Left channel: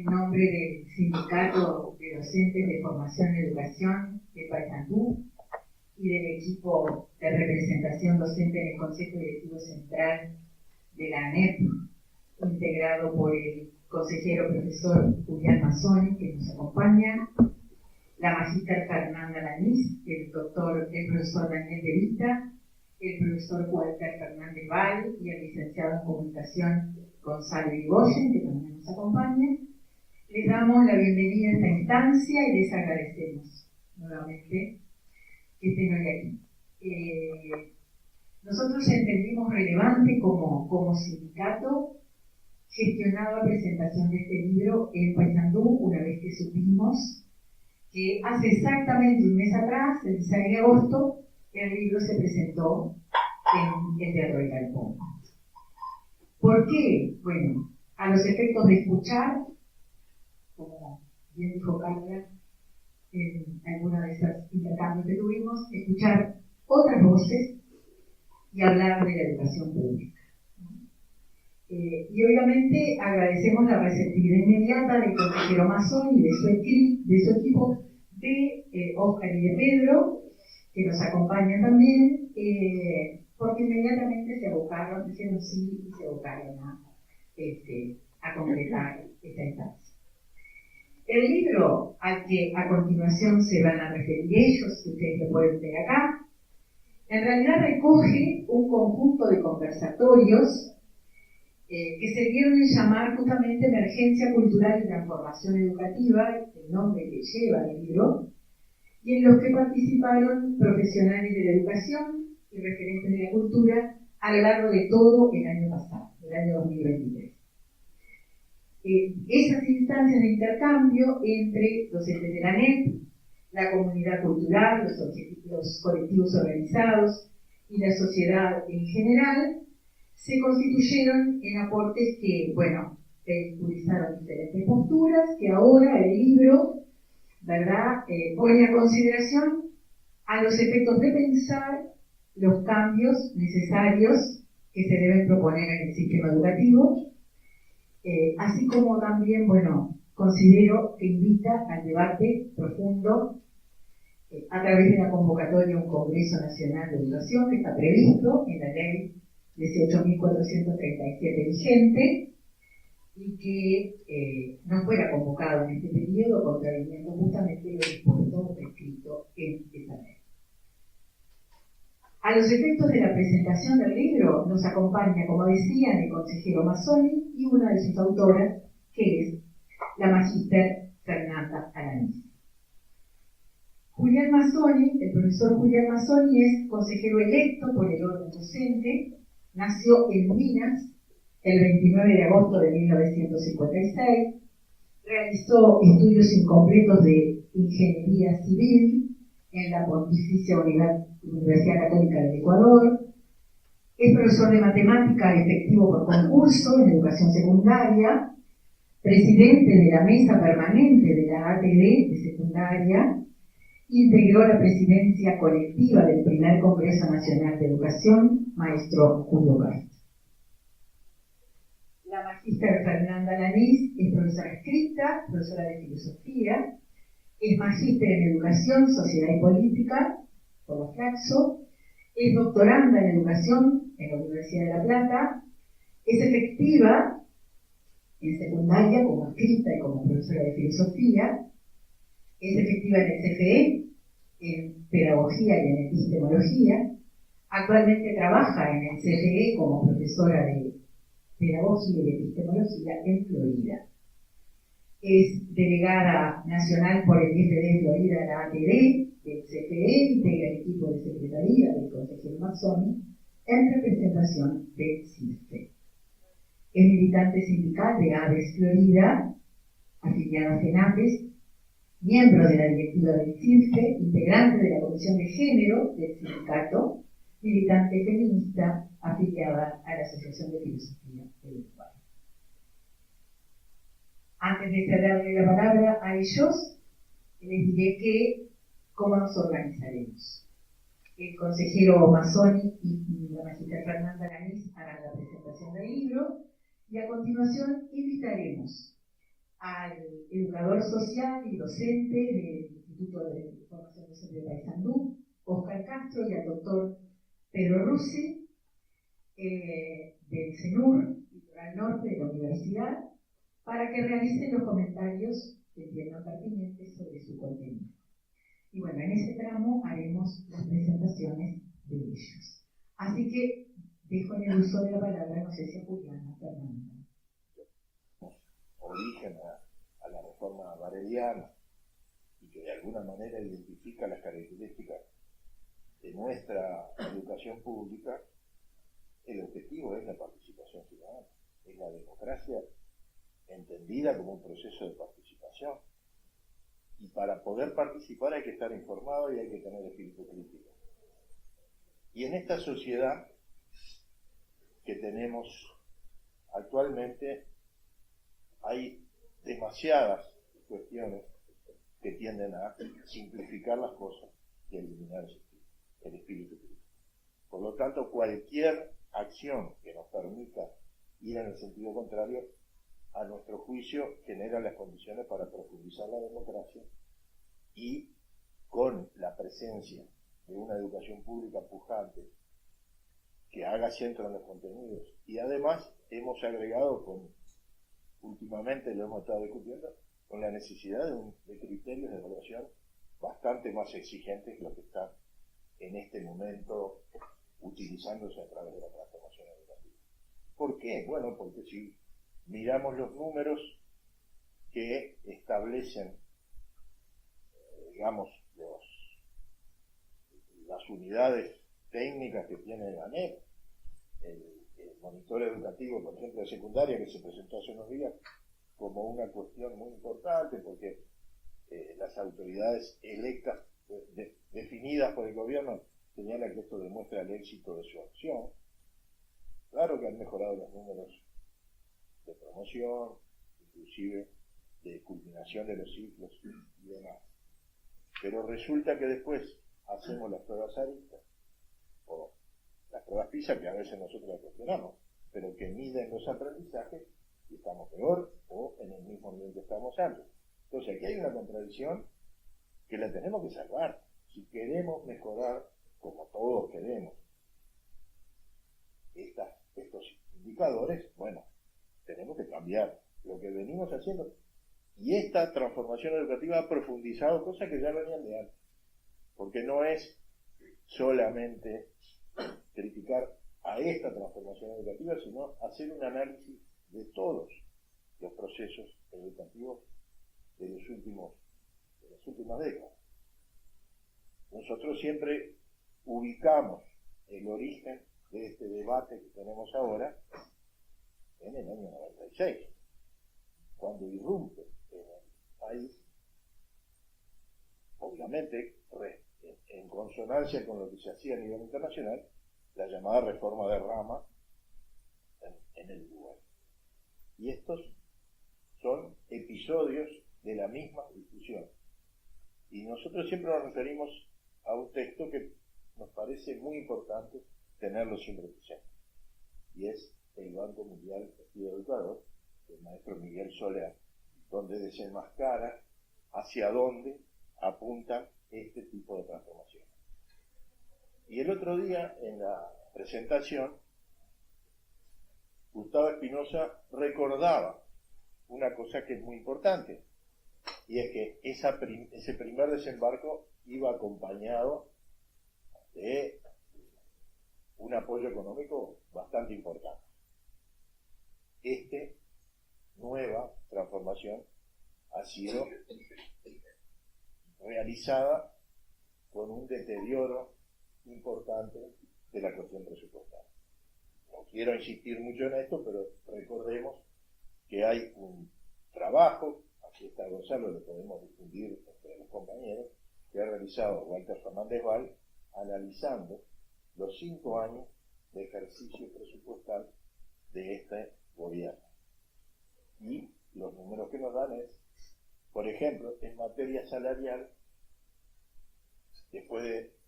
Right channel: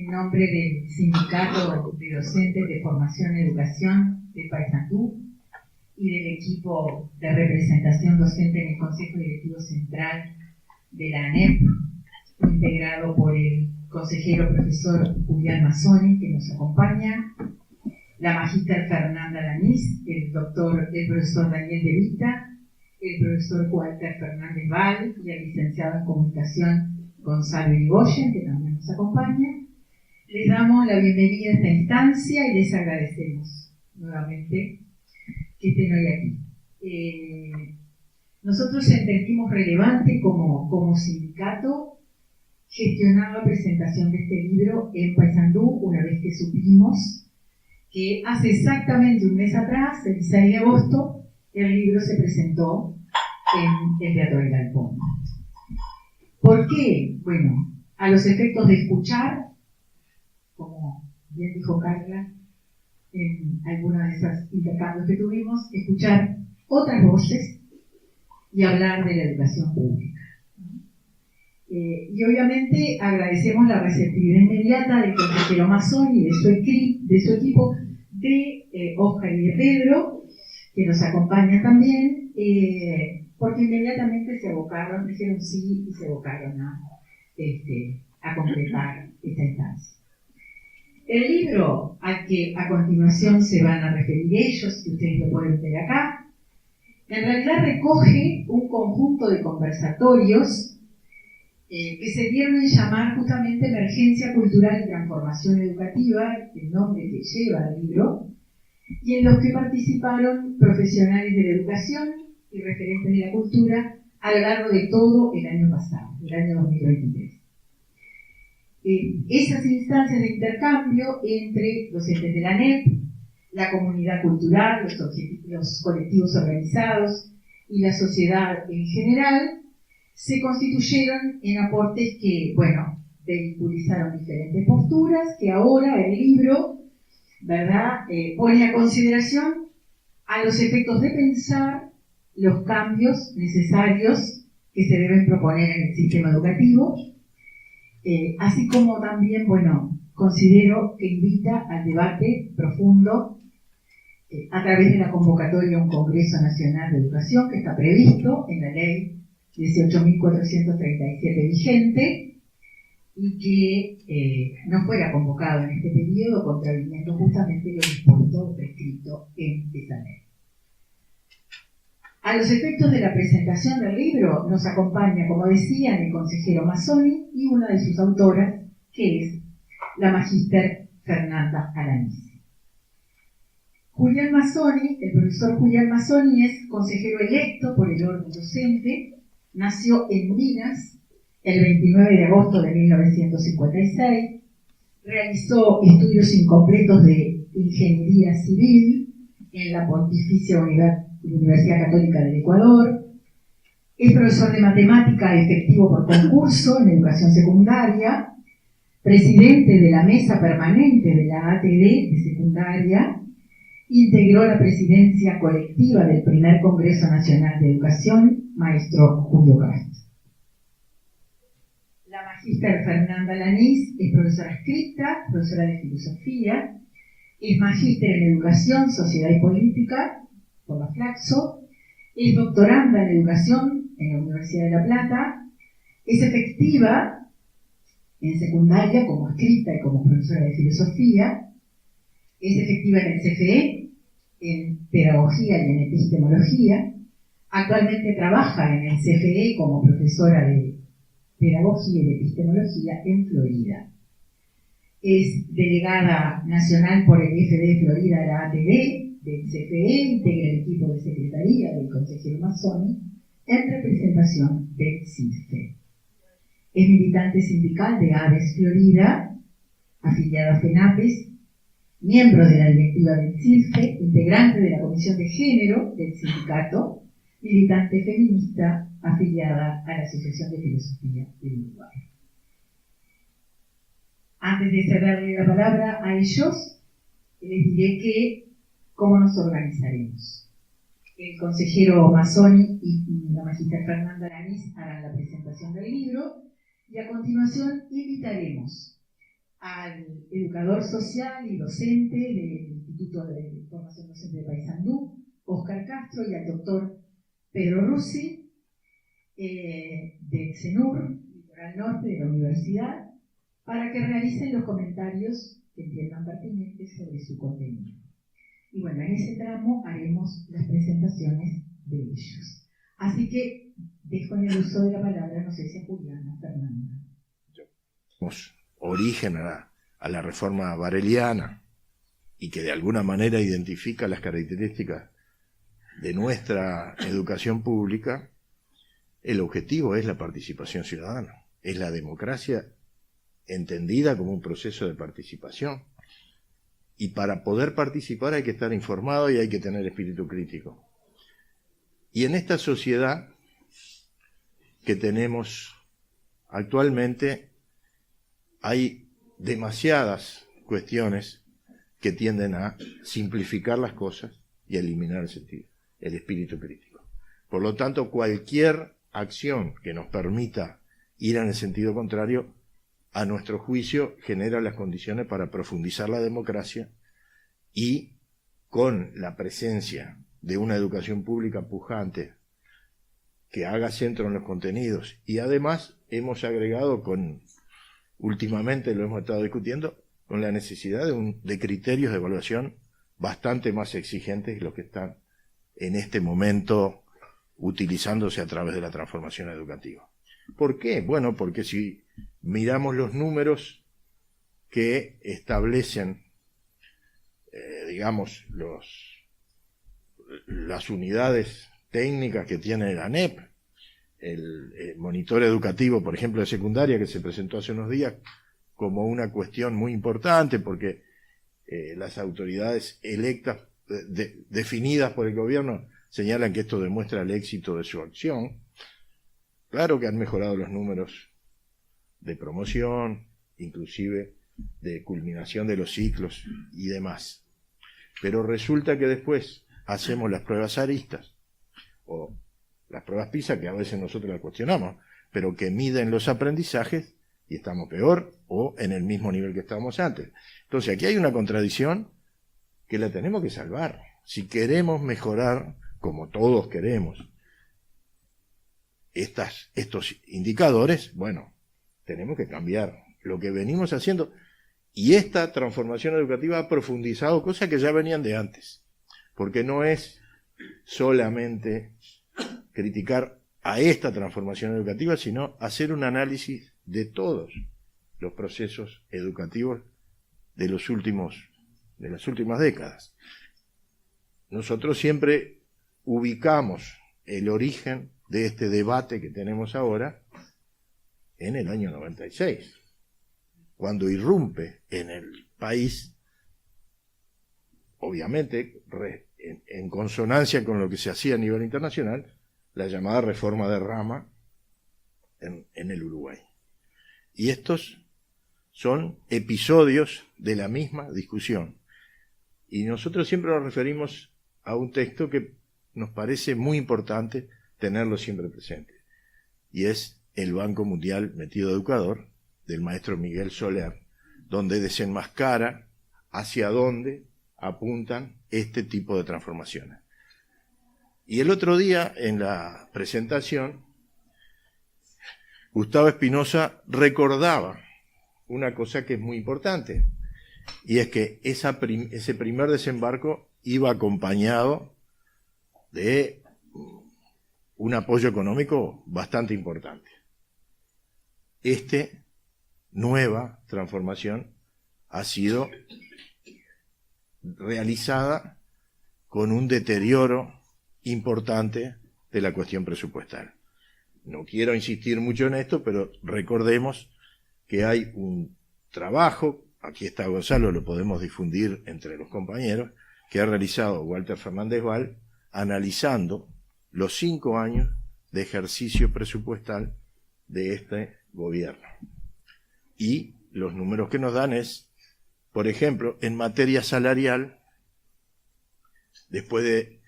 En nombre del Sindicato de Docentes de Formación y Educación de Paysandú y del equipo de representación docente en el Consejo Directivo Central de la ANEP, integrado por el consejero profesor Julián Mazzoni, que nos acompaña, la magíster Fernanda Lanís, el profesor Daniel De Vita, el profesor Walter Fernández Val y el licenciado en Comunicación Gonzalo Irigoyen, que también nos acompaña. Les damos la bienvenida a esta instancia y les agradecemos nuevamente que estén hoy aquí. Nosotros entendimos relevante como sindicato gestionar la presentación de este libro en Paysandú una vez que supimos que hace exactamente un mes atrás, el 6 de agosto, el libro se presentó en el Teatro del Galpón. ¿Por qué? Bueno, a los efectos de escuchar, como bien dijo Carla, en alguna de esas intercambios que tuvimos, escuchar otras voces y hablar de la educación pública. Y obviamente agradecemos la receptividad inmediata del consejero Mazzoni y de su equipo, de Óscar y de Pedro, que nos acompañan también, porque inmediatamente se abocaron, dijeron sí y se abocaron a completar esta instancia. El libro al que a continuación se van a referir ellos, que ustedes lo pueden ver acá, en realidad recoge un conjunto de conversatorios que se dieron en llamar justamente Emergencia Cultural y Transformación Educativa, el nombre que lleva el libro, y en los que participaron profesionales de la educación y referentes de la cultura a lo largo de todo el año pasado, el año 2023. Esas instancias de intercambio entre docentes de la ANEP, la comunidad cultural, los colectivos organizados y la sociedad en general, se constituyeron en aportes que, vehiculizaron diferentes posturas que ahora el libro, ¿verdad?, pone a consideración a los efectos de pensar los cambios necesarios que se deben proponer en el sistema educativo, así como también, considero que invita al debate profundo a través de la convocatoria a un Congreso Nacional de Educación que está previsto en la Ley 18.437 vigente y que no fuera convocado en este periodo, contraviniendo justamente lo dispuesto prescrito en esa ley. A los efectos de la presentación del libro nos acompaña, como decían, el consejero Mazzoni y una de sus autoras, que es la magíster Fernanda Lanís. Julián Mazzoni, el profesor Julián Mazzoni, es consejero electo por el órgano docente, nació en Minas el 29 de agosto de 1956, realizó estudios incompletos de ingeniería civil en la Pontificia Universidad Católica del Ecuador, es profesor de matemática efectivo por concurso en educación secundaria, presidente de la mesa permanente de la ATD de secundaria, integró la presidencia colectiva del primer Congreso Nacional de Educación, maestro Julio Castro. La magíster Fernanda Lanís es profesora adscrita, profesora de filosofía, es magíster en educación, sociedad y política por la Flaxo, es doctoranda en educación en la Universidad de La Plata, es efectiva en secundaria como adscrita y como profesora de filosofía, es efectiva en el CFE, en pedagogía y en epistemología. Actualmente trabaja en el CFE como profesora de pedagogía y de epistemología en Florida. Es delegada nacional por el IFD Florida, la ATD del CFE, integra el equipo de secretaría del consejero Mazzoni en representación del CISFE. Es militante sindical de AVES Florida, afiliada a FENAPES, miembro de la directiva del CISFE, integrante de la Comisión de Género del sindicato, militante feminista afiliada a la Asociación de Filosofía del Uruguay. Antes de cederle la palabra a ellos, les diré cómo nos organizaremos. El consejero Mazzoni y la magíster Fernanda Lanís harán la presentación del libro y a continuación invitaremos al educador social y docente del Instituto de Formación Docente de Paysandú, Óscar Castro, y al doctor Pedro Russi, del CENUR, Litoral Norte de la Universidad, para que realicen los comentarios que entiendan pertinentes sobre su contenido. Y bueno, en ese tramo haremos las presentaciones de ellos. Así que dejo en el uso de la palabra, no sé si a Juliana, Fernanda. Origen a la reforma bareliana y que de alguna manera identifica las características de nuestra educación pública, el objetivo es la participación ciudadana, es la democracia entendida como un proceso de participación. Y para poder participar hay que estar informado y hay que tener espíritu crítico. Y en esta sociedad que tenemos actualmente hay demasiadas cuestiones que tienden a simplificar las cosas y a eliminar el espíritu crítico. Por lo tanto, cualquier acción que nos permita ir en el sentido contrario, a nuestro juicio, genera las condiciones para profundizar la democracia y, con la presencia de una educación pública pujante que haga centro en los contenidos, y además hemos agregado, últimamente lo hemos estado discutiendo, con la necesidad de criterios de evaluación bastante más exigentes que los que están en este momento utilizándose a través de la transformación educativa. ¿Por qué? Bueno, porque si miramos los números que establecen, digamos, las unidades técnicas que tiene la ANEP, el monitor educativo, por ejemplo, de secundaria, que se presentó hace unos días como una cuestión muy importante, porque las autoridades electas, definidas por el gobierno, señalan que esto demuestra el éxito de su acción. Claro que han mejorado los números de promoción, inclusive de culminación de los ciclos y demás. Pero resulta que después hacemos las pruebas aristas, o las pruebas PISA, que a veces nosotros las cuestionamos, pero que miden los aprendizajes y estamos peor o en el mismo nivel que estábamos antes. Entonces aquí hay una contradicción que la tenemos que salvar. Si queremos mejorar, como todos queremos, estos indicadores, bueno, tenemos que cambiar lo que venimos haciendo. Y esta transformación educativa ha profundizado cosas que ya venían de antes, porque no es solamente criticar a esta transformación educativa, sino hacer un análisis de todos los procesos educativos de las últimas décadas. Nosotros siempre ubicamos el origen de este debate que tenemos ahora en el año 96, cuando irrumpe en el país, obviamente en consonancia con lo que se hacía a nivel internacional, la llamada reforma de Rama en el Uruguay. Y estos son episodios de la misma discusión. Y nosotros siempre nos referimos a un texto que nos parece muy importante tenerlo siempre presente, y es el Banco Mundial Metido Educador, del maestro Miguel Soler, donde desenmascara hacia dónde apuntan este tipo de transformaciones. Y el otro día, en la presentación, Gustavo Espinosa recordaba una cosa que es muy importante, y es que ese primer desembarco iba acompañado de un apoyo económico bastante importante. Nueva transformación ha sido realizada con un deterioro importante de la cuestión presupuestal. No quiero insistir mucho en esto, pero recordemos que hay un trabajo, aquí está Gonzalo, lo podemos difundir entre los compañeros, que ha realizado Walter Fernández Val, analizando los 5 años de ejercicio presupuestal de este gobierno. Y los números que nos dan es, por ejemplo, en materia salarial, después de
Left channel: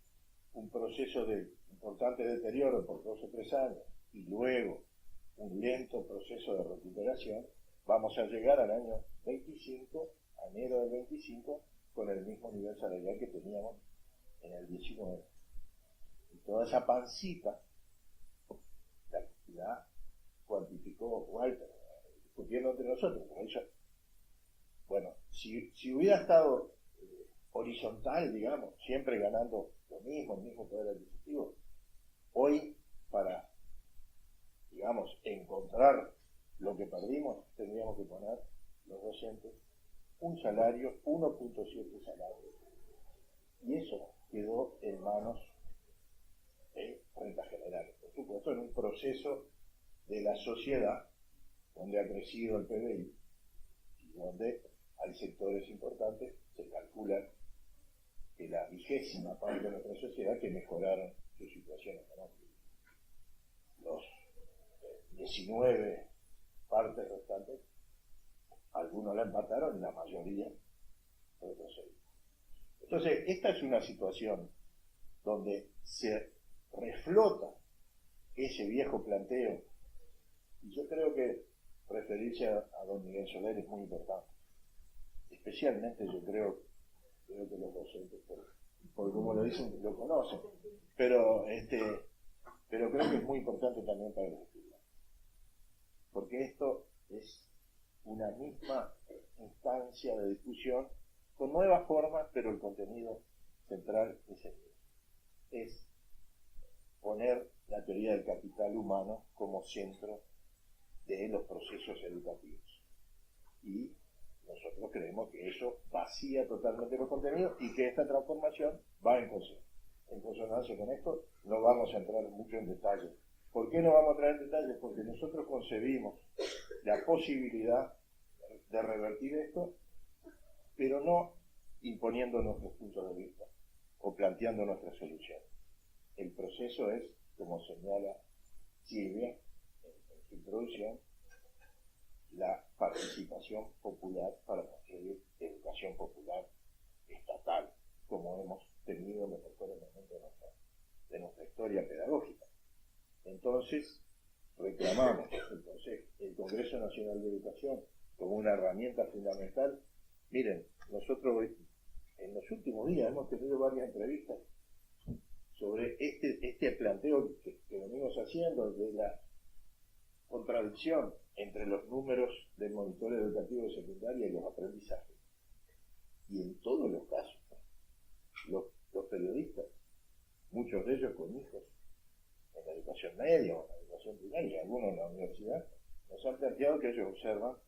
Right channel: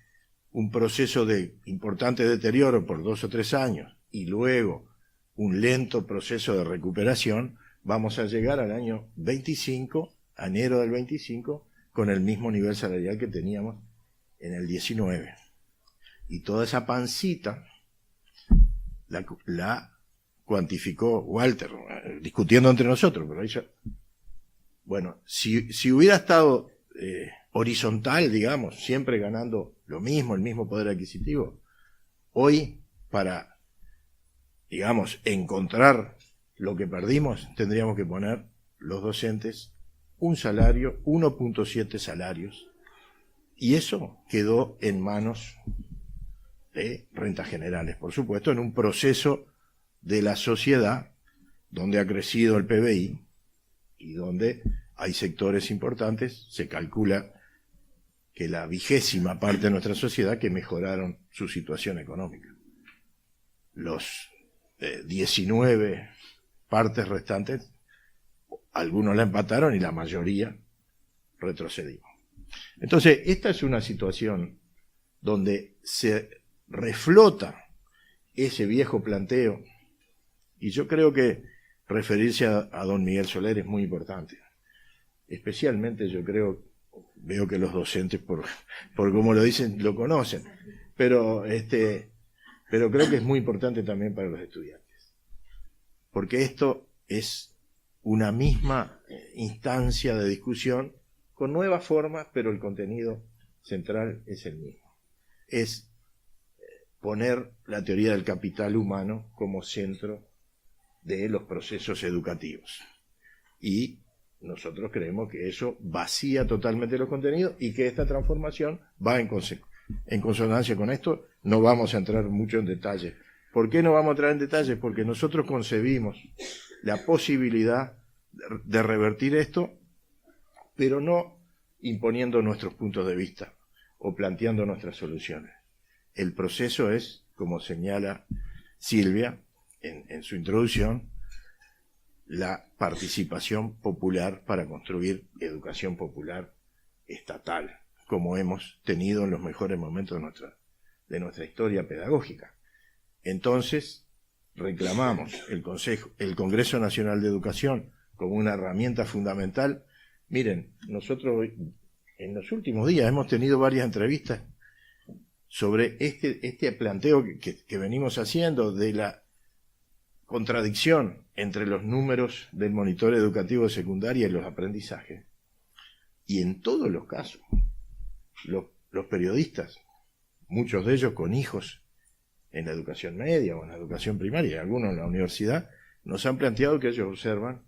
un proceso de importante deterioro por 2 o 3 años y luego un lento proceso de recuperación, vamos a llegar al año 25, a enero del 25, con el mismo nivel salarial que teníamos en el 19. Y toda esa pancita la cuantificó Walter, discutiendo entre nosotros, pero ella, bueno, si hubiera estado horizontal, digamos, siempre ganando lo mismo, el mismo poder adquisitivo, hoy para, digamos, encontrar lo que perdimos, tendríamos que poner los docentes un salario, 1.7 salarios, y eso quedó en manos de rentas generales, por supuesto, en un proceso de la sociedad donde ha crecido el PBI y donde hay sectores importantes, se calcula que la 20ª parte de nuestra sociedad que mejoraron su situación económica. Los 19 partes restantes, algunos la empataron y la mayoría retrocedimos. Entonces, esta es una situación donde se reflota ese viejo planteo, y yo creo que referirse a don Miguel Soler es muy importante. Especialmente yo veo que los docentes, por como lo dicen, lo conocen, pero creo que es muy importante también para los estudiantes, porque esto es una misma instancia de discusión con nuevas formas, pero el contenido central es el mismo. Es poner la teoría del capital humano como centro de los procesos educativos. Y nosotros creemos que eso vacía totalmente los contenidos y que esta transformación va en consonancia con esto. No vamos a entrar mucho en detalle. ¿Por qué no vamos a entrar en detalle? Porque nosotros concebimos la posibilidad de revertir esto, pero no imponiendo nuestros puntos de vista o planteando nuestras soluciones. El proceso es, como señala Silvia en su introducción, la participación popular para construir educación popular estatal, como hemos tenido en los mejores momentos de nuestra historia pedagógica. Entonces, reclamamos el Congreso Nacional de Educación como una herramienta fundamental. Miren, nosotros en los últimos días hemos tenido varias entrevistas sobre este planteo que venimos haciendo de la contradicción entre los números del monitoreo educativo de secundaria y los aprendizajes. Y en todos los casos, los periodistas, muchos de ellos con hijos en la educación media o en la educación primaria, y algunos en la universidad, nos han planteado que ellos observan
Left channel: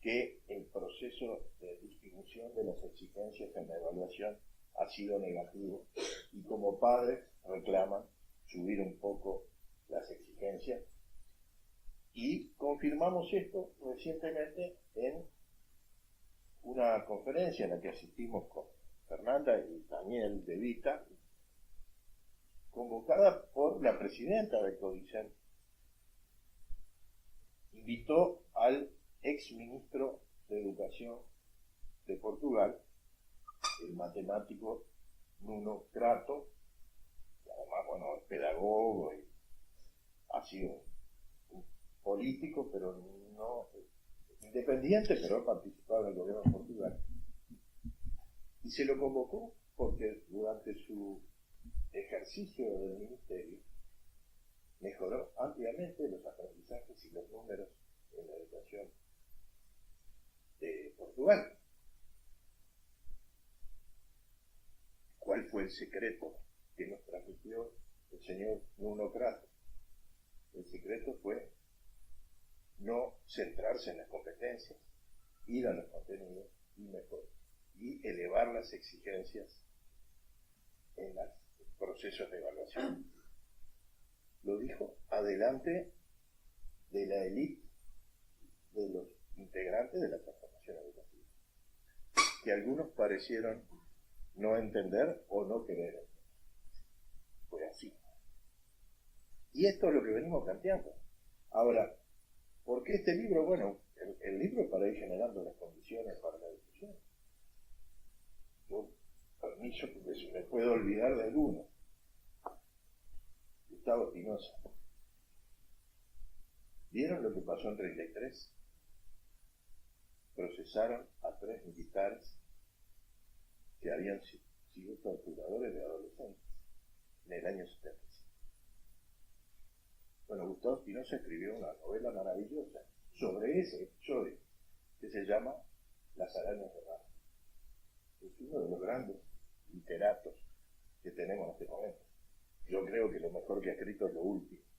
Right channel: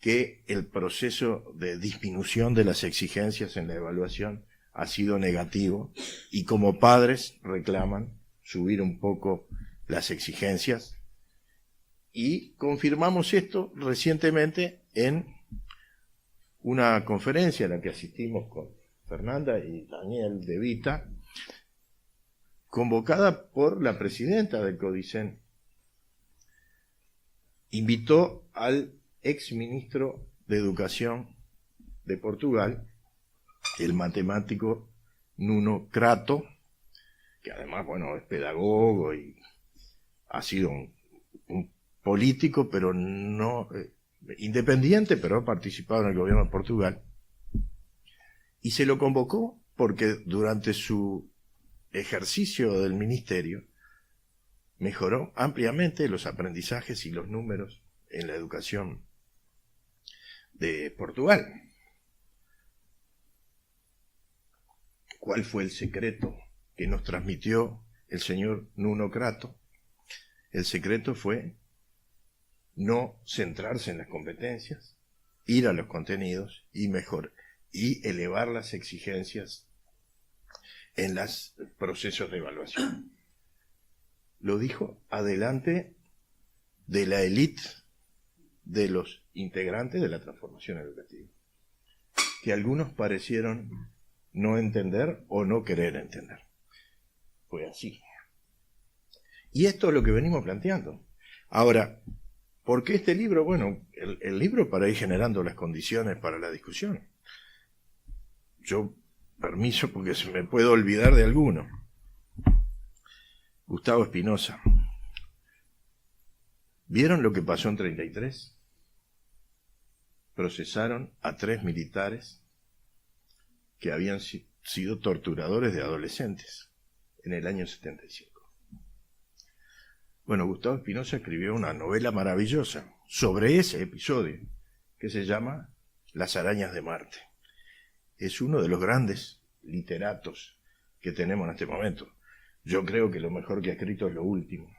que el proceso de disminución de las exigencias en la evaluación ha sido negativo, y como padres reclaman subir un poco las exigencias. Y confirmamos esto recientemente en una conferencia a la que asistimos con Fernanda y Daniel De Vita, convocada por la presidenta del CODICEN. Invitó al exministro de Educación de Portugal, el matemático Nuno Crato, que además, bueno, es pedagogo y ha sido un político, pero no independiente, pero ha participado en el gobierno de Portugal. Y se lo convocó porque durante su ejercicio del ministerio mejoró ampliamente los aprendizajes y los números en la educación de Portugal. ¿Cuál fue el secreto que nos transmitió el señor Nuno Crato? El secreto fue no centrarse en las competencias, ir a los contenidos y elevar las exigencias en los procesos de evaluación. Lo dijo adelante de la élite de los integrantes de la transformación educativa, que algunos parecieron no entender o no querer entender. Fue así. Y esto es lo que venimos planteando. Ahora, ¿por qué este libro? Bueno, el libro para ir generando las condiciones para la discusión. Yo, permiso, porque se me puede olvidar de alguno. Gustavo Espinosa. ¿Vieron lo que pasó en 33? procesaron a 3 militares que habían sido torturadores de adolescentes en el año 75. Bueno, Gustavo Espinosa escribió una novela maravillosa sobre ese episodio que se llama Las arañas de Marte. Es uno de los grandes literatos que tenemos en este momento. Yo creo que lo mejor que ha escrito es lo último,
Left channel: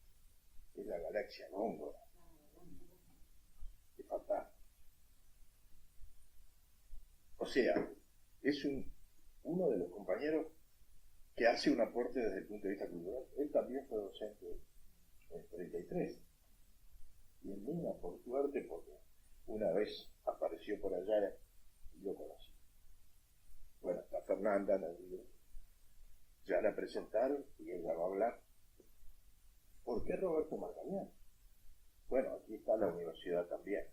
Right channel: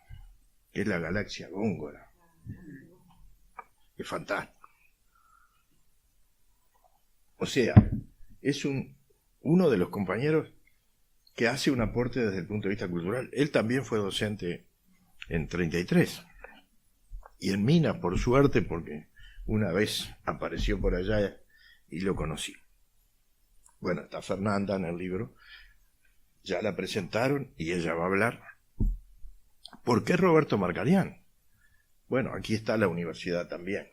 que es La Galaxia Góngora. Es fantástico. O sea, es uno de los compañeros que hace un aporte desde el punto de vista cultural. Él también fue docente en 33. Y en Minas, por suerte, porque una vez apareció por allá y lo conocí. Bueno, está Fernanda en el libro. Ya la presentaron y ella va a hablar. ¿Por qué Roberto Marcarián? Bueno, aquí está la universidad también.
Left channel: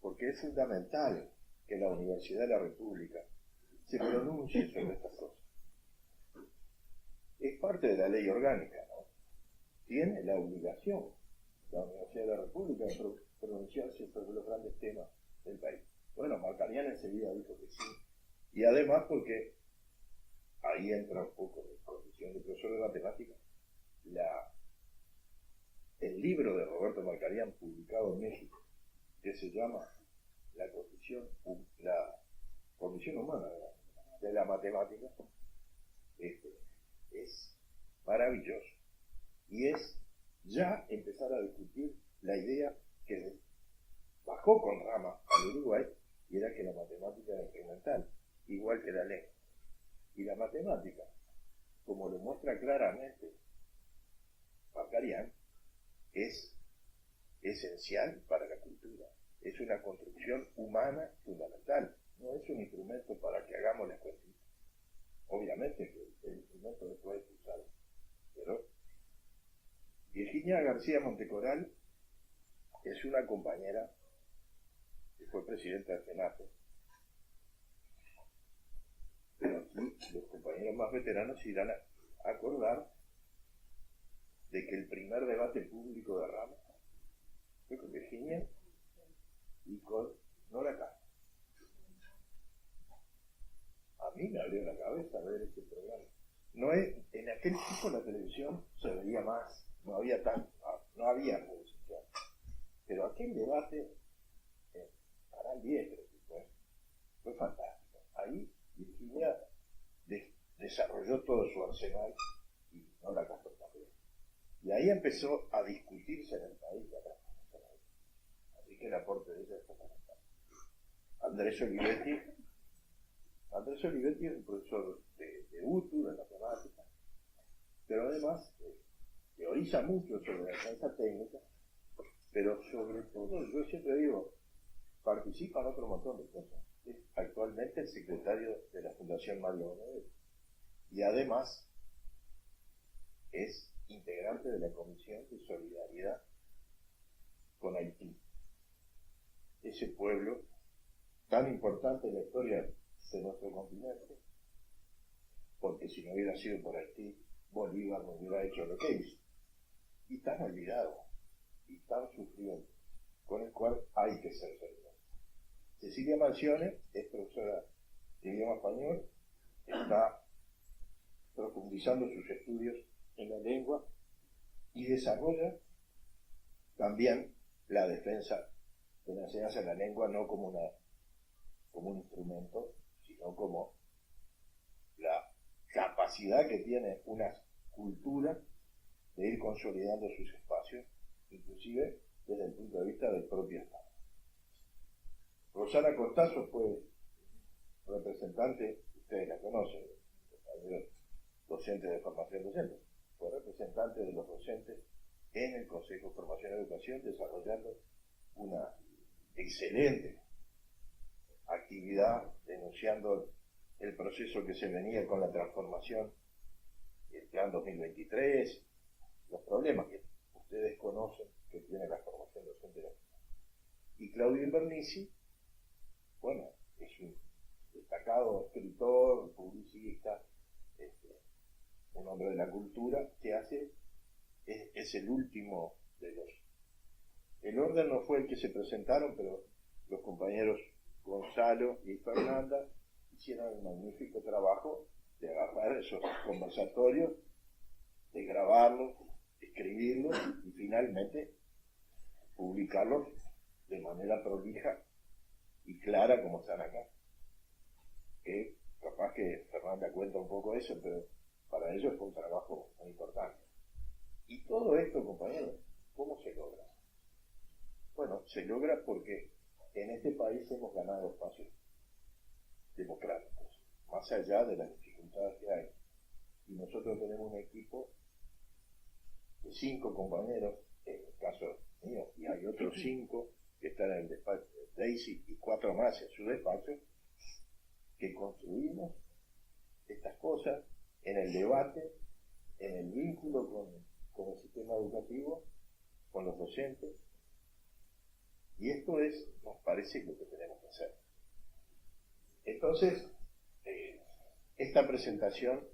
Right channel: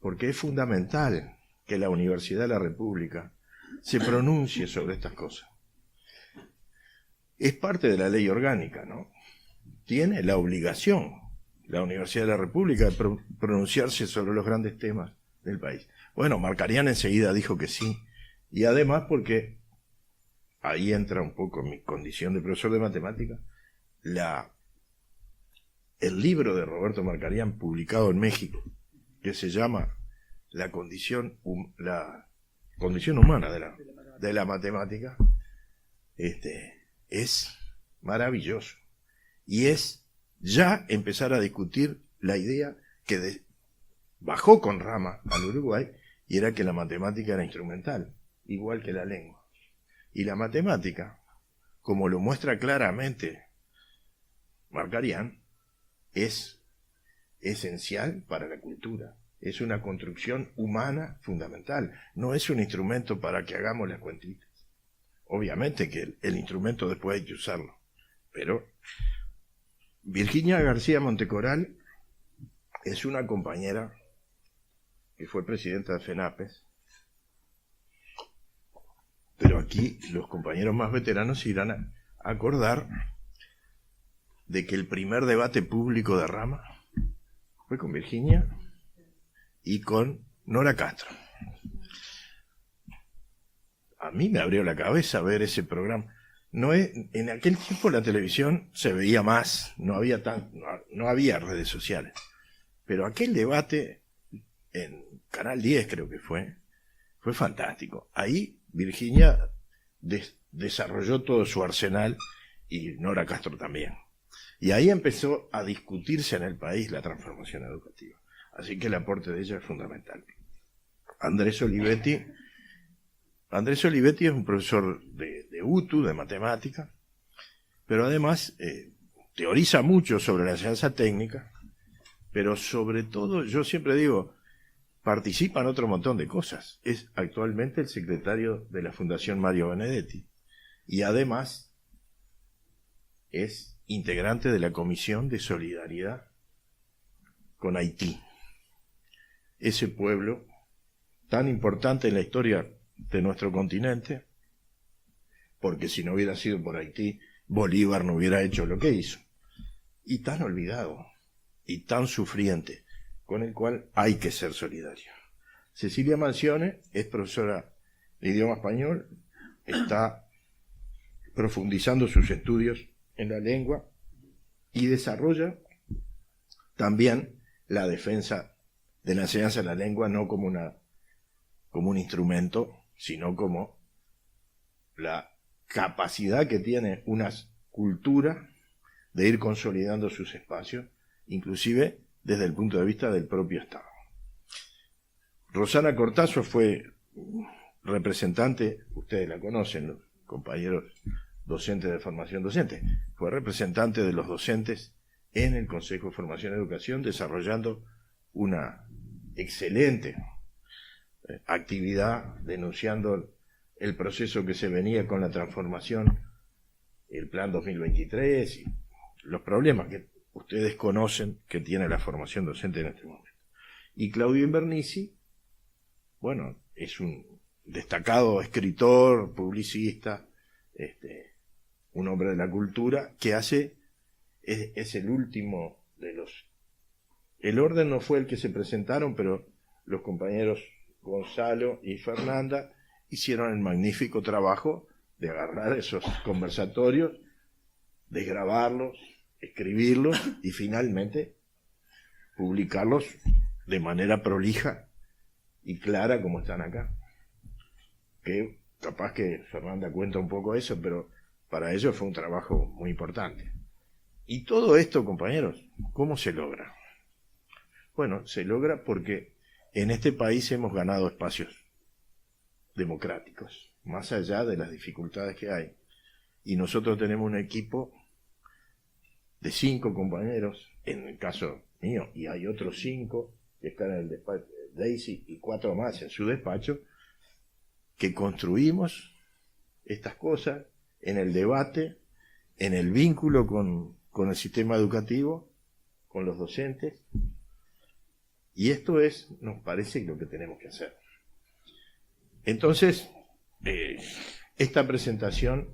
Porque es fundamental que la Universidad de la República se pronuncie sobre estas cosas. Es parte de la ley orgánica, ¿no? Tiene la obligación, la Universidad de la República, de pronunciarse sobre los grandes temas del país. Bueno, Marcarián enseguida dijo que sí, y además porque, ahí entra un poco mi condición de profesor de matemática, el libro de Roberto Marcarián, publicado en México, que se llama La condición humana de la matemática, es maravilloso. Y es ya empezar a discutir la idea que bajó con Rama al Uruguay, y era que la matemática era instrumental, igual que la lengua. Y la matemática, como lo muestra claramente Marcarián, es esencial para la cultura. Es una construcción humana fundamental. No es un instrumento para que hagamos las cuentitas. Obviamente que el instrumento después hay que usarlo. Pero Virginia García Montecoral es una compañera que fue presidenta de FENAPES. Pero aquí los compañeros más veteranos se irán a acordar de que el primer debate público de Rama fue con Virginia y con Nora Castro. A mí me abrió la cabeza ver ese programa. En aquel tiempo la televisión se veía más, no había redes sociales. Pero aquel debate en Canal 10 creo que fue fantástico. Ahí Virginia desarrolló todo su arsenal y Nora Castro también. Y ahí empezó a discutirse en el país la transformación educativa. Así que el aporte de ella es fundamental. Andrés Olivetti es un profesor de UTU, de matemática, pero además teoriza mucho sobre la enseñanza técnica, pero sobre todo, yo siempre digo, participa en otro montón de cosas. Es actualmente el secretario de la Fundación Mario Benedetti y además es integrante de la Comisión de Solidaridad con Haití. Ese pueblo tan importante en la historia de nuestro continente, porque si no hubiera sido por Haití, Bolívar no hubiera hecho lo que hizo. Y tan olvidado, y tan sufriente, con el cual hay que ser solidario. Cecilia Mansione es profesora de idioma español, está profundizando sus estudios en la lengua y desarrolla también la defensa de la enseñanza de la lengua, no como un instrumento, sino como la capacidad que tiene una cultura de ir consolidando sus espacios, inclusive desde el punto de vista del propio Estado. Rosana Cortazo fue representante, ustedes la conocen, los compañeros docentes de formación docente, fue representante de los docentes en el Consejo de Formación y Educación, desarrollando una excelente actividad, denunciando el proceso que se venía con la transformación, el Plan 2023 y los problemas que ustedes conocen que tiene la formación docente en este momento. Y Claudio Invernici, bueno, es un destacado escritor, publicista, un hombre de la cultura, que es el último de los... El orden no fue el que se presentaron, pero los compañeros Gonzalo y Fernanda hicieron el magnífico trabajo de agarrar esos conversatorios, desgrabarlos, escribirlos y finalmente publicarlos de manera prolija y clara como están acá. Que capaz que Fernanda cuenta un poco eso, pero para ello fue un trabajo muy importante. Y todo esto, compañeros, ¿cómo se logra? Bueno, se logra porque en este país hemos ganado espacios democráticos, más allá de las dificultades que hay. Y nosotros tenemos un equipo de 5 compañeros, en el caso mío, y hay otros 5 que están en el despacho, Daisy y 4 más en su despacho, que construimos estas cosas en el debate, en el vínculo con el sistema educativo, con los docentes, y esto nos parece lo que tenemos que hacer. Entonces, esta presentación,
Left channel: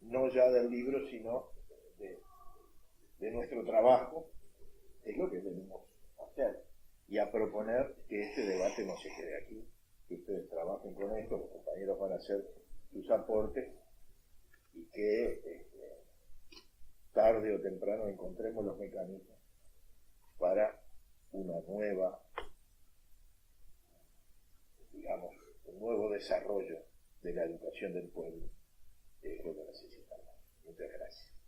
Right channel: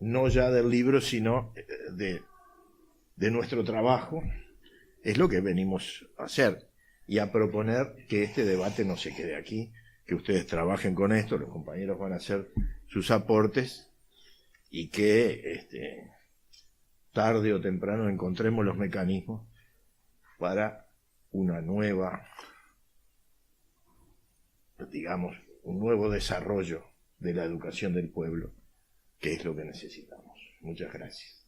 no ya del libro, sino de nuestro trabajo, es lo que venimos a hacer y a proponer que este debate no se quede aquí, que ustedes trabajen con esto, los compañeros van a hacer sus aportes y que tarde o temprano encontremos los mecanismos para una nueva, digamos, un nuevo desarrollo de la educación del pueblo, que es lo que necesitamos. Muchas gracias.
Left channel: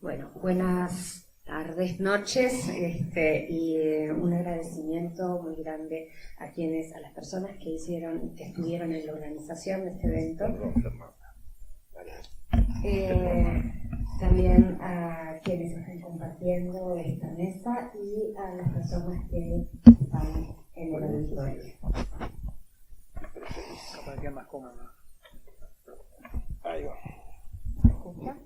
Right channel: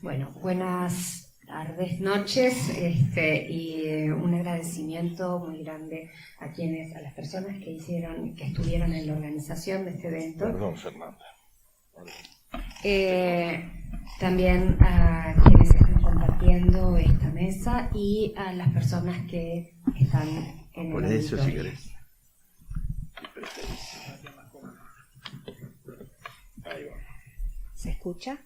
Bueno, buenas tardes, noches, y un agradecimiento muy grande a las personas que estuvieron en la organización de este evento. Perdón, Fernanda. También a quienes están compartiendo esta mesa y a las personas que están en el auditorio. Si querés. Ahí va. ¿Se escucha?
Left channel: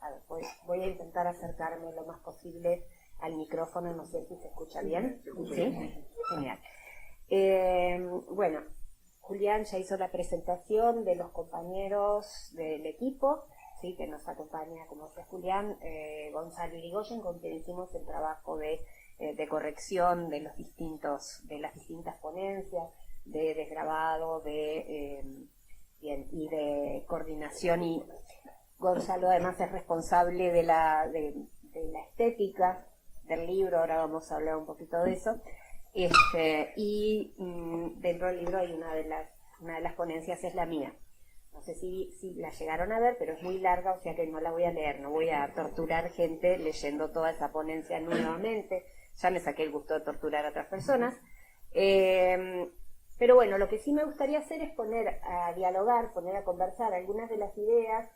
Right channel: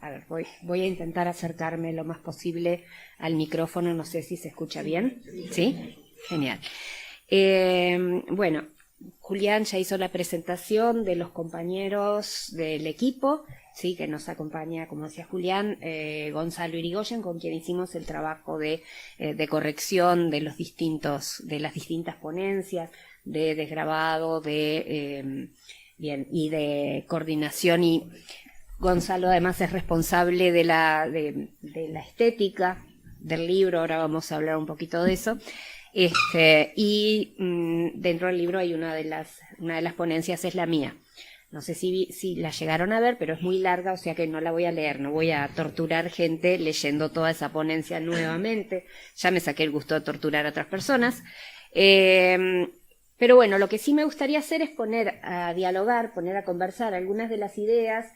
A ver, voy a intentar acercarme lo más posible al micrófono, no sé si se escucha bien. ¿Sí? Genial. Bueno, Julián ya hizo la presentación de los compañeros del equipo, ¿sí? Que nos acompaña, como decía Julián, Gonzalo Irigoyen, con quien hicimos el trabajo de corrección de las distintas ponencias, de desgrabado, y de coordinación. Y Gonzalo además es responsable de la estética del libro, ahora vamos a hablar un poquito de eso. Dentro del libro hay una de las ponencias es la mía. No sé si la llegaron a ver, pero es muy larga, o sea que no la voy a leer, no voy a torturar gente leyendo toda esa ponencia nuevamente. Ya me saqué el gusto de torturar a otras personas. Pero bueno, lo que sí me gustaría hacer es poner a dialogar, poner a conversar algunas de las ideas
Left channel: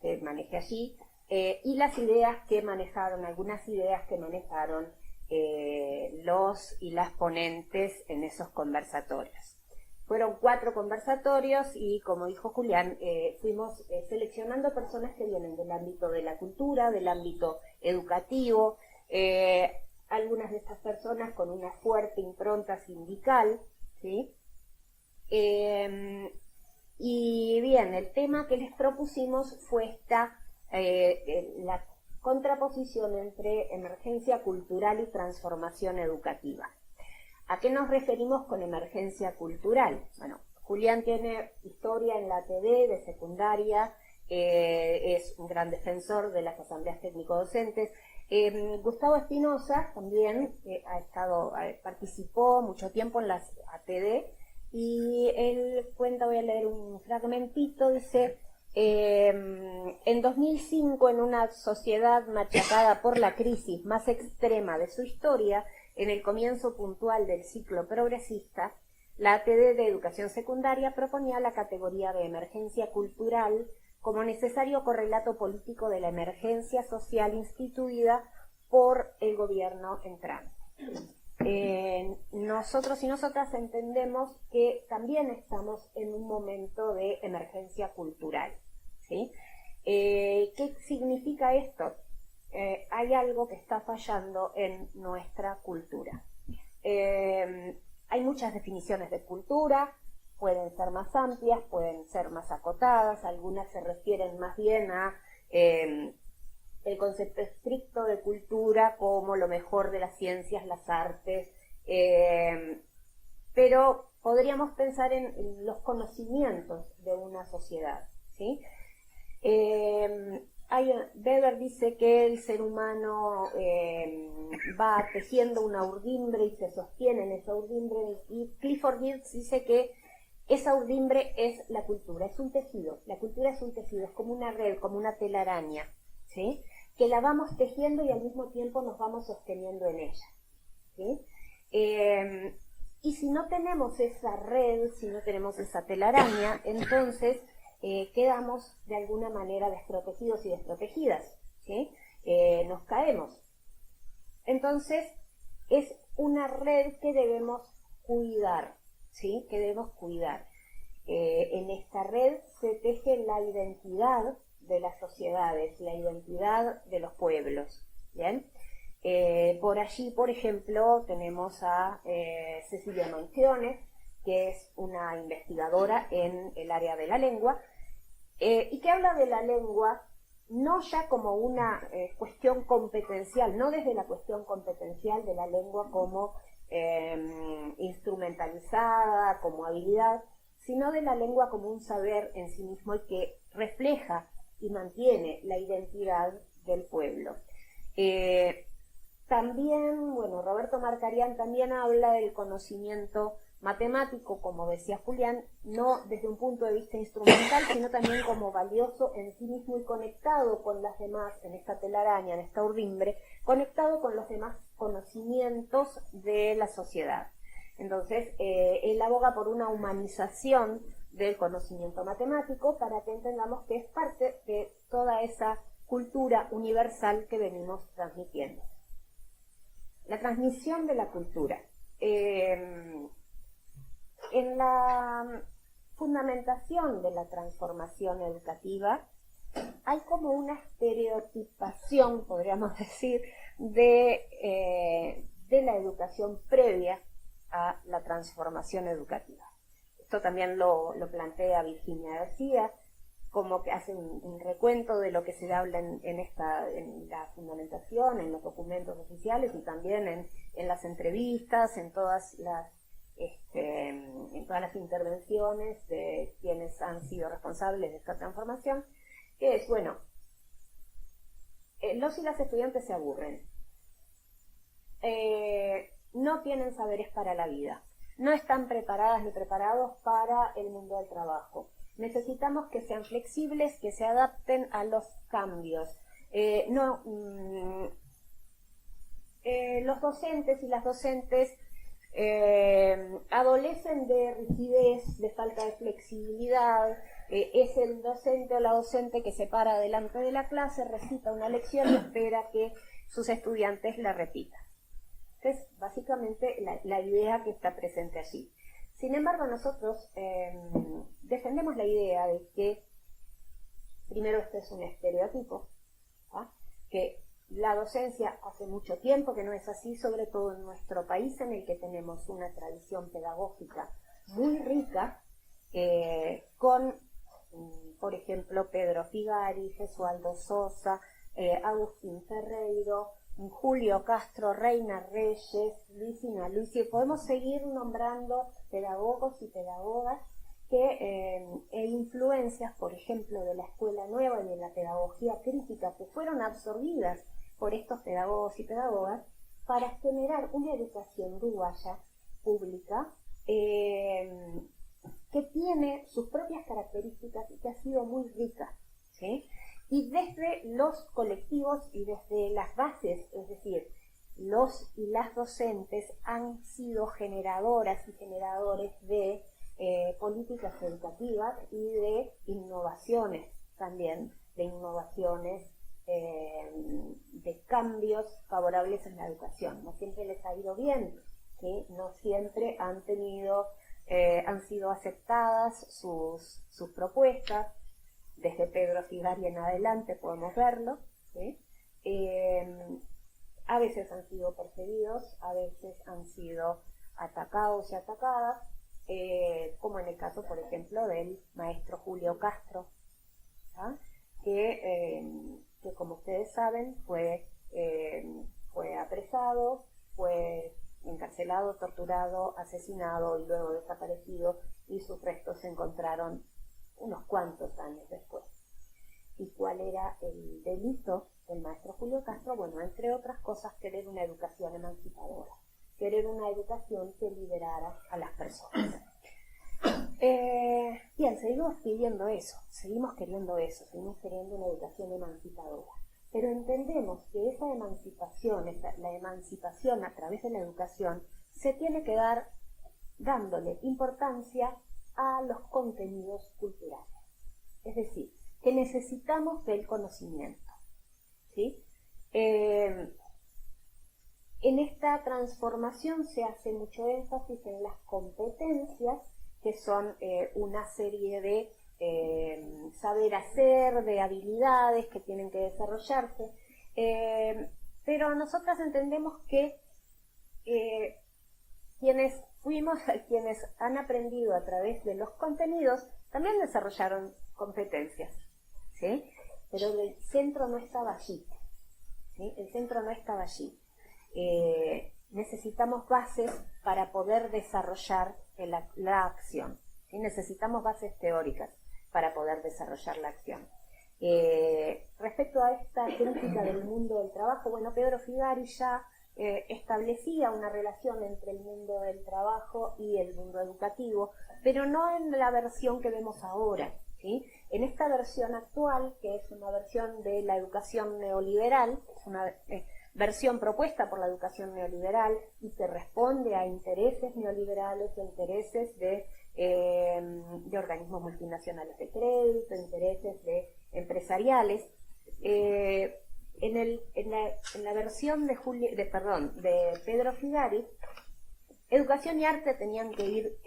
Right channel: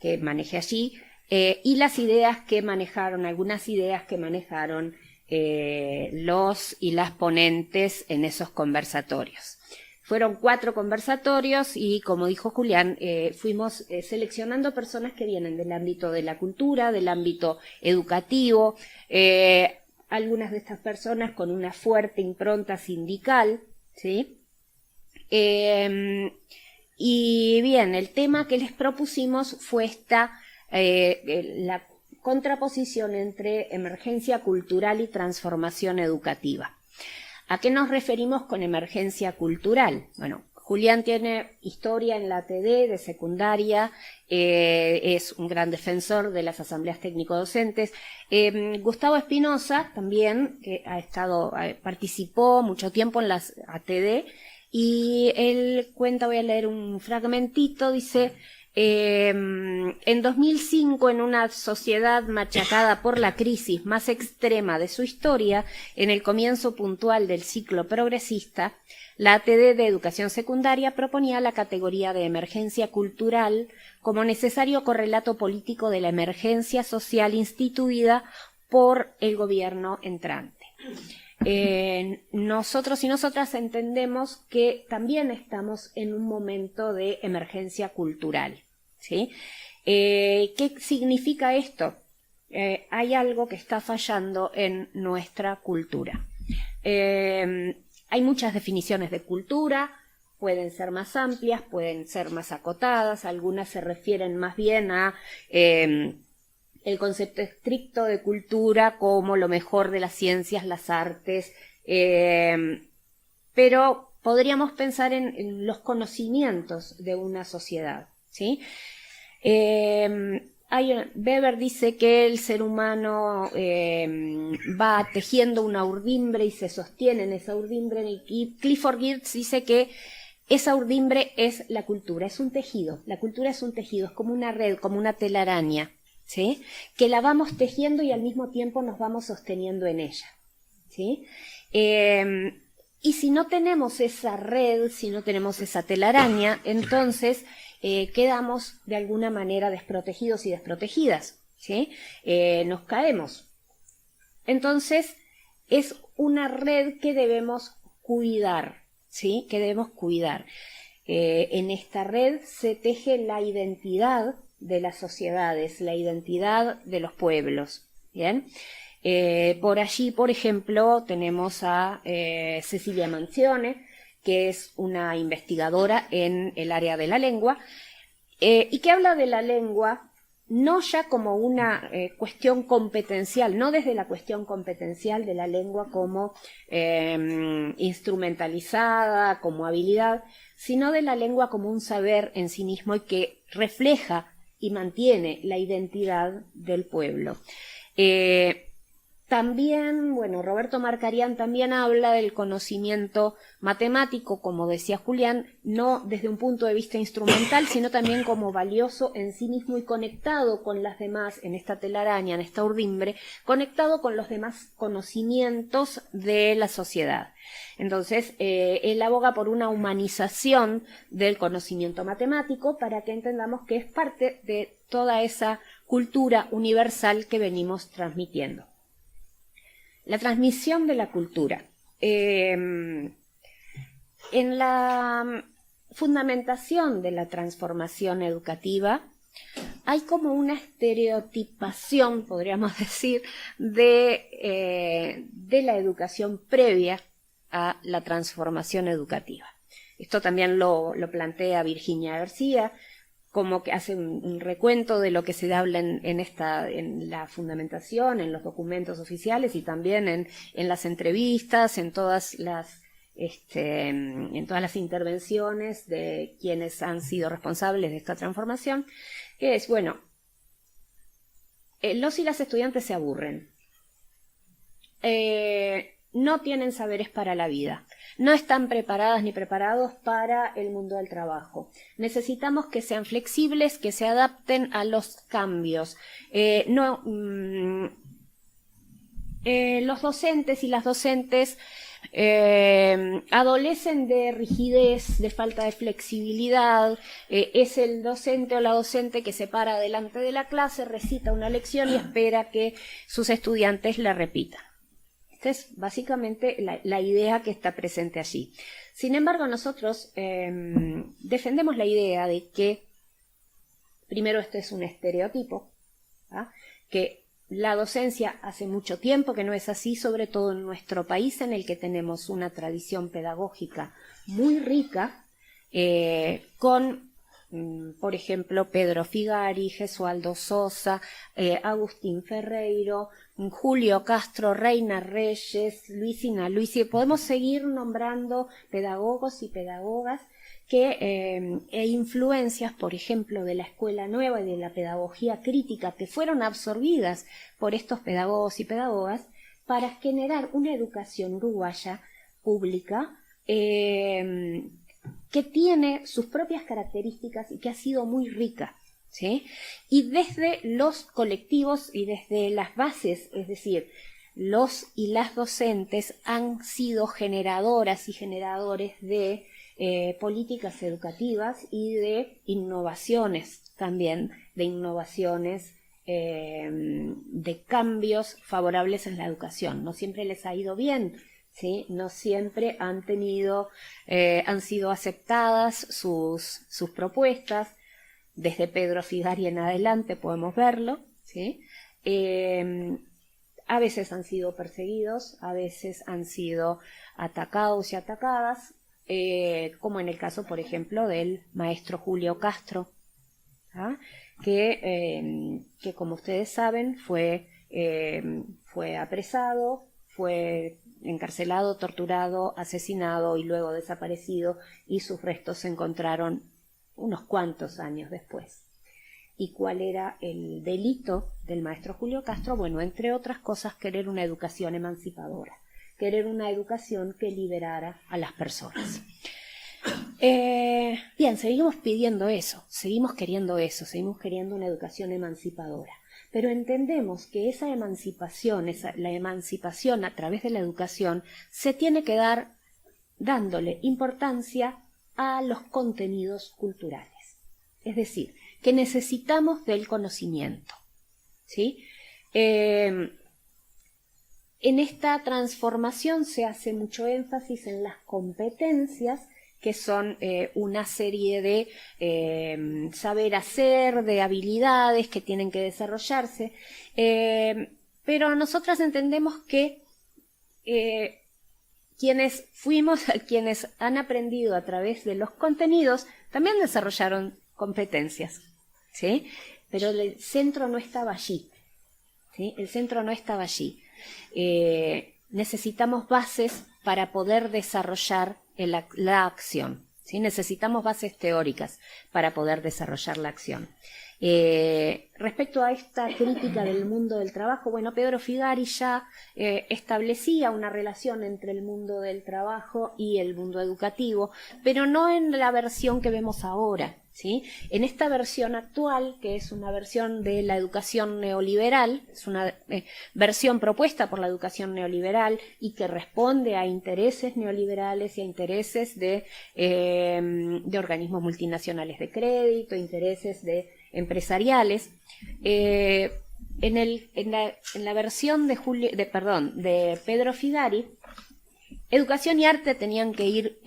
que manejé allí y algunas ideas que manejaron los y las ponentes en esos conversatorios. Fueron 4 conversatorios y, como dijo Julián, fuimos seleccionando personas que vienen del ámbito de la cultura, del ámbito educativo, algunas de estas personas con una fuerte impronta sindical, ¿sí? Y bien, el tema que les propusimos fue la contraposición entre emergencia cultural y transformación educativa. ¿A qué nos referimos con emergencia cultural? Bueno, Julián tiene historia en la TD de secundaria, es un gran defensor de las asambleas técnico-docentes. Gustavo Espinosa también, que participó mucho tiempo en las ATD, y él cuenta, voy a leer un fragmentito, dice: en 2005, en una sociedad machacada por la crisis más extrema de su historia, en el comienzo puntual del ciclo progresista, la ATD de Educación Secundaria proponía la categoría de emergencia cultural como necesario correlato político de la emergencia social instituida por el gobierno entrante. Nosotros y nosotras entendemos que también estamos en un momento de emergencia cultural, ¿sí? ¿Qué significa esto? Hay algo que está fallando en nuestra cultura. Hay muchas definiciones de cultura, pueden ser más amplias, pueden ser más acotadas, algunas se refieren más bien a el concepto estricto de cultura como lo mejor de las ciencias, las artes, pero podríamos pensar en los conocimientos de una sociedad, ¿sí? Weber dice que el ser humano va tejiendo una urdimbre y se sostiene en esa urdimbre, y Clifford Geertz dice que esa urdimbre es la cultura, es un tejido, la cultura es un tejido, es como una red, como una telaraña, ¿sí? Que la vamos tejiendo y al mismo tiempo nos vamos sosteniendo en ella, ¿sí? Y si no tenemos esa red, si no tenemos esa telaraña, entonces quedamos de alguna manera desprotegidos y desprotegidas, ¿sí? Nos caemos. Entonces es una red que debemos cuidar, ¿sí? Que debemos cuidar. En esta red se teje la identidad de las sociedades, la identidad de los pueblos, ¿bien? Por allí, por ejemplo, tenemos a Cecilia Manzione, que es una investigadora en el área de la lengua, y que habla de la lengua no ya como una cuestión competencial, no desde la cuestión competencial de la lengua como instrumentalizada, como habilidad, sino de la lengua como un saber en sí mismo y que refleja y mantiene la identidad del pueblo. También, bueno, Roberto Marcarián también habla del conocimiento matemático, como decía Julián, no desde un punto de vista instrumental, sino también como valioso en sí mismo y conectado con las demás, en esta telaraña, en esta urdimbre, conectado con los demás conocimientos de la sociedad. Entonces, él aboga por una humanización del conocimiento matemático para que entendamos que es parte de toda esa cultura universal que venimos transmitiendo. La transmisión de la cultura. En la fundamentación de la transformación educativa hay como una estereotipación, podríamos decir, de la educación previa a la transformación educativa. Esto también lo plantea Virginia García, como que hace un recuento de lo que se habla en la fundamentación, en los documentos oficiales y también en las entrevistas, en todas las intervenciones de quienes han sido responsables de esta transformación, que es, bueno, los y las estudiantes se aburren, no tienen saberes para la vida, no están preparadas ni preparados para el mundo del trabajo. Necesitamos que sean flexibles, que se adapten a los cambios. Los docentes y las docentes adolecen de rigidez, de falta de flexibilidad. Es el docente o la docente que se para delante de la clase, recita una lección y espera que sus estudiantes la repitan. Esta es básicamente la idea que está presente allí. Sin embargo, nosotros defendemos la idea de que, primero, este es un estereotipo, ¿ah? Que la docencia hace mucho tiempo que no es así, sobre todo en nuestro país, en el que tenemos una tradición pedagógica muy rica, con, por ejemplo, Pedro Figari, Gesualdo Sosa, Agustín Ferreiro, Julio Castro, Reina Reyes, Luisina Luisi. Podemos seguir nombrando pedagogos y pedagogas e influencias, por ejemplo, de la Escuela Nueva y de la pedagogía crítica, que fueron absorbidas por estos pedagogos y pedagogas para generar una educación uruguaya pública que tiene sus propias características y que ha sido muy rica, ¿sí? Y desde los colectivos y desde las bases, es decir, los y las docentes han sido generadoras y generadores de políticas educativas y de innovaciones también, de innovaciones de cambios favorables en la educación. No siempre les ha ido bien, ¿sí? No siempre han sido aceptadas sus propuestas. Desde Pedro Figari en adelante podemos verlo, ¿sí? A veces han sido perseguidos, a veces han sido atacados y atacadas, como en el caso, por ejemplo, del maestro Julio Castro, ¿ah? que como ustedes saben fue apresado, fue encarcelado, torturado, asesinado y luego desaparecido, y sus restos se encontraron unos cuantos años después. ¿Y cuál era el delito del maestro Julio Castro? Bueno, entre otras cosas, querer una educación emancipadora, querer una educación que liberara a las personas. Bien, seguimos pidiendo eso, seguimos queriendo una educación emancipadora, pero entendemos que esa emancipación, la emancipación a través de la educación, se tiene que dar dándole importancia a los contenidos culturales. Es decir, que necesitamos del conocimiento, ¿sí? En esta transformación se hace mucho énfasis en las competencias, que son una serie de saber hacer, de habilidades que tienen que desarrollarse, pero nosotras entendemos que quienes han aprendido a través de los contenidos, también desarrollaron competencias, ¿sí? Pero el centro no estaba allí, ¿sí? El centro no estaba allí. Necesitamos bases para poder desarrollar la acción, ¿sí? Necesitamos bases teóricas para poder desarrollar la acción. Respecto a esta crítica del mundo del trabajo, bueno, Pedro Figari ya establecía una relación entre el mundo del trabajo y el mundo educativo, pero no en la versión que vemos ahora, ¿sí? En esta versión actual, que es una versión de la educación neoliberal, es una versión propuesta por la educación neoliberal y que responde a intereses neoliberales y a intereses de organismos multinacionales de crédito, intereses empresariales. En la versión de Pedro Figari, educación y arte tenían que ir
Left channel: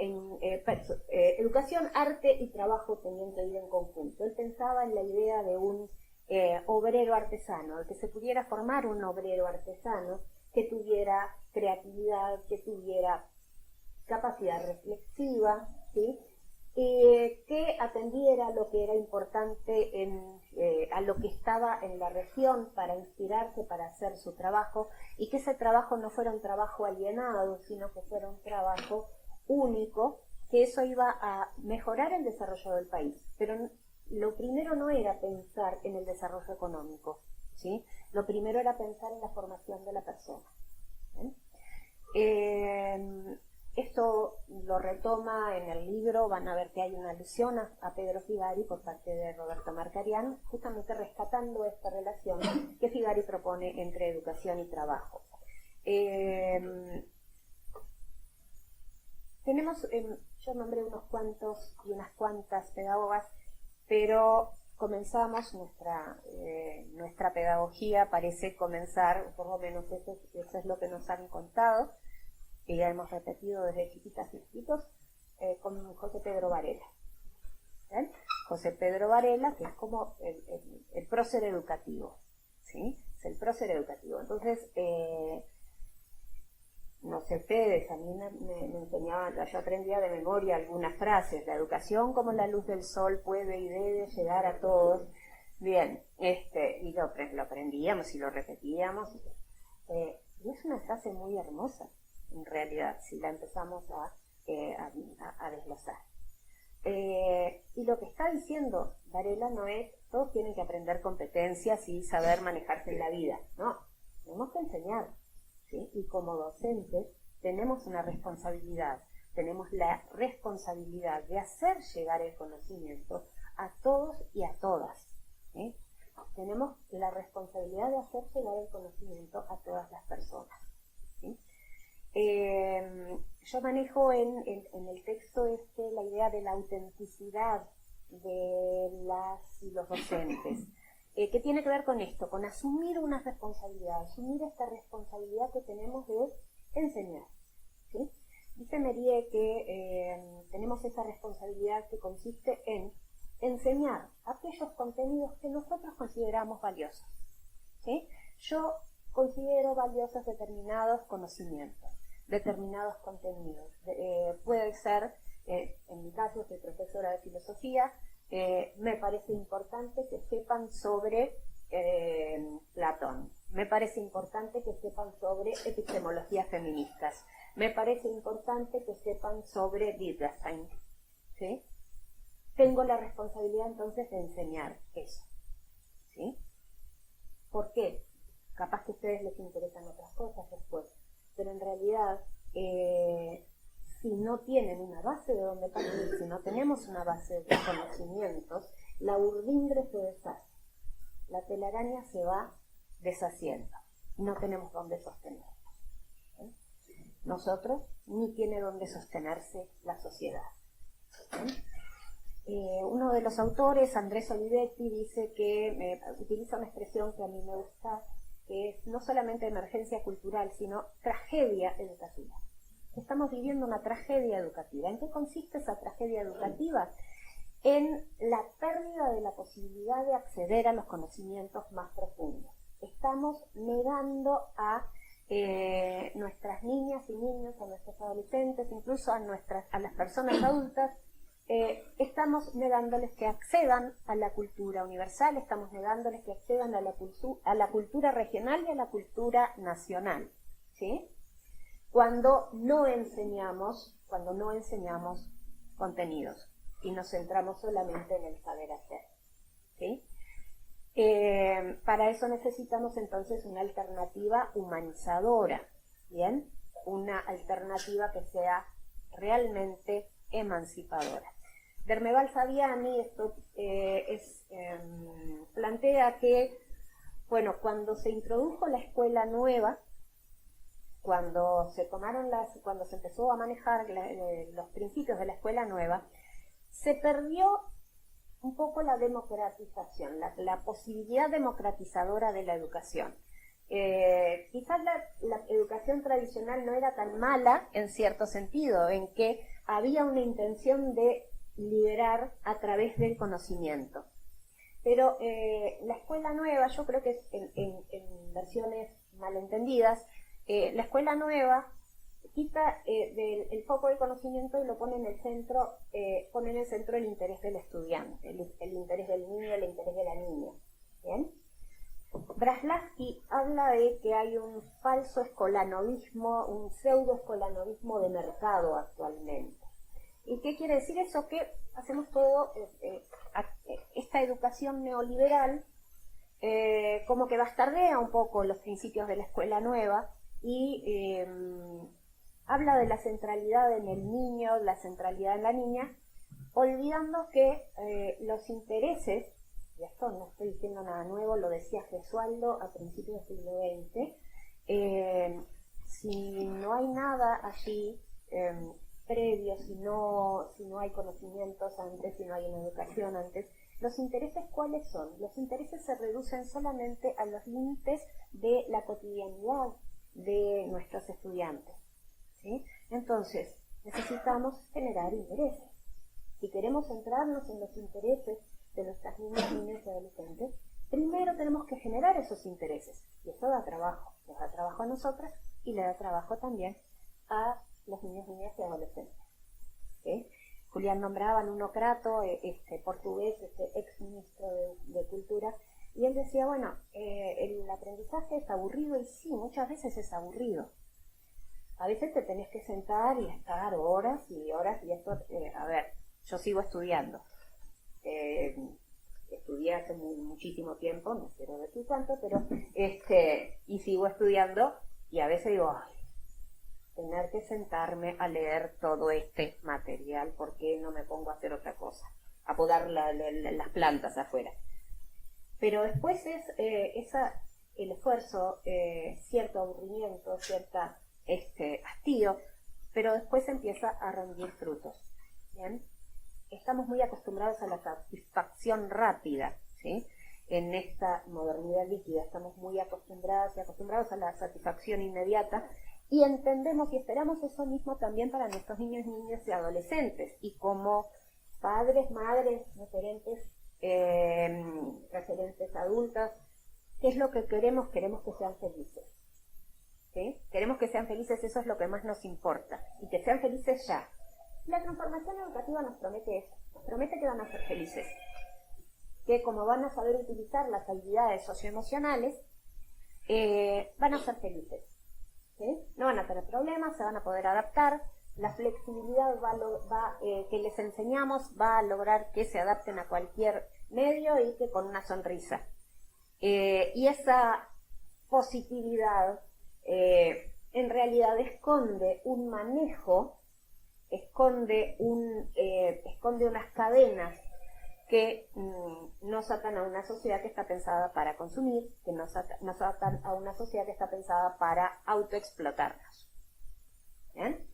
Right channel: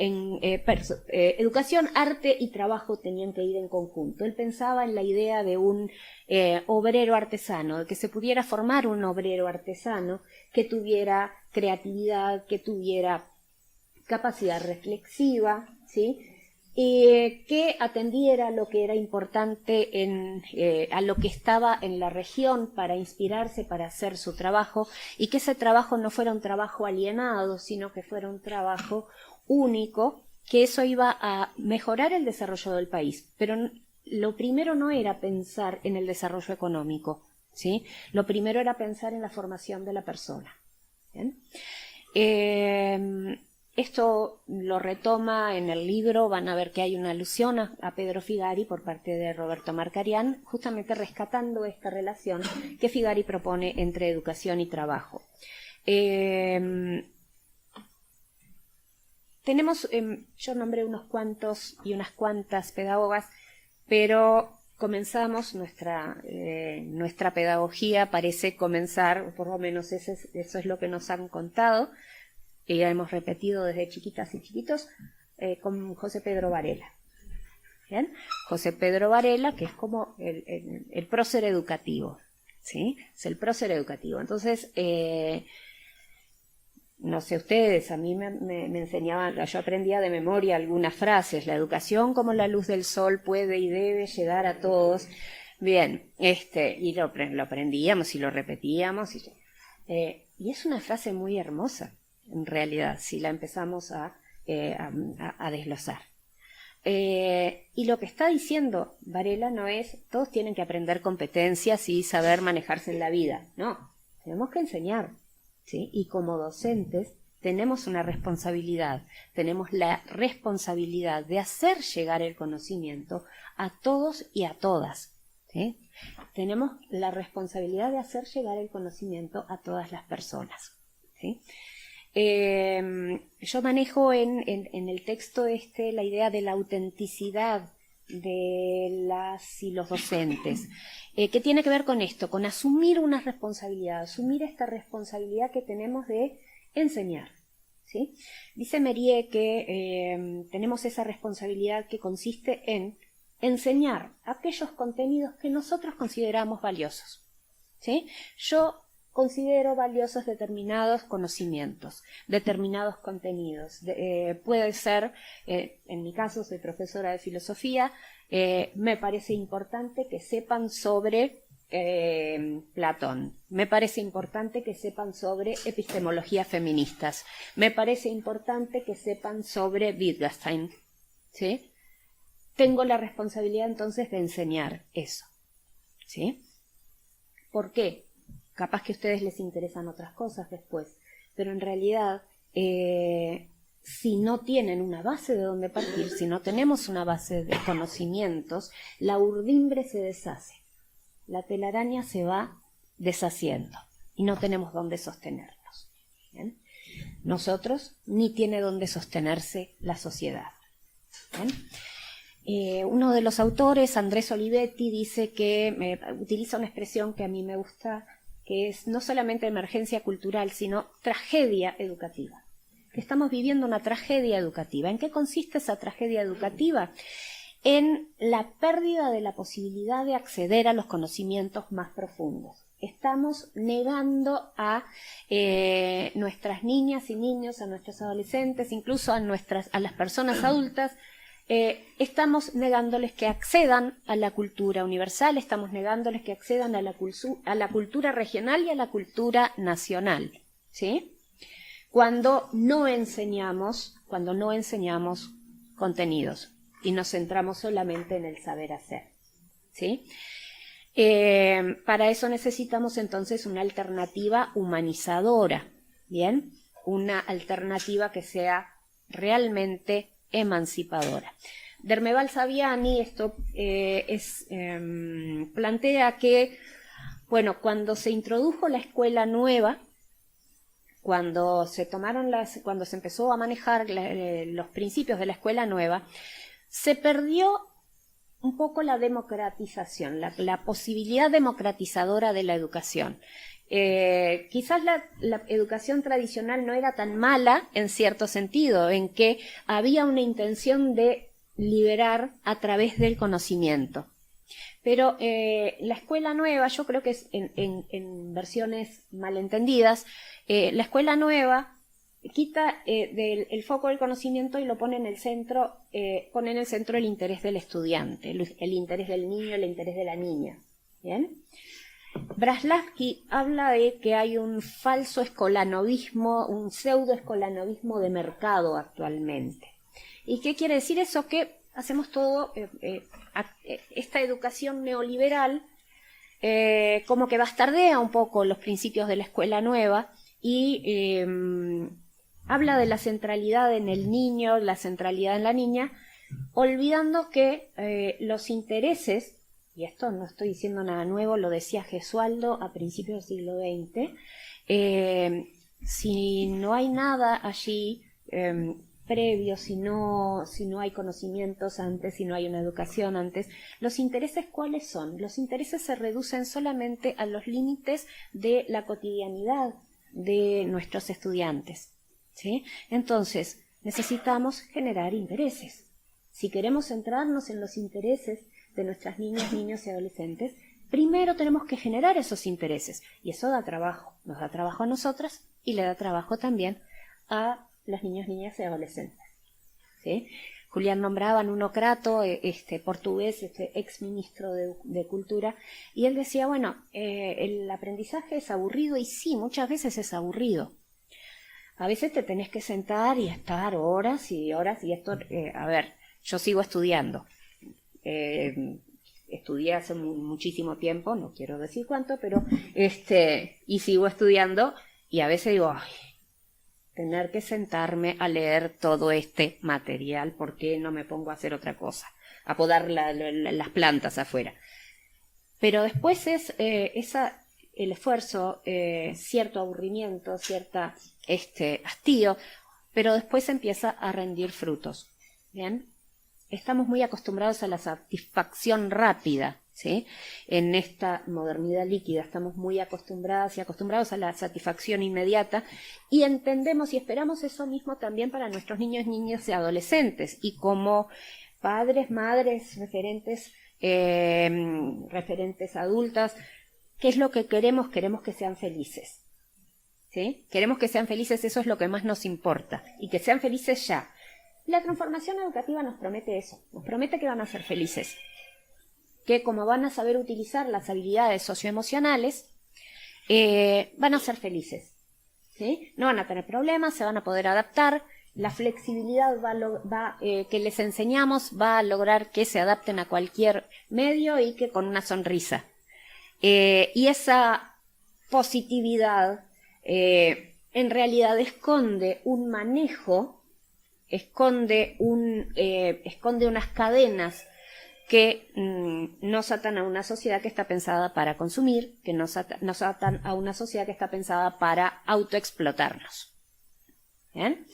educación, arte y trabajo tenían que ir en conjunto. Él pensaba en la idea de un obrero artesano, de que se pudiera formar un obrero artesano que tuviera creatividad, que tuviera capacidad reflexiva, ¿sí? Que atendiera lo que era importante a lo que estaba en la región para inspirarse, para hacer su trabajo, y que ese trabajo no fuera un trabajo alienado, sino que fuera un trabajo único, que eso iba a mejorar el desarrollo del país. Pero lo primero no era pensar en el desarrollo económico, ¿sí? Lo primero era pensar en la formación de la persona. ¿Bien? Esto lo retoma en el libro, van a ver que hay una alusión a Pedro Figari por parte de Roberto Marcarián, justamente rescatando esta relación que Figari propone entre educación y trabajo. Tenemos, yo nombré unos cuantos y unas cuantas pedagogas, pero comenzamos nuestra pedagogía, parece comenzar, por lo menos eso es lo que nos han contado, que ya hemos repetido desde chiquitas y chiquitos, con José Pedro Varela. ¿Bien? José Pedro Varela, que es como el prócer educativo, ¿sí? Es el prócer educativo. Entonces, no sé ustedes, a mí me enseñaban, yo aprendía de memoria algunas frases: la educación como la luz del sol puede y debe llegar a todos. Bien, y lo aprendíamos y lo repetíamos. Y es una frase muy hermosa, en realidad, si la empezamos a desglosar. Y lo que está diciendo Varela no es todos tienen que aprender competencias y saber manejarse en la vida. No, tenemos que enseñar, ¿sí? Y como docentes tenemos una responsabilidad, tenemos la responsabilidad de hacer llegar el conocimiento a todos y a todas, ¿sí? Tenemos la responsabilidad de hacer llegar el conocimiento a todas las personas, ¿sí? Yo manejo en el texto la idea de la autenticidad de las y los docentes, que tiene que ver con esto, con asumir una responsabilidad, asumir esta responsabilidad que tenemos de enseñar, ¿sí? Dice Mériès que tenemos esa responsabilidad que consiste en enseñar aquellos contenidos que nosotros consideramos valiosos, ¿sí? Yo considero valiosos determinados conocimientos, determinados contenidos. Puede ser, en mi caso soy profesora de filosofía, me parece importante que sepan sobre Platón, me parece importante que sepan sobre epistemologías feministas, me parece importante que sepan sobre Wittgenstein, ¿sí? Tengo la responsabilidad entonces de enseñar eso, ¿sí? ¿Por qué? Capaz que a ustedes les interesan otras cosas después, pero en realidad, si no tienen una base de donde partir, si no tenemos una base de conocimientos, la urdimbre se deshace, la telaraña se va deshaciendo y no tenemos dónde sostenernos. ¿Bien? Nosotros, ni tiene dónde sostenerse la sociedad. Uno de los autores, Andrés Olivetti, dice que utiliza una expresión que a mí me gusta, que es no solamente emergencia cultural, sino tragedia educativa. Que estamos viviendo una tragedia educativa. ¿En qué consiste esa tragedia educativa? En la pérdida de la posibilidad de acceder a los conocimientos más profundos. Estamos negando a nuestras niñas y niños, a nuestros adolescentes, incluso a las personas adultas, estamos negándoles que accedan a la cultura universal, estamos negándoles que accedan a la cultura regional y a la cultura nacional, ¿sí? Cuando no enseñamos contenidos y nos centramos solamente en el saber hacer, ¿sí? Para eso necesitamos entonces una alternativa humanizadora, ¿bien? Una alternativa que sea realmente emancipadora. Dermeval Saviani plantea que, bueno, cuando se introdujo la escuela nueva, cuando se empezó a manejar los principios de la escuela nueva, se perdió un poco la democratización, la posibilidad democratizadora de la educación. Quizás la educación tradicional no era tan mala en cierto sentido, en que había una intención de liberar a través del conocimiento. Pero la escuela nueva, yo creo que es en versiones malentendidas, la escuela nueva quita el foco del conocimiento y lo pone en el centro, el interés del estudiante, el interés del niño, el interés de la niña. ¿Bien? Braslavsky habla de que hay un falso escolanovismo, un pseudo-escolanovismo de mercado actualmente. ¿Y qué quiere decir eso? Que hacemos todo, esta educación neoliberal, como que bastardea un poco los principios de la escuela nueva y habla de la centralidad en el niño, la centralidad en la niña, olvidando que los intereses, y esto no estoy diciendo nada nuevo, lo decía Gesualdo a principios del siglo XX, si no hay nada allí previo, si no hay conocimientos antes, si no hay una educación antes, ¿los intereses cuáles son? Los intereses se reducen solamente a los límites de la cotidianidad de nuestros estudiantes, ¿sí? Entonces, necesitamos generar intereses. Si queremos centrarnos en los intereses de nuestras niñas, niños y adolescentes, primero tenemos que generar esos intereses, y eso da trabajo, nos da trabajo a nosotras y le da trabajo también a los niños, niñas y adolescentes, ¿sí? Julián nombraba a Nuno Crato, portugués, ex ministro de Cultura, y él decía, bueno, el aprendizaje es aburrido, y sí, muchas veces es aburrido. A veces te tenés que sentar y estar horas y horas, y esto, a ver, yo sigo estudiando. Estudié hace muchísimo tiempo, no quiero decir cuánto, pero y sigo estudiando, y a veces digo, ay, tener que sentarme a leer todo este material, ¿por qué no me pongo a hacer otra cosa? A podar las plantas afuera. Pero después es el esfuerzo, cierto aburrimiento, cierta hastío, pero después empieza a rendir frutos. ¿Bien? Estamos muy acostumbrados a la satisfacción rápida, ¿sí? En esta modernidad líquida estamos muy acostumbradas y acostumbrados a la satisfacción inmediata, y entendemos y esperamos eso mismo también para nuestros niños, niñas y adolescentes. Y como padres, madres, referentes adultas, ¿Qué es lo que queremos? Queremos que sean felices. ¿Sí? Queremos que sean felices, eso es lo que más nos importa. Y que sean felices ya. La transformación educativa nos promete eso. Nos promete que van a ser felices. Que como van a saber utilizar las habilidades socioemocionales, van a ser felices. ¿Sí? No van a tener problemas, se van a poder adaptar. La flexibilidad que les enseñamos va a lograr que se adapten a cualquier medio y que con una sonrisa. Y esa positividad en realidad esconde un manejo, esconde unas cadenas que nos atan a una sociedad que está pensada para consumir, que nos atan a una sociedad que está pensada para autoexplotarnos. ¿Bien?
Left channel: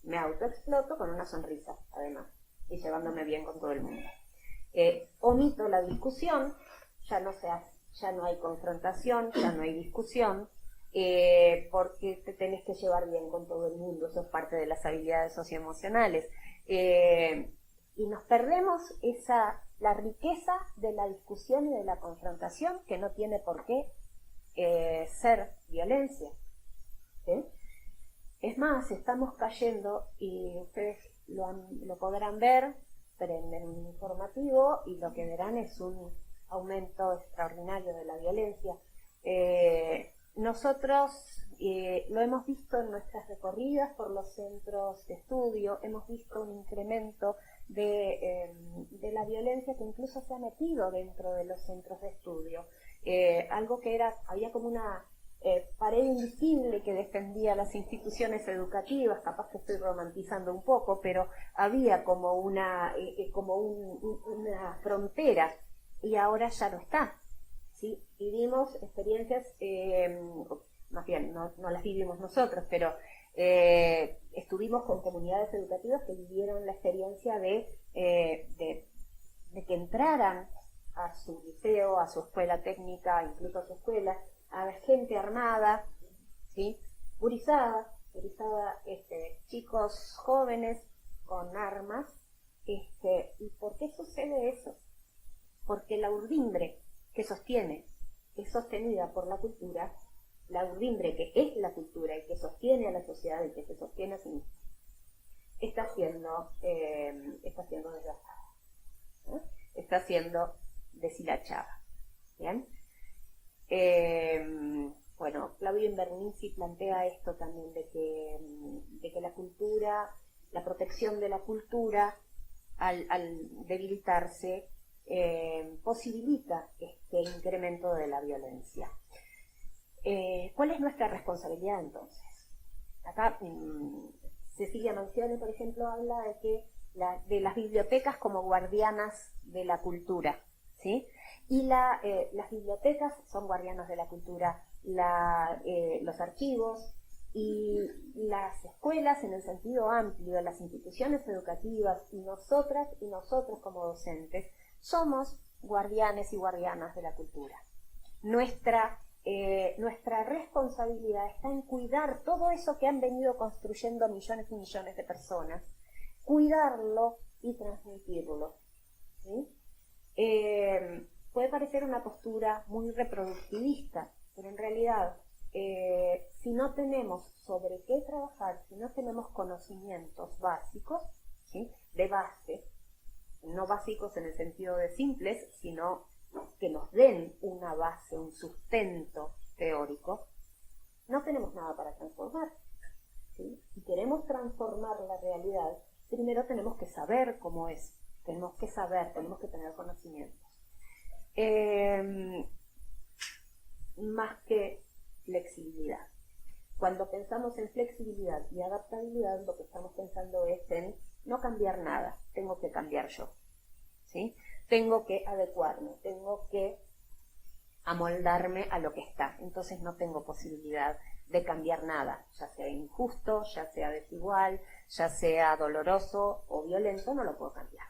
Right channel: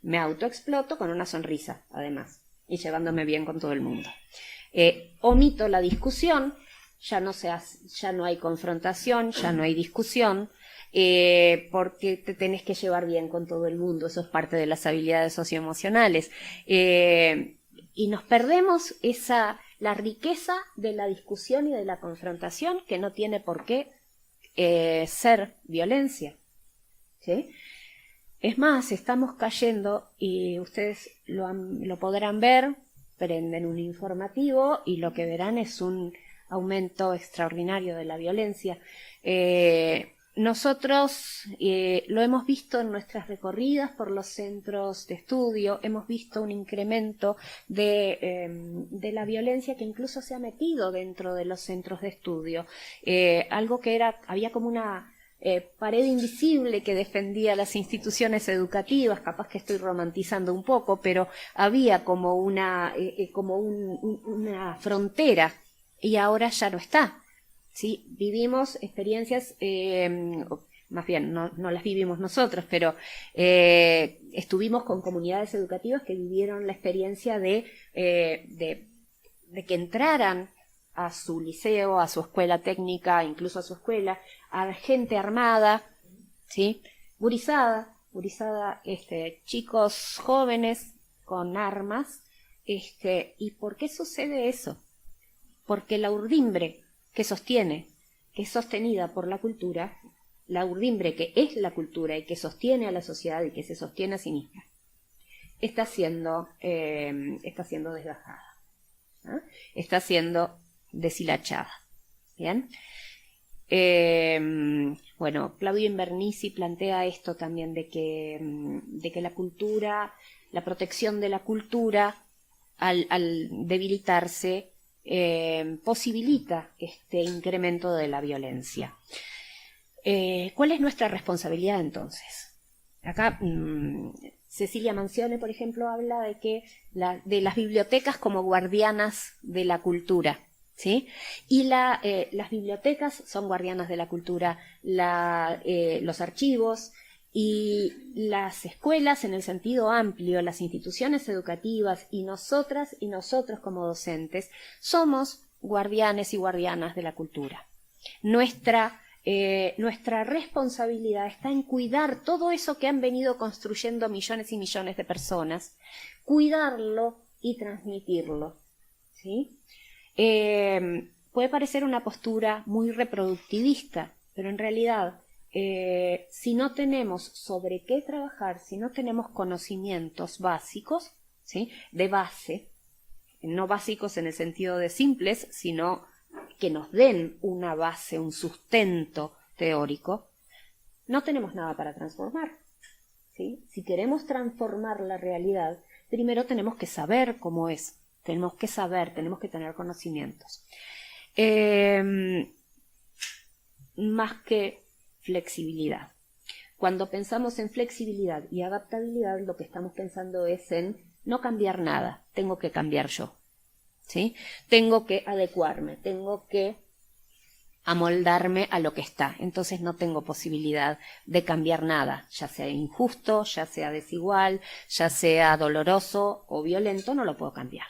Me autoexploto con una sonrisa, además, y llevándome bien con todo el mundo. Omito la discusión, ya no hay confrontación, ya no hay discusión, porque te tenés que llevar bien con todo el mundo, eso es parte de las habilidades socioemocionales. Y nos perdemos la riqueza de la discusión y de la confrontación, que no tiene por qué ser violencia. ¿Sí? Es más, estamos cayendo, y ustedes lo podrán ver, prenden un informativo y lo que verán es un aumento extraordinario de la violencia. Nosotros lo hemos visto en nuestras recorridas por los centros de estudio, hemos visto un incremento de la violencia que incluso se ha metido dentro de los centros de estudio. Algo que había como una pared invisible que defendía las instituciones educativas, capaz que estoy romantizando un poco, pero había como una frontera y ahora ya no está. ¿Sí? Vivimos experiencias, más bien no las vivimos nosotros, pero estuvimos con comunidades educativas que vivieron la experiencia de que entraran a su liceo, a su escuela técnica, incluso a su escuela, a gente armada, ¿sí? Gurizada, chicos jóvenes con armas. ¿Y por qué sucede eso? Porque la urdimbre que es sostenida por la cultura, la urdimbre que es la cultura y que sostiene a la sociedad y que se sostiene a sí misma, está siendo desgajada, ¿no? Está siendo deshilachada. ¿Bien? Bueno, Claudio Invernizzi plantea esto también de que la cultura, la protección de la cultura, al debilitarse, posibilita este incremento de la violencia. ¿Cuál es nuestra responsabilidad entonces? Acá Cecilia Manzione, por ejemplo, habla de las bibliotecas como guardianas de la cultura, ¿sí? Y las bibliotecas son guardianas de la cultura, los archivos y las escuelas en el sentido amplio, las instituciones educativas y nosotras y nosotros como docentes somos guardianes y guardianas de la cultura. Nuestra responsabilidad está en cuidar todo eso que han venido construyendo millones y millones de personas, cuidarlo y transmitirlo, ¿sí? Puede parecer una postura muy reproductivista, pero en realidad si no tenemos sobre qué trabajar, si no tenemos conocimientos básicos, ¿sí? De base, no básicos en el sentido de simples, sino que nos den una base, un sustento teórico, no tenemos nada para transformar, ¿sí? Si queremos transformar la realidad, primero tenemos que saber cómo es, tenemos que saber, tenemos que tener conocimientos. Más que flexibilidad. Cuando pensamos en flexibilidad y adaptabilidad, lo que estamos pensando es en no cambiar nada, tengo que cambiar yo, ¿sí? Tengo que adecuarme, tengo que amoldarme a lo que está, entonces no tengo posibilidad de cambiar nada, ya sea injusto, ya sea desigual, ya sea doloroso o violento, no lo puedo cambiar,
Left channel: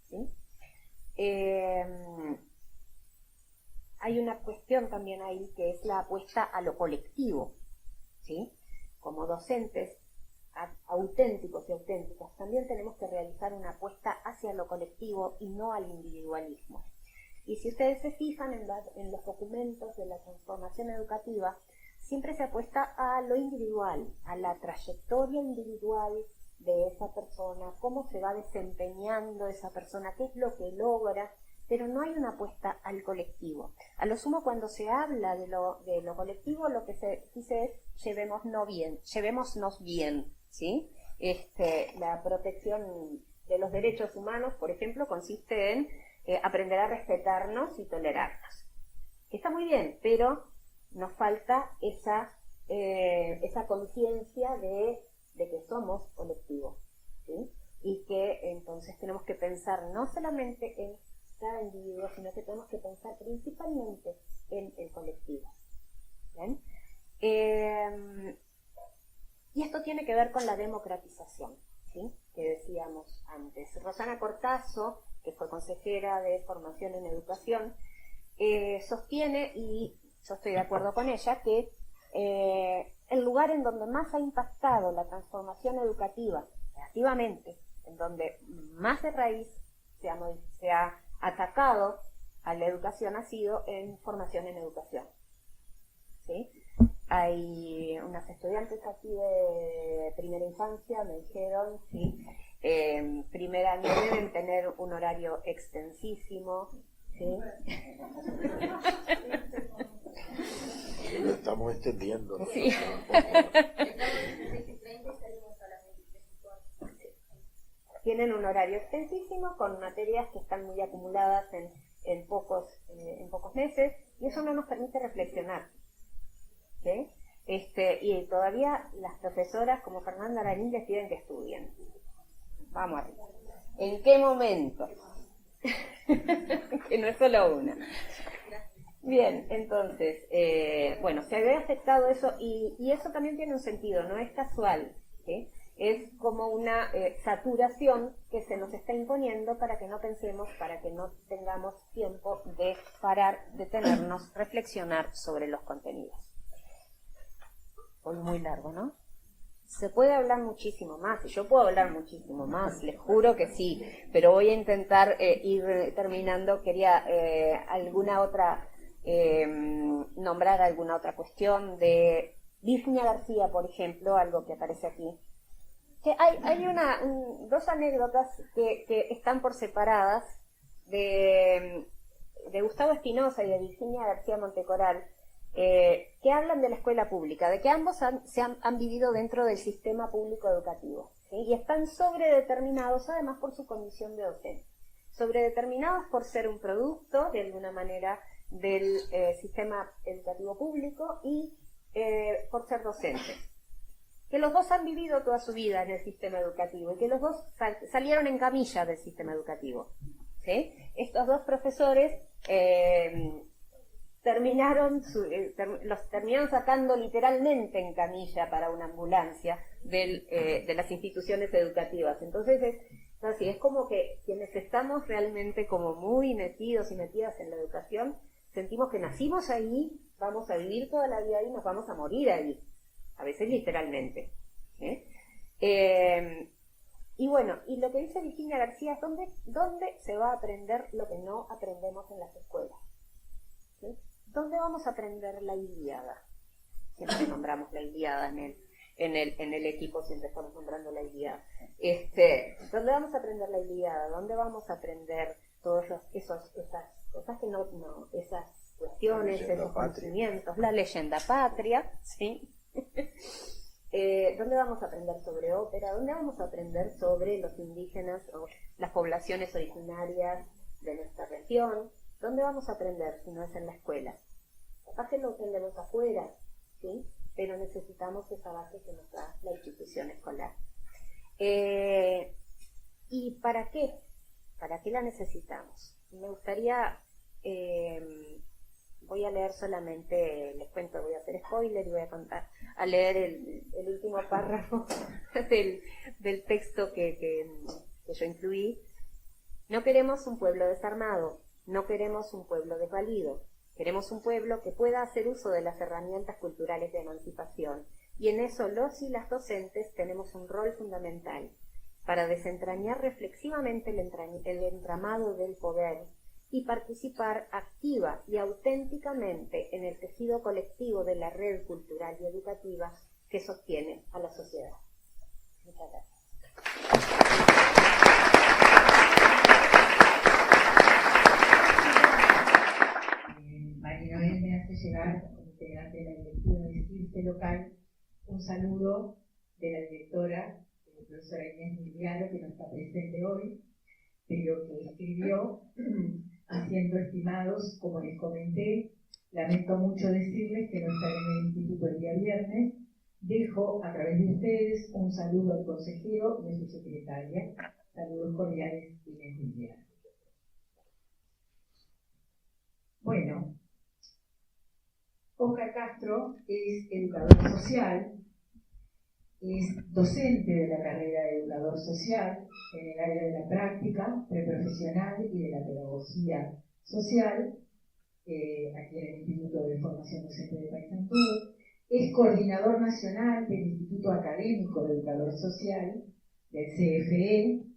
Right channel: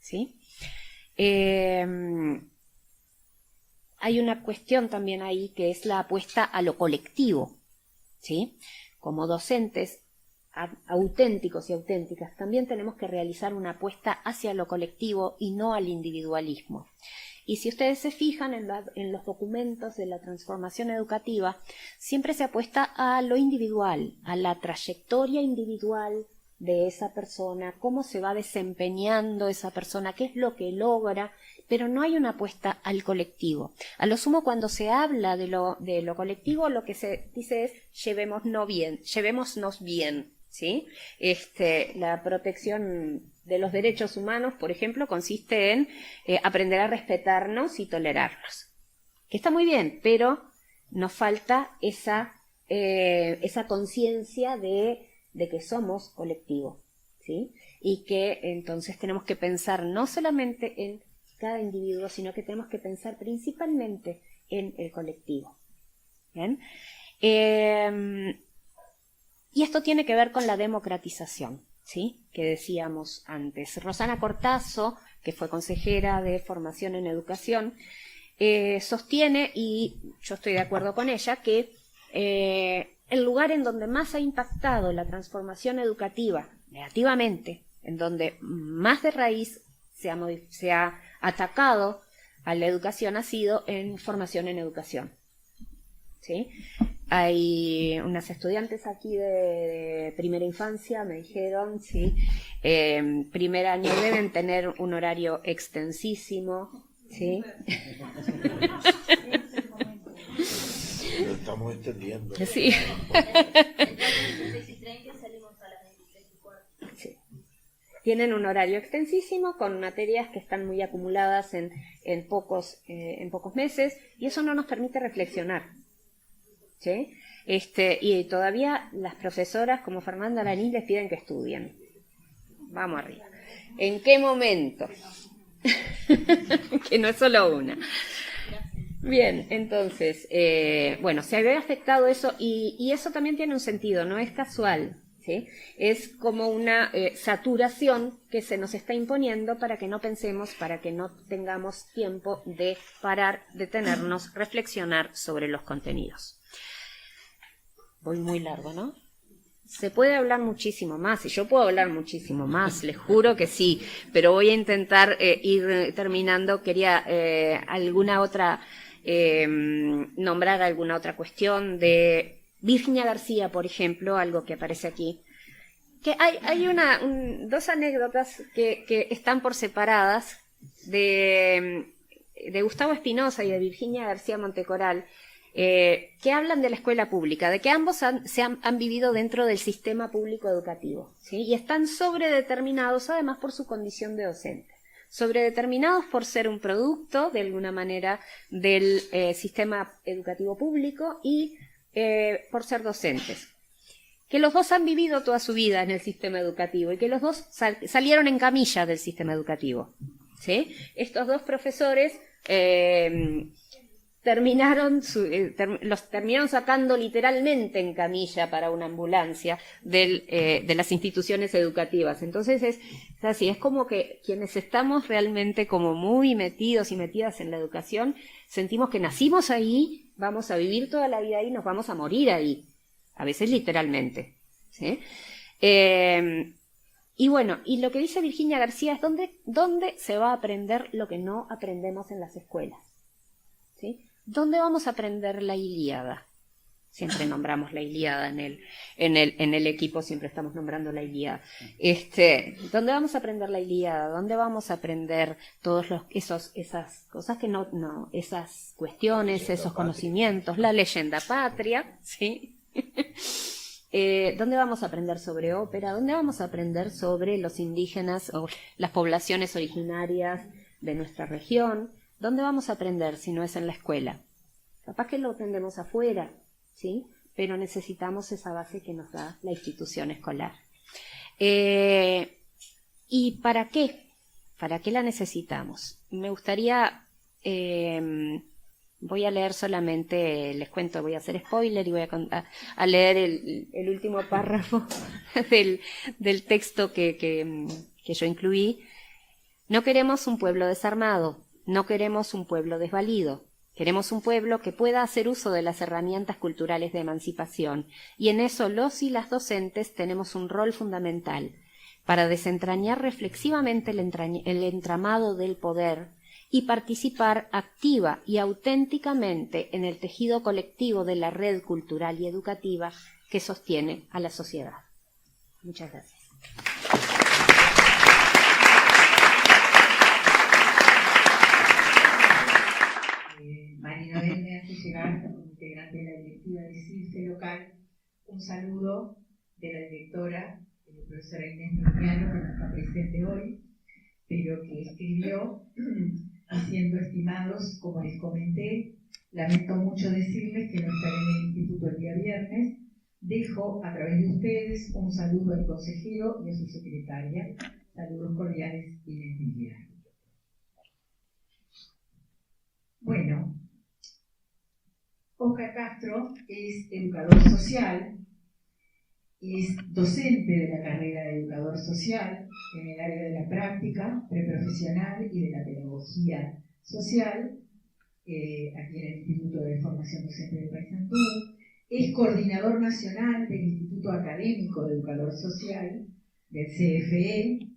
¿sí? Hay una cuestión también ahí que es la apuesta a lo colectivo, ¿sí? Como docentes auténticos y auténticas, también tenemos que realizar una apuesta hacia lo colectivo y no al individualismo. Y si ustedes se fijan en los documentos de la transformación educativa, siempre se apuesta a lo individual, a la trayectoria individual de esa persona, cómo se va desempeñando esa persona, qué es lo que logra, pero no hay una apuesta al colectivo. A lo sumo, cuando se habla de lo colectivo, lo que se dice es llevémonos bien, ¿sí? La protección de los derechos humanos, por ejemplo, consiste en aprender a respetarnos y tolerarnos. Que está muy bien, pero nos falta esa conciencia de que somos colectivo, ¿sí? Y que entonces tenemos que pensar no solamente en cada individuo, sino que tenemos que pensar principalmente en el colectivo. ¿Bien? Y esto tiene que ver con la democratización, ¿sí? Que decíamos antes. Rosana Cortazo, que fue consejera de formación en educación, sostiene, y yo estoy de acuerdo con ella, que el lugar en donde más ha impactado la transformación educativa negativamente, en donde más de raíz se ha atacado a la educación, ha sido en formación en educación, ¿sí? Hay unas estudiantes aquí de primera infancia, me dijeron, ¿sí? Primer año deben tener un horario extensísimo, ¿sí? Lo estamos extendiendo. Sí. Sí. Tienen un horario extensísimo con materias que están muy acumuladas en pocos meses, y eso no nos permite reflexionar, ¿sí? Y todavía las profesoras como Fernanda Araní les piden que estudien. Vamos arriba. ¿En qué momento? Que no es solo una. Bien, entonces, bueno, se había afectado eso, y eso también tiene un sentido, no es casual, ¿sí? Es como una saturación que se nos está imponiendo para que no pensemos, para que no tengamos tiempo de parar, detenernos, reflexionar sobre los contenidos. Voy muy largo, ¿no? Se puede hablar muchísimo más, y yo puedo hablar muchísimo más, les juro que sí, pero voy a intentar ir terminando. Quería nombrar alguna otra cuestión de Virginia García, por ejemplo, algo que aparece aquí. Que hay dos anécdotas que están por separadas de Gustavo Espinosa y de Virginia García Montecoral, que hablan de la escuela pública, de que ambos han vivido dentro del sistema público educativo, ¿sí? Y están sobredeterminados además por su condición de docente, sobredeterminados por ser un producto de alguna manera del sistema educativo público y por ser docentes. Que los dos han vivido toda su vida en el sistema educativo y que los dos salieron en camilla del sistema educativo, ¿sí? Estos dos profesores los terminaron sacando literalmente en camilla para una ambulancia de las instituciones educativas. Entonces es así, es como que quienes estamos realmente como muy metidos y metidas en la educación, sentimos que nacimos ahí, vamos a vivir toda la vida ahí, nos vamos a morir ahí, a veces literalmente, ¿sí? Y bueno, y lo que dice Virginia García es dónde se va a aprender lo que no aprendemos en las escuelas, ¿sí? ¿Dónde vamos a aprender la Ilíada? Siempre nombramos la Ilíada en el equipo, siempre estamos nombrando la Ilíada. ¿Dónde vamos a aprender la Ilíada? ¿Dónde vamos a aprender todos esas cosas que no esas cuestiones, esos conocimientos, la leyenda patria, ¿sí? ¿Dónde vamos a aprender sobre ópera? ¿Dónde vamos a aprender sobre los indígenas o las poblaciones originarias de nuestra región? ¿Dónde vamos a aprender si no es en la escuela? Capaz que lo aprendemos afuera, ¿sí? Pero necesitamos esa base que nos da la institución escolar. ¿Y para qué? ¿Para qué la necesitamos? Me gustaría, voy a leer solamente, les cuento, voy a hacer spoiler y voy a leer el último párrafo del texto que yo incluí. No queremos un pueblo desarmado. No queremos un pueblo desvalido, Queremos un pueblo que pueda hacer uso de las herramientas culturales de emancipación, y en eso los y las docentes tenemos un rol fundamental para desentrañar reflexivamente el entramado del poder y participar activa y auténticamente en el tejido colectivo de la red cultural y educativa que sostiene a la sociedad. Muchas gracias. Marinobel me hace llegar, como integrante de la directiva de CIRCE local, un saludo de la directora, la profesora Inés Migliano, que no está presente hoy, pero que escribió diciendo: estimados, como les comenté, lamento mucho decirles que no estaré en el instituto el día viernes. Dejo a través de ustedes un saludo al consejero y a su secretaria. Saludos cordiales, Inés Migliano. Bueno, Óscar Castro es educador social, es docente de la carrera de educador social en el área de la práctica preprofesional y de la pedagogía social, aquí en el Instituto de Formación Docente de Paysandú. Es coordinador nacional del Instituto Académico de Educador Social, del CFE,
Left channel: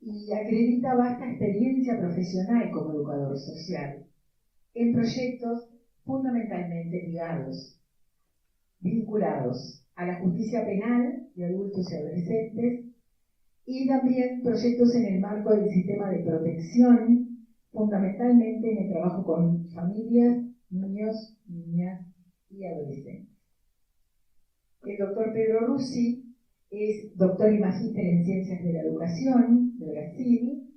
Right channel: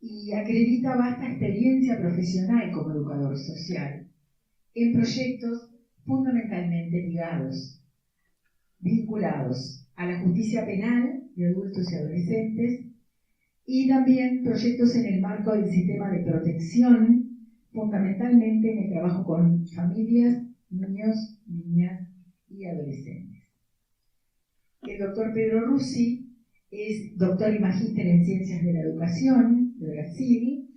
y acredita vasta experiencia profesional como educador social en proyectos fundamentalmente vinculados a la justicia penal de adultos y adolescentes, y también proyectos en el marco del sistema de protección, fundamentalmente en el trabajo con familias, niños, niñas y adolescentes. El doctor Pedro Russi es doctor y magíster en Ciencias de la Educación de Brasil,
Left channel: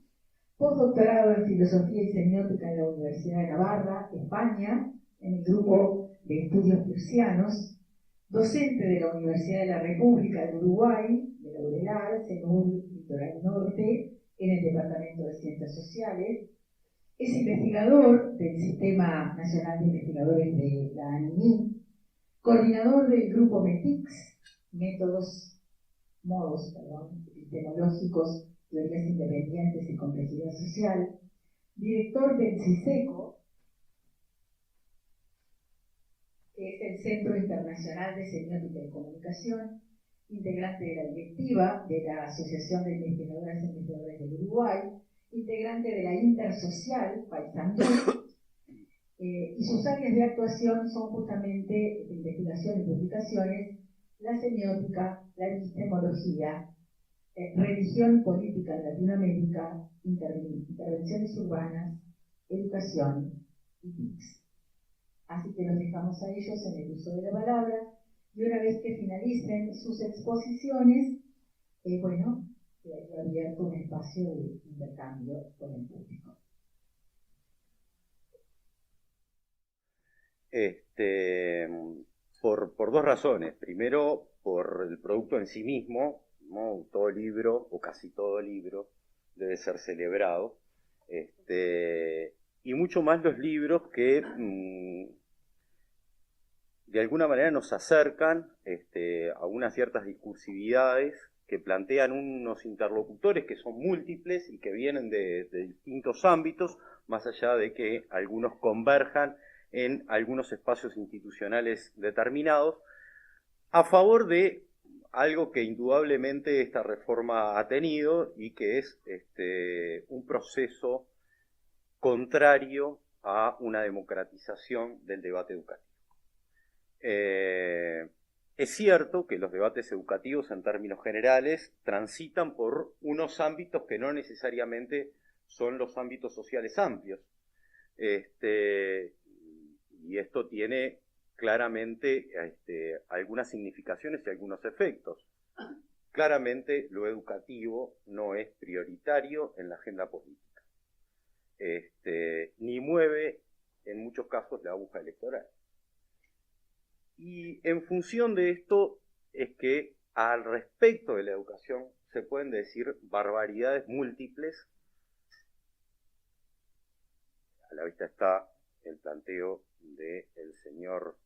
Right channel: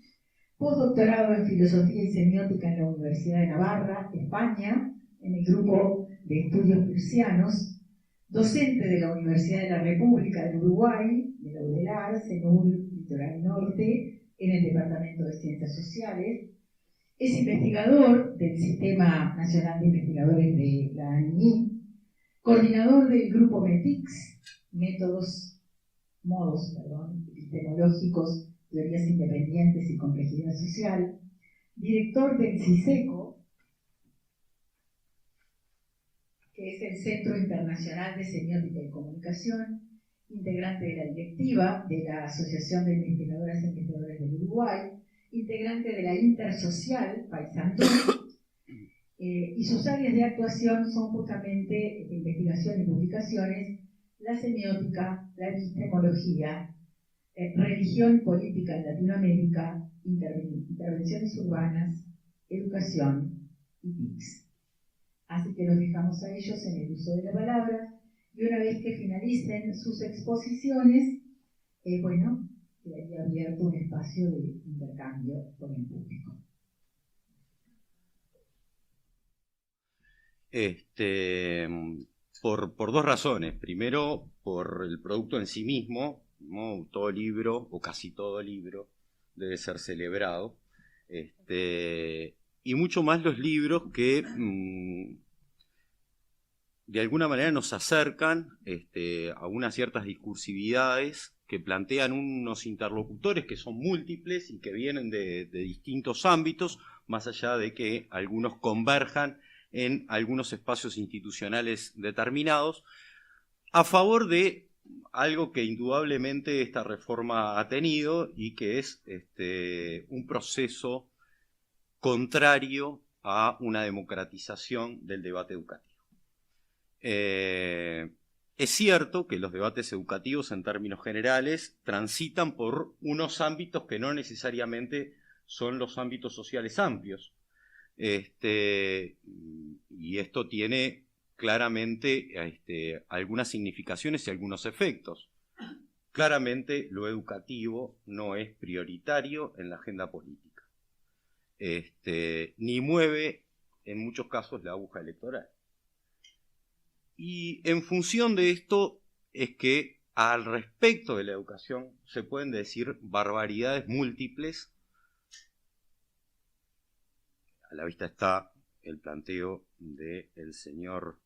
postdoctorado en Filosofía y Semiótica en la Universidad de Navarra, España, en el grupo de estudios prusianos, docente de la Universidad de la República del Uruguay, de la UDELAR, CENUR Litoral Norte, en el Departamento de Ciencias Sociales. Es investigador del Sistema Nacional de Investigadores de la ANI, coordinador del grupo METICS, modos epistemológicos, teorías independientes y complejidad social, director del CISECO, que es el Centro Internacional de Semiótica y Comunicación, integrante de la directiva de la Asociación de Investigadoras e Investigadores del Uruguay, integrante de la Intersocial Paysandú, y sus áreas de actuación son justamente de investigación y publicaciones, la semiótica, la epistemología, religión y política en Latinoamérica, intervenciones urbanas, educación y TICS. Así que los dejamos a ellos en el uso de la palabra, y una vez que finalicen sus exposiciones, quedaría abierto un espacio de intercambio con el público. Por dos razones. Primero, por el producto en sí mismo, ¿no? Todo libro, o casi todo libro, debe ser celebrado. Y mucho más los libros que de alguna manera nos acercan a unas ciertas discursividades que plantean unos interlocutores que son múltiples y que vienen de distintos ámbitos, más allá de que algunos converjan en algunos espacios institucionales determinados, a favor de algo que indudablemente esta reforma ha tenido y que es un proceso contrario a una democratización del debate educativo. Es cierto que los debates educativos en términos generales transitan por unos ámbitos que no necesariamente son los ámbitos sociales amplios. Y esto tiene claramente algunas significaciones y algunos efectos. Claramente lo educativo no es prioritario en la agenda política, ni mueve en muchos casos la aguja electoral. Y en función de esto es que al respecto de la educación se pueden decir barbaridades múltiples. A la vista está el planteo del señor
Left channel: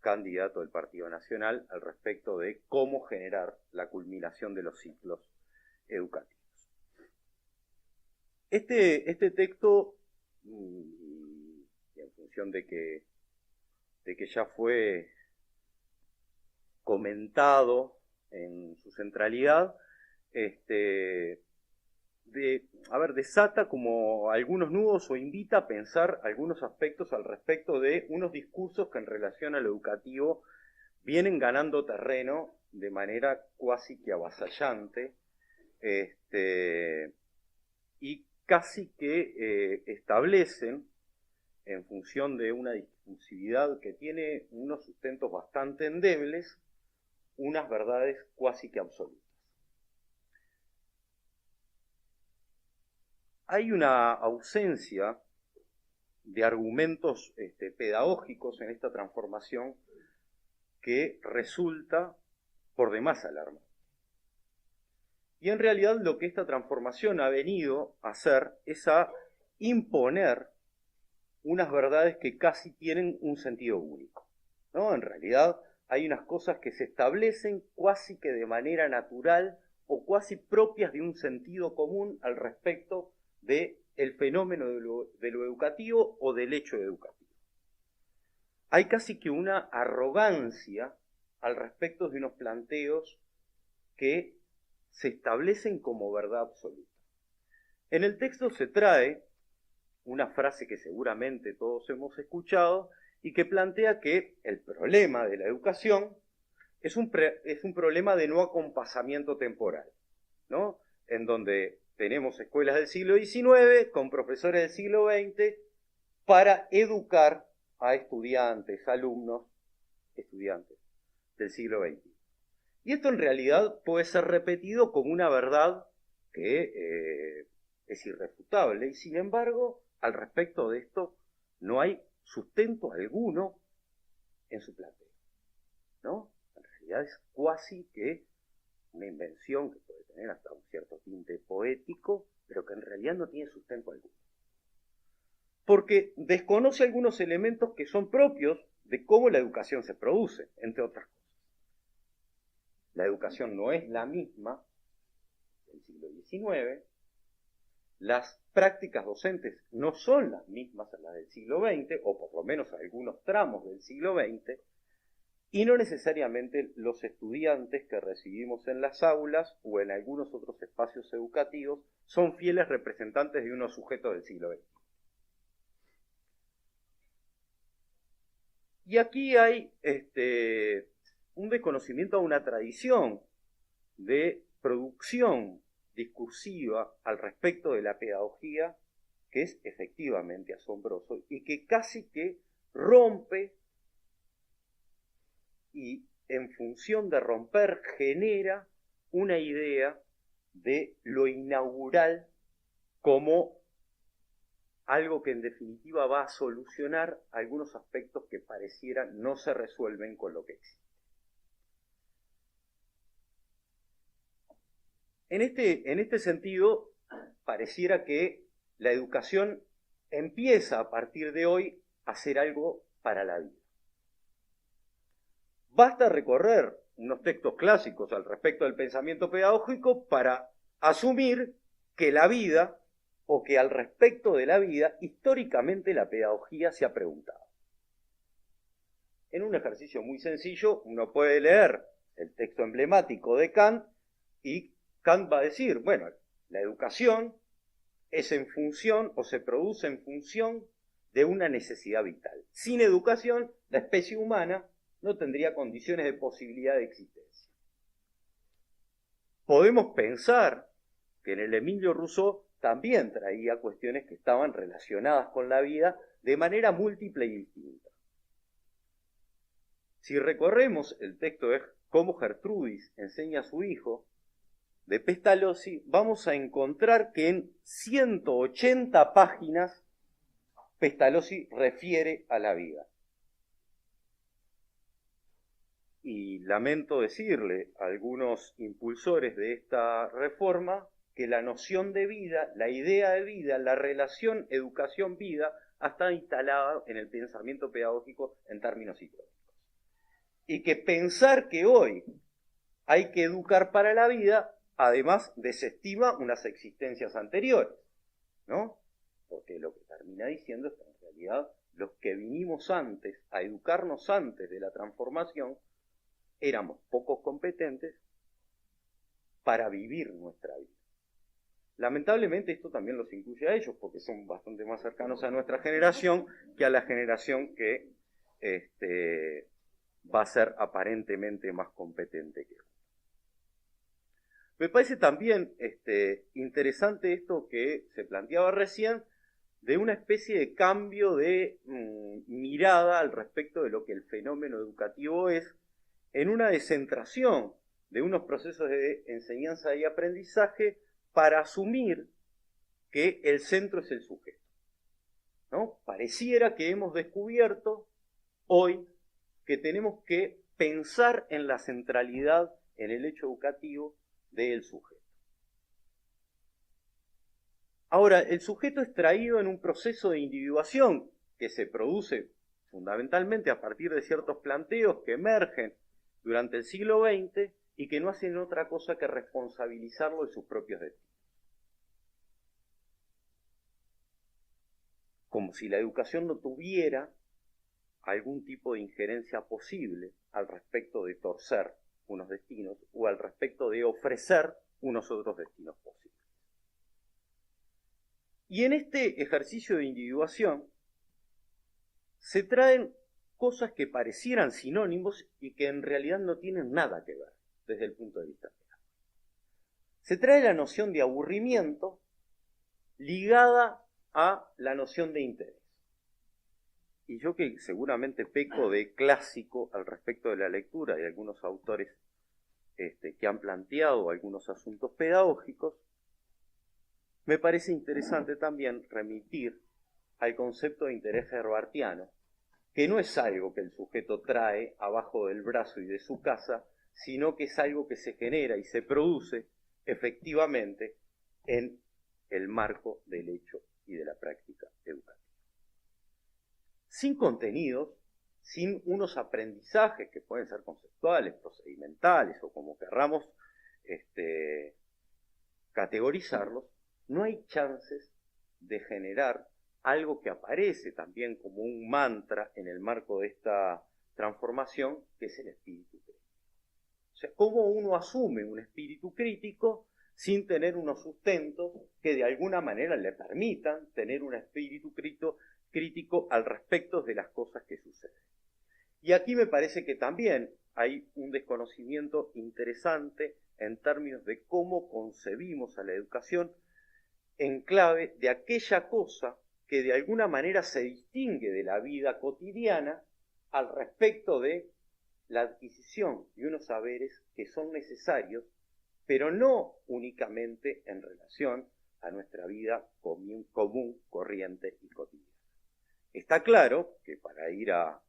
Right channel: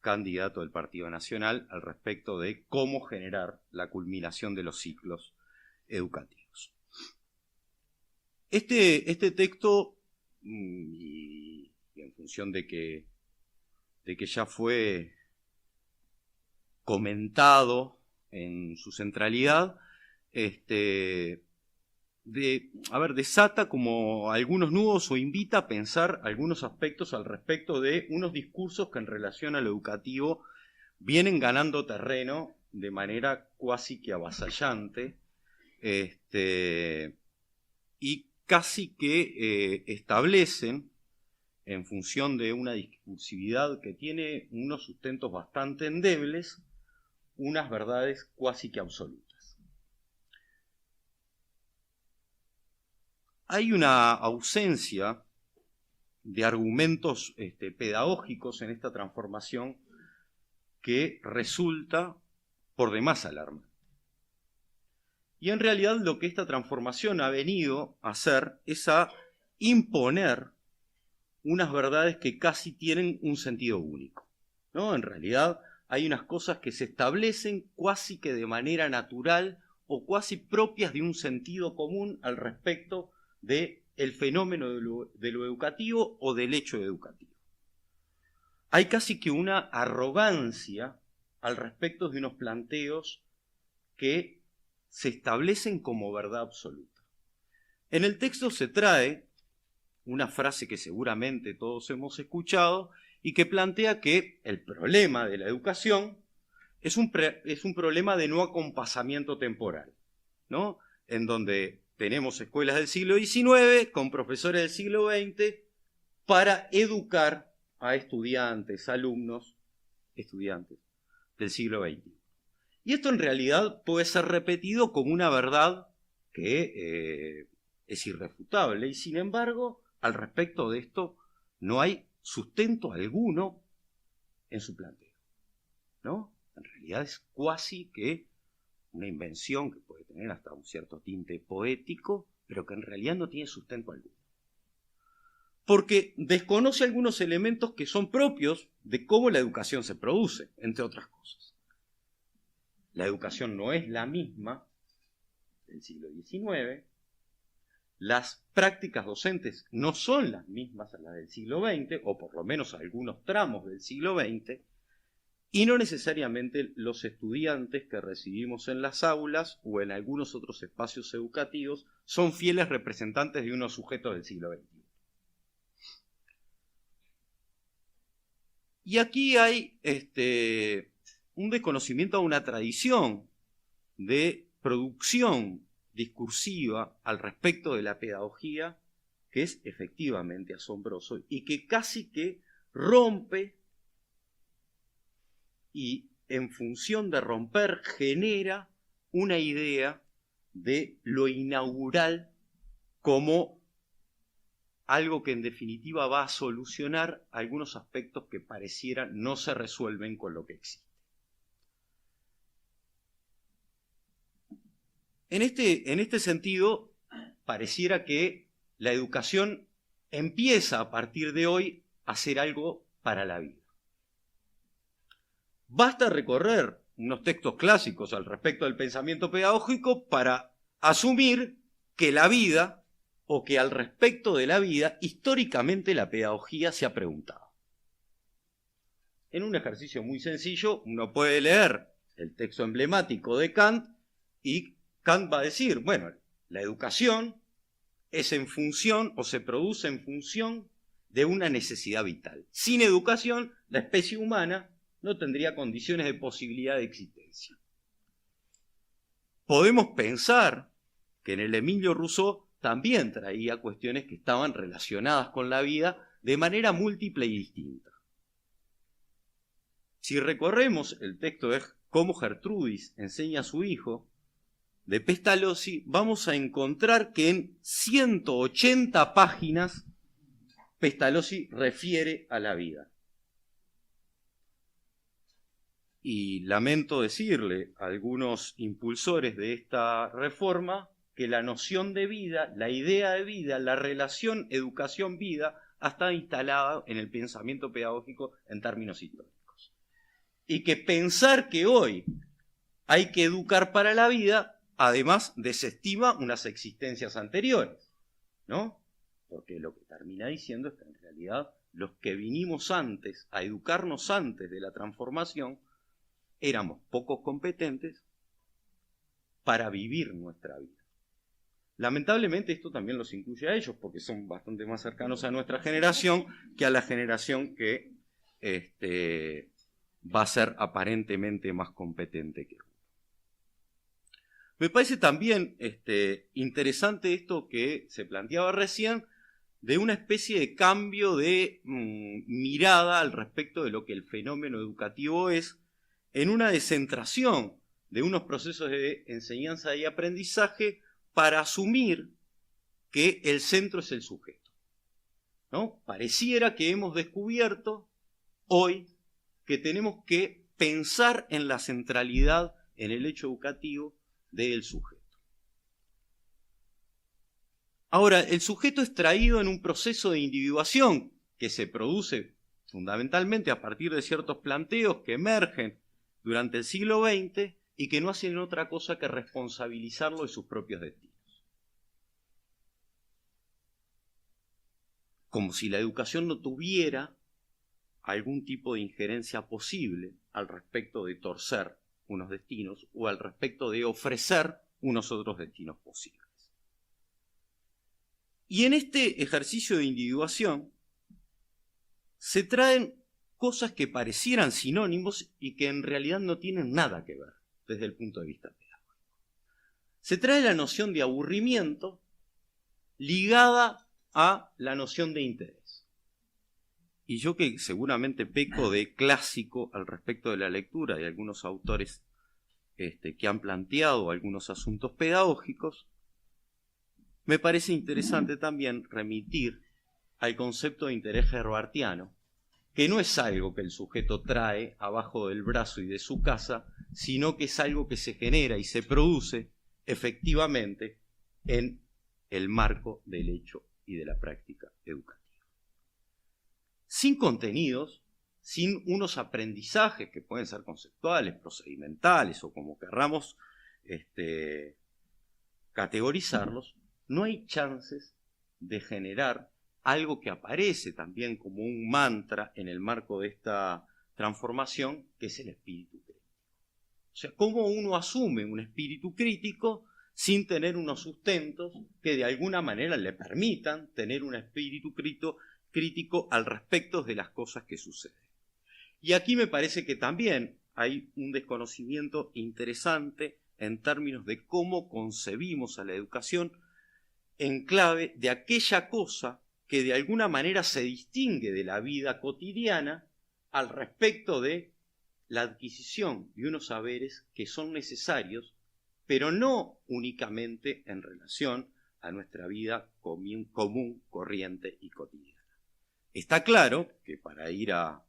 candidato del Partido Nacional al respecto de cómo generar la culminación de los ciclos educativos. Este texto, y en función de que ya fue comentado en su centralidad, desata como algunos nudos o invita a pensar algunos aspectos al respecto de unos discursos que en relación a lo educativo vienen ganando terreno de manera cuasi que avasallante, y casi que establecen, en función de una discursividad que tiene unos sustentos bastante endebles, unas verdades cuasi que absolutas. Hay una ausencia de argumentos pedagógicos en esta transformación que resulta por demás alarmante. Y en realidad lo que esta transformación ha venido a hacer es a imponer unas verdades que casi tienen un sentido único, ¿no? En realidad hay unas cosas que se establecen cuasi que de manera natural o cuasi propias de un sentido común al respecto del fenómeno de lo educativo o del hecho educativo. Hay casi que una arrogancia al respecto de unos planteos que se establecen como verdad absoluta. En el texto se trae una frase que seguramente todos hemos escuchado y que plantea que el problema de la educación es un problema de no acompasamiento temporal, ¿no? En donde tenemos escuelas del siglo XIX con profesores del siglo XX para educar a alumnos, estudiantes del siglo XX. Y esto en realidad puede ser repetido como una verdad que es irrefutable, y sin embargo, al respecto de esto, no hay sustento alguno en su planteo, ¿no? En realidad es cuasi que una invención que puede tener hasta un cierto tinte poético, pero que en realidad no tiene sustento alguno. Porque desconoce algunos elementos que son propios de cómo la educación se produce, entre otras cosas. La educación no es la misma del siglo XIX, las prácticas docentes no son las mismas a las del siglo XX, o por lo menos algunos tramos del siglo XX, y no necesariamente los estudiantes que recibimos en las aulas o en algunos otros espacios educativos son fieles representantes de unos sujetos del siglo XX. Y aquí hay un desconocimiento a una tradición de producción discursiva al respecto de la pedagogía que es efectivamente asombroso y que casi que rompe y en función de romper genera una idea de lo inaugural como algo que en definitiva va a solucionar algunos aspectos que parecieran no se resuelven con lo que existe. En este sentido, pareciera que la educación empieza a partir de hoy a ser algo para la vida. Basta recorrer unos textos clásicos al respecto del pensamiento pedagógico para asumir que la vida, o que al respecto de la vida, históricamente la pedagogía se ha preguntado. En un ejercicio muy sencillo, uno puede leer el texto emblemático de Kant y Kant va a decir, bueno, la educación es en función o se produce en función de una necesidad vital. Sin educación, la especie humana no tendría condiciones de posibilidad de existencia. Podemos pensar que en el Emilio Rousseau también traía cuestiones que estaban relacionadas con la vida de manera múltiple y distinta. Si recorremos el texto de Cómo Gertrudis enseña a su hijo, de Pestalozzi, vamos a encontrar que en 180 páginas Pestalozzi refiere a la vida. Y lamento decirle a algunos impulsores de esta reforma que la noción de vida, la idea de vida, la relación educación-vida ha estado instalada en el pensamiento pedagógico en términos históricos. Y que pensar que hoy hay que educar para la vida, además desestima unas existencias anteriores, ¿no? porque lo que termina diciendo es que en realidad los que vinimos antes, a educarnos antes de la transformación, éramos poco competentes para vivir nuestra vida. Lamentablemente esto también los incluye a ellos, porque son bastante más cercanos a nuestra generación que a la generación que va a ser aparentemente más competente que uno. Me parece también interesante esto que se planteaba recién, de una especie de cambio de mirada al respecto de lo que el fenómeno educativo es, en una descentración de unos procesos de enseñanza y aprendizaje para asumir que el centro es el sujeto, ¿no? Pareciera que hemos descubierto hoy que tenemos que pensar en la centralidad en el hecho educativo del sujeto. Ahora, el sujeto es traído en un proceso de individuación que se produce fundamentalmente a partir de ciertos planteos que emergen durante el siglo XX y que no hacen otra cosa que responsabilizarlo de sus propios destinos. Como si la educación no tuviera algún tipo de injerencia posible al respecto de torcer unos destinos o al respecto de ofrecer unos otros destinos posibles. Y en este ejercicio de individuación se traen cosas que parecieran sinónimos y que en realidad no tienen nada que ver desde el punto de vista pedagógico. Se trae la noción de aburrimiento ligada a la noción de interés. Y yo, que seguramente peco de clásico al respecto de la lectura de algunos autores que han planteado algunos asuntos pedagógicos, me parece interesante también remitir al concepto de interés herbartiano, que no es algo que el sujeto trae abajo del brazo y de su casa, sino que es algo que se genera y se produce efectivamente en el marco del hecho y de la práctica educativa. Sin contenidos, sin unos aprendizajes que pueden ser conceptuales, procedimentales o como querramos categorizarlos, no hay chances de generar algo que aparece también como un mantra en el marco de esta transformación, que es el espíritu crítico. O sea, ¿cómo uno asume un espíritu crítico sin tener unos sustentos que de alguna manera le permitan tener un espíritu crítico al respecto de las cosas que suceden? Y aquí me parece que también hay un desconocimiento interesante en términos de cómo concebimos a la educación en clave de aquella cosa que de alguna manera se distingue de la vida cotidiana al respecto de la adquisición de unos saberes que son necesarios, pero no únicamente en relación a nuestra vida común, corriente y cotidiana. Está claro que para ir al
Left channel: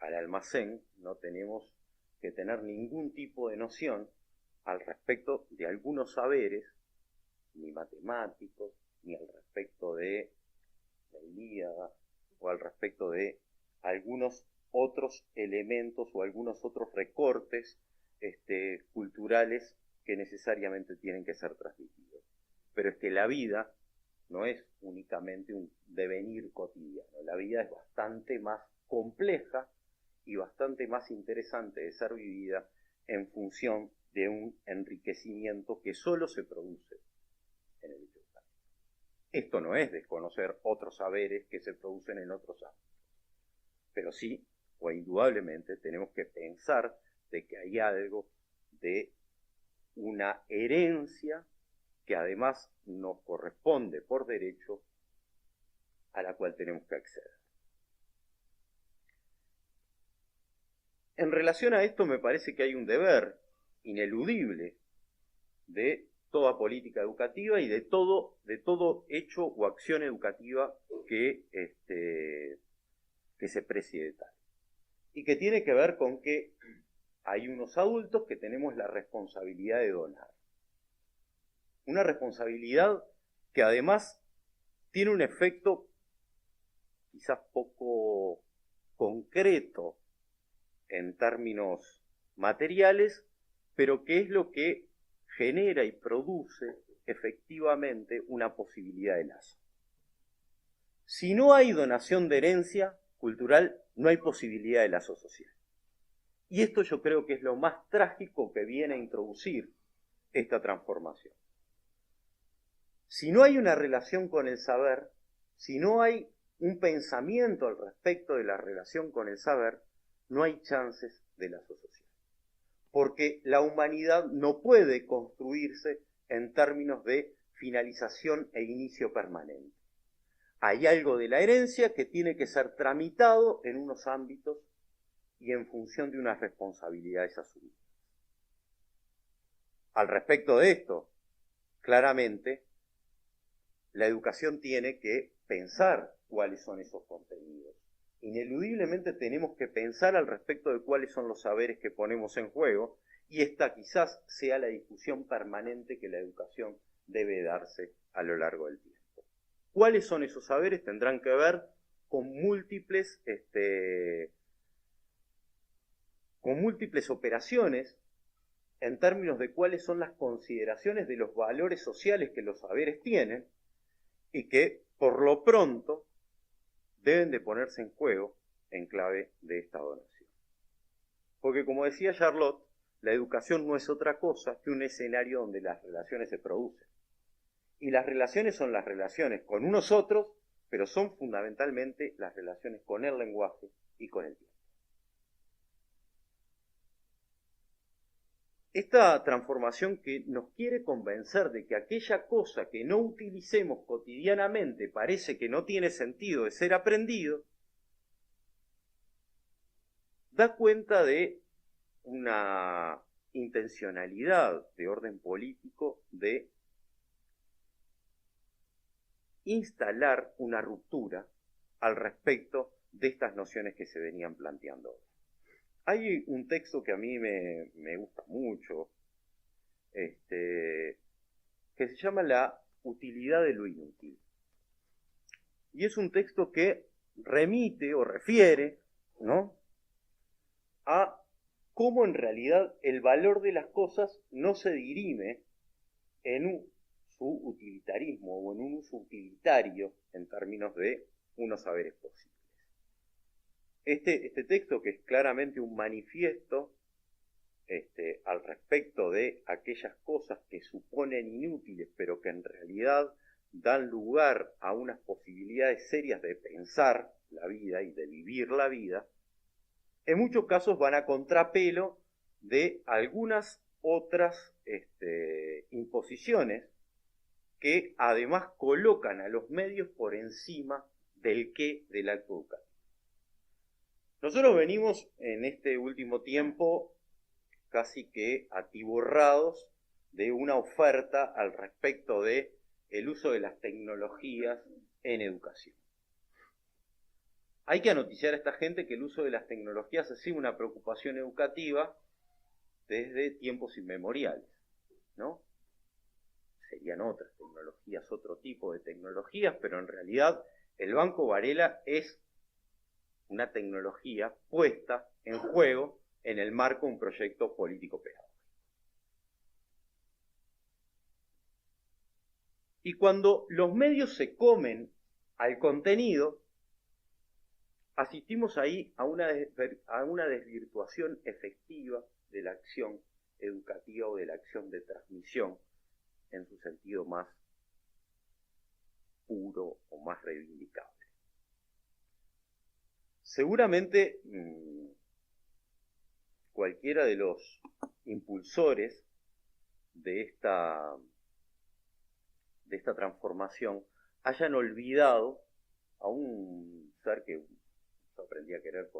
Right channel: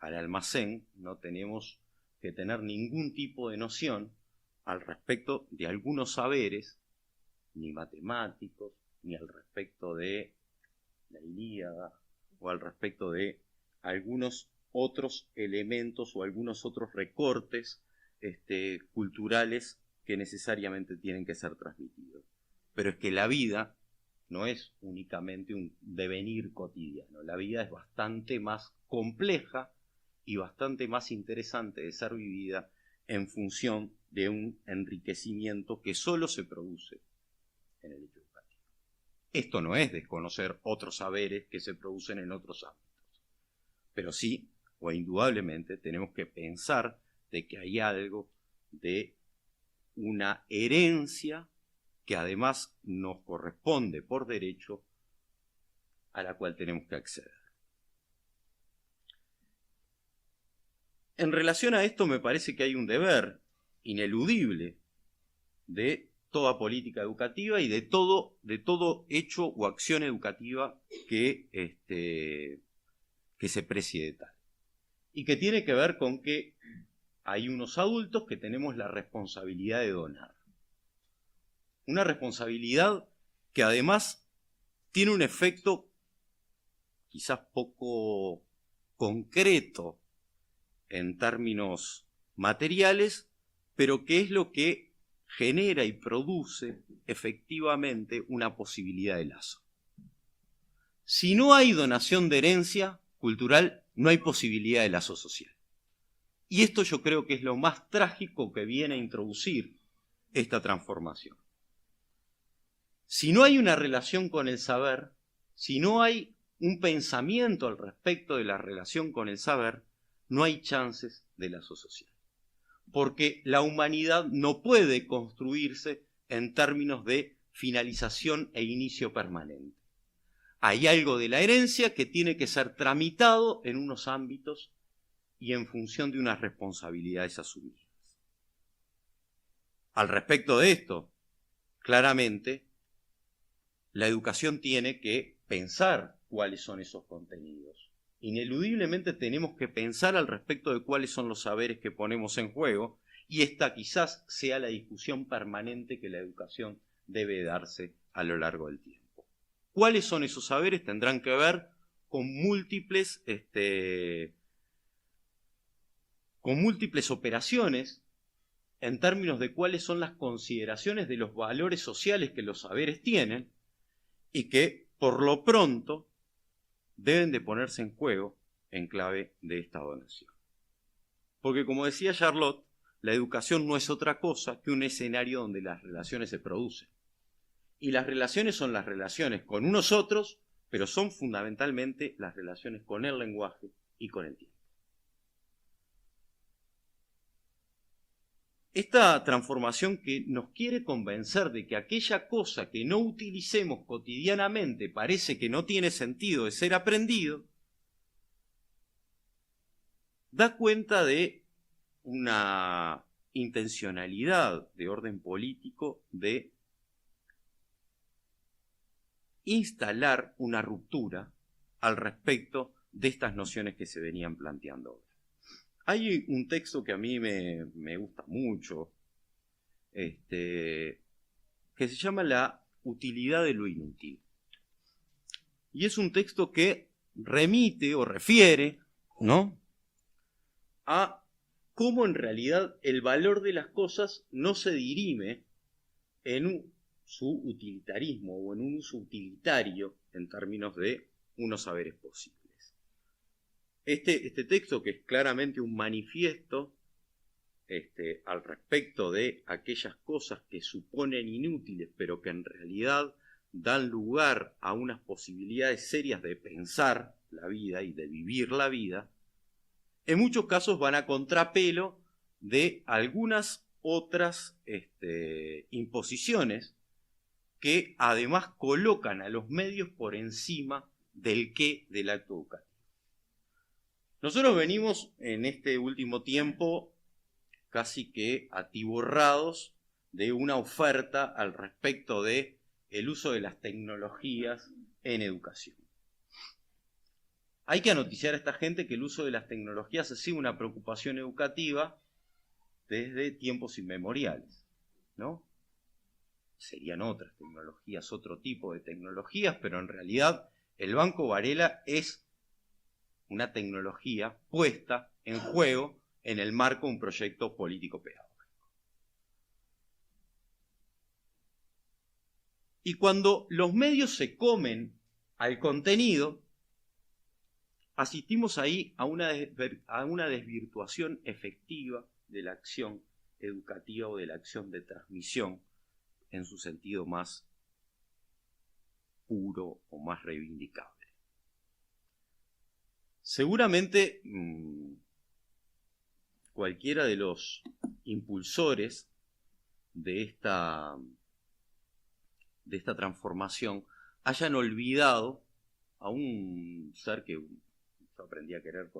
almacén no tenemos que tener ningún tipo de noción al respecto de algunos saberes, ni matemáticos, ni al respecto de la Ilíada, o al respecto de algunos otros elementos o algunos otros recortes culturales que necesariamente tienen que ser transmitidos. Pero es que la vida no es únicamente un devenir cotidiano, la vida es bastante más compleja y bastante más interesante de ser vivida en función de un enriquecimiento que solo se produce en el hecho educativo. Esto no es desconocer otros saberes que se producen en otros ámbitos, pero sí, o indudablemente, tenemos que pensar de que hay algo de una herencia que además nos corresponde por derecho, a la cual tenemos que acceder. En relación a esto me parece que hay un deber ineludible de toda política educativa y de todo hecho o acción educativa que se precie de tal. Y que tiene que ver con que hay unos adultos que tenemos la responsabilidad de donar. Una responsabilidad que además tiene un efecto quizás poco concreto en términos materiales, pero que es lo que genera y produce efectivamente una posibilidad de lazo. Si no hay donación de herencia cultural, no hay posibilidad de lazo social. Y esto yo creo que es lo más trágico que viene a introducir esta transformación. Si no hay una relación con el saber, si no hay un pensamiento al respecto de la relación con el saber, no hay chances de lazo social. Porque la humanidad no puede construirse en términos de finalización e inicio permanente. Hay algo de la herencia que tiene que ser tramitado en unos ámbitos y en función de unas responsabilidades asumidas. Al respecto de esto, claramente, la educación tiene que pensar cuáles son esos contenidos. Ineludiblemente tenemos que pensar al respecto de cuáles son los saberes que ponemos en juego, y esta quizás sea la discusión permanente que la educación debe darse a lo largo del tiempo. ¿Cuáles son esos saberes? Tendrán que ver con múltiples operaciones en términos de cuáles son las consideraciones de los valores sociales que los saberes tienen y que, por lo pronto, deben de ponerse en juego en clave de esta donación. Porque, como decía Charlotte, la educación no es otra cosa que un escenario donde las relaciones se producen. Y las relaciones son las relaciones con unos otros, pero son fundamentalmente las relaciones con el lenguaje y con el tiempo. Esta transformación que nos quiere convencer de que aquella cosa que no utilicemos cotidianamente parece que no tiene sentido de ser aprendido, da cuenta de una intencionalidad de orden político de instalar una ruptura al respecto de estas nociones que se venían planteando ahora. Hay un texto que a mí me gusta mucho, que se llama La utilidad de lo inútil. Y es un texto que remite o refiere, ¿no?, a cómo en realidad el valor de las cosas no se dirime en su utilitarismo o en un uso utilitario en términos de unos saberes posibles. Este texto, que es claramente un manifiesto al respecto de aquellas cosas que suponen inútiles, pero que en realidad dan lugar a unas posibilidades serias de pensar la vida y de vivir la vida, en muchos casos van a contrapelo de algunas otras imposiciones que además colocan a los medios por encima del qué del acto educativo. Nosotros venimos en este último tiempo casi que atiborrados de una oferta al respecto de el uso de las tecnologías en educación. Hay que anoticiar a esta gente que el uso de las tecnologías ha sido una preocupación educativa desde tiempos inmemoriales, ¿no? Serían otras tecnologías, otro tipo de tecnologías, pero en realidad el Banco Varela es una tecnología puesta en juego en el marco de un proyecto político-pedagógico. Y cuando los medios se comen al contenido, asistimos ahí a una desvirtuación efectiva de la acción educativa o de la acción de transmisión en su sentido más puro o más reivindicable. Seguramente cualquiera de los impulsores de esta transformación hayan olvidado a un ser que yo aprendí a querer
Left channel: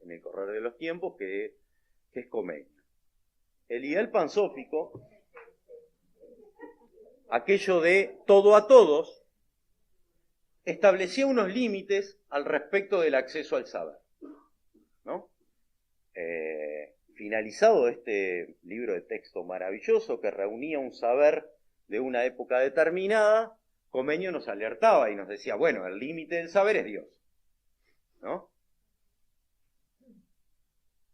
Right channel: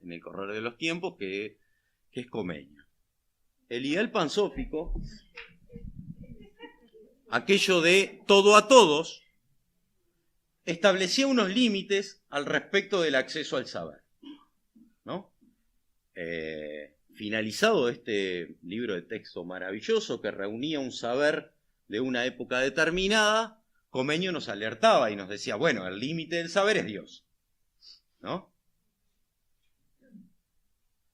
en el correr de los tiempos, que es Comeño. El ideal pansófico, aquello de todo a todos, establecía unos límites al respecto del acceso al saber, ¿no? Finalizado este libro de texto maravilloso que reunía un saber de una época determinada, Comeño nos alertaba y nos decía, bueno, el límite del saber es Dios, ¿no?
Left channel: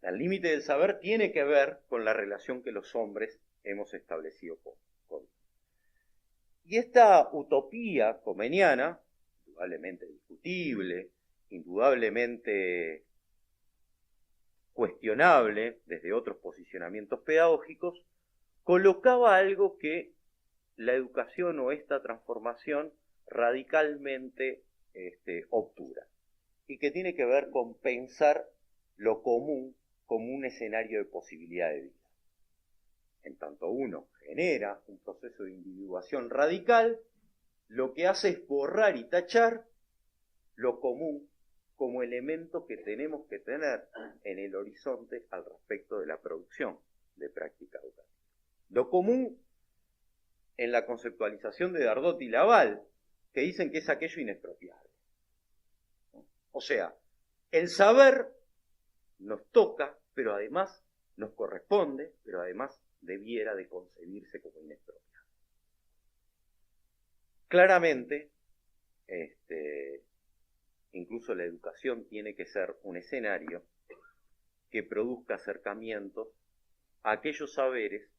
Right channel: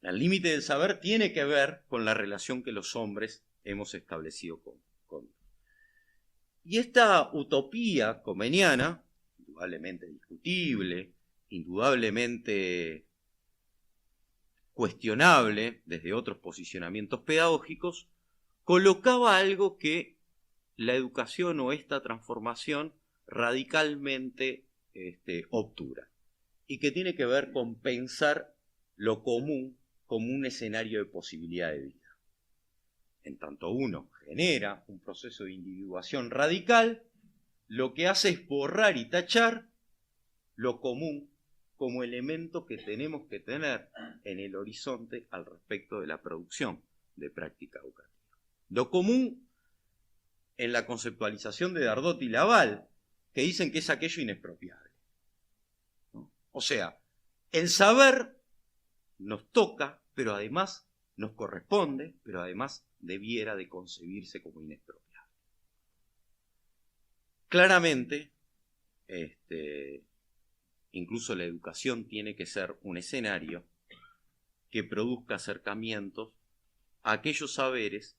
El límite del saber tiene que ver con la relación que los hombres hemos establecido con Dios. Y esta utopía comeniana, indudablemente discutible, indudablemente cuestionable desde otros posicionamientos pedagógicos, colocaba algo que la educación o esta transformación radicalmente obtura, y que tiene que ver con pensar lo común como un escenario de posibilidad de vida. En tanto uno genera un proceso de individuación radical, lo que hace es borrar y tachar lo común como elemento que tenemos que tener en el horizonte al respecto de la producción de práctica educativa. Lo común en la conceptualización de Dardot y Laval, que dicen que es aquello inexpropiable. ¿No? O sea, el saber nos toca, pero además nos corresponde, pero además debiera de concebirse como inexpropiable. Claramente, incluso la educación tiene que ser un escenario que produzca acercamientos a aquellos saberes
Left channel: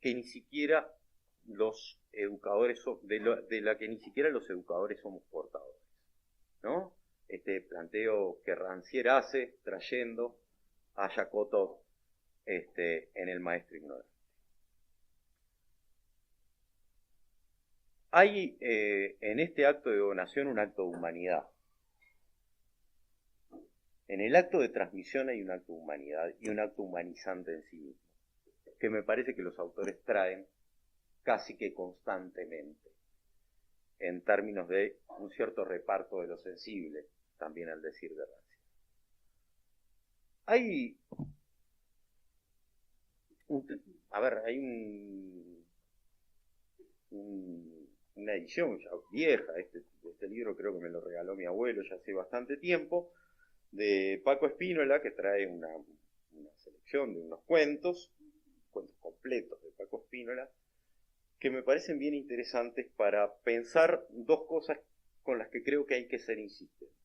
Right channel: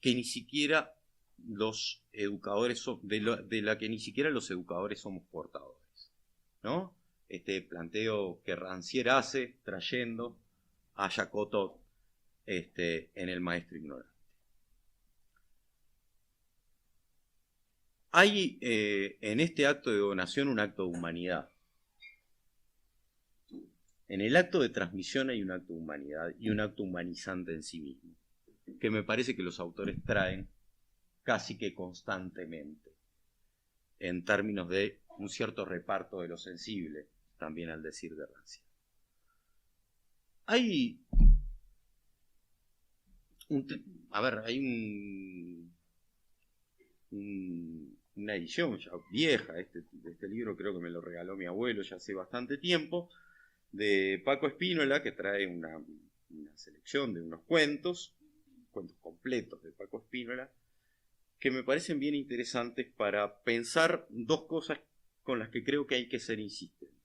que ni siquiera los educadores de la que ni siquiera los educadores somos portadores, ¿no? Este planteo que Rancière hace trayendo a Jacotot en El maestro ignorante. Hay en este acto de donación un acto de humanidad. En el acto de transmisión hay un acto de humanidad y un acto humanizante en sí mismo, que me parece que los autores traen casi que constantemente, en términos de un cierto reparto de lo sensible, también al decir de Rancière. Hay una edición ya vieja, este libro creo que me lo regaló mi abuelo ya hace bastante tiempo, de Paco Espínola, que trae una selección de unos cuentos completos de Paco Espínola, que me parecen bien interesantes para pensar dos cosas con las que creo que hay que ser insistentes.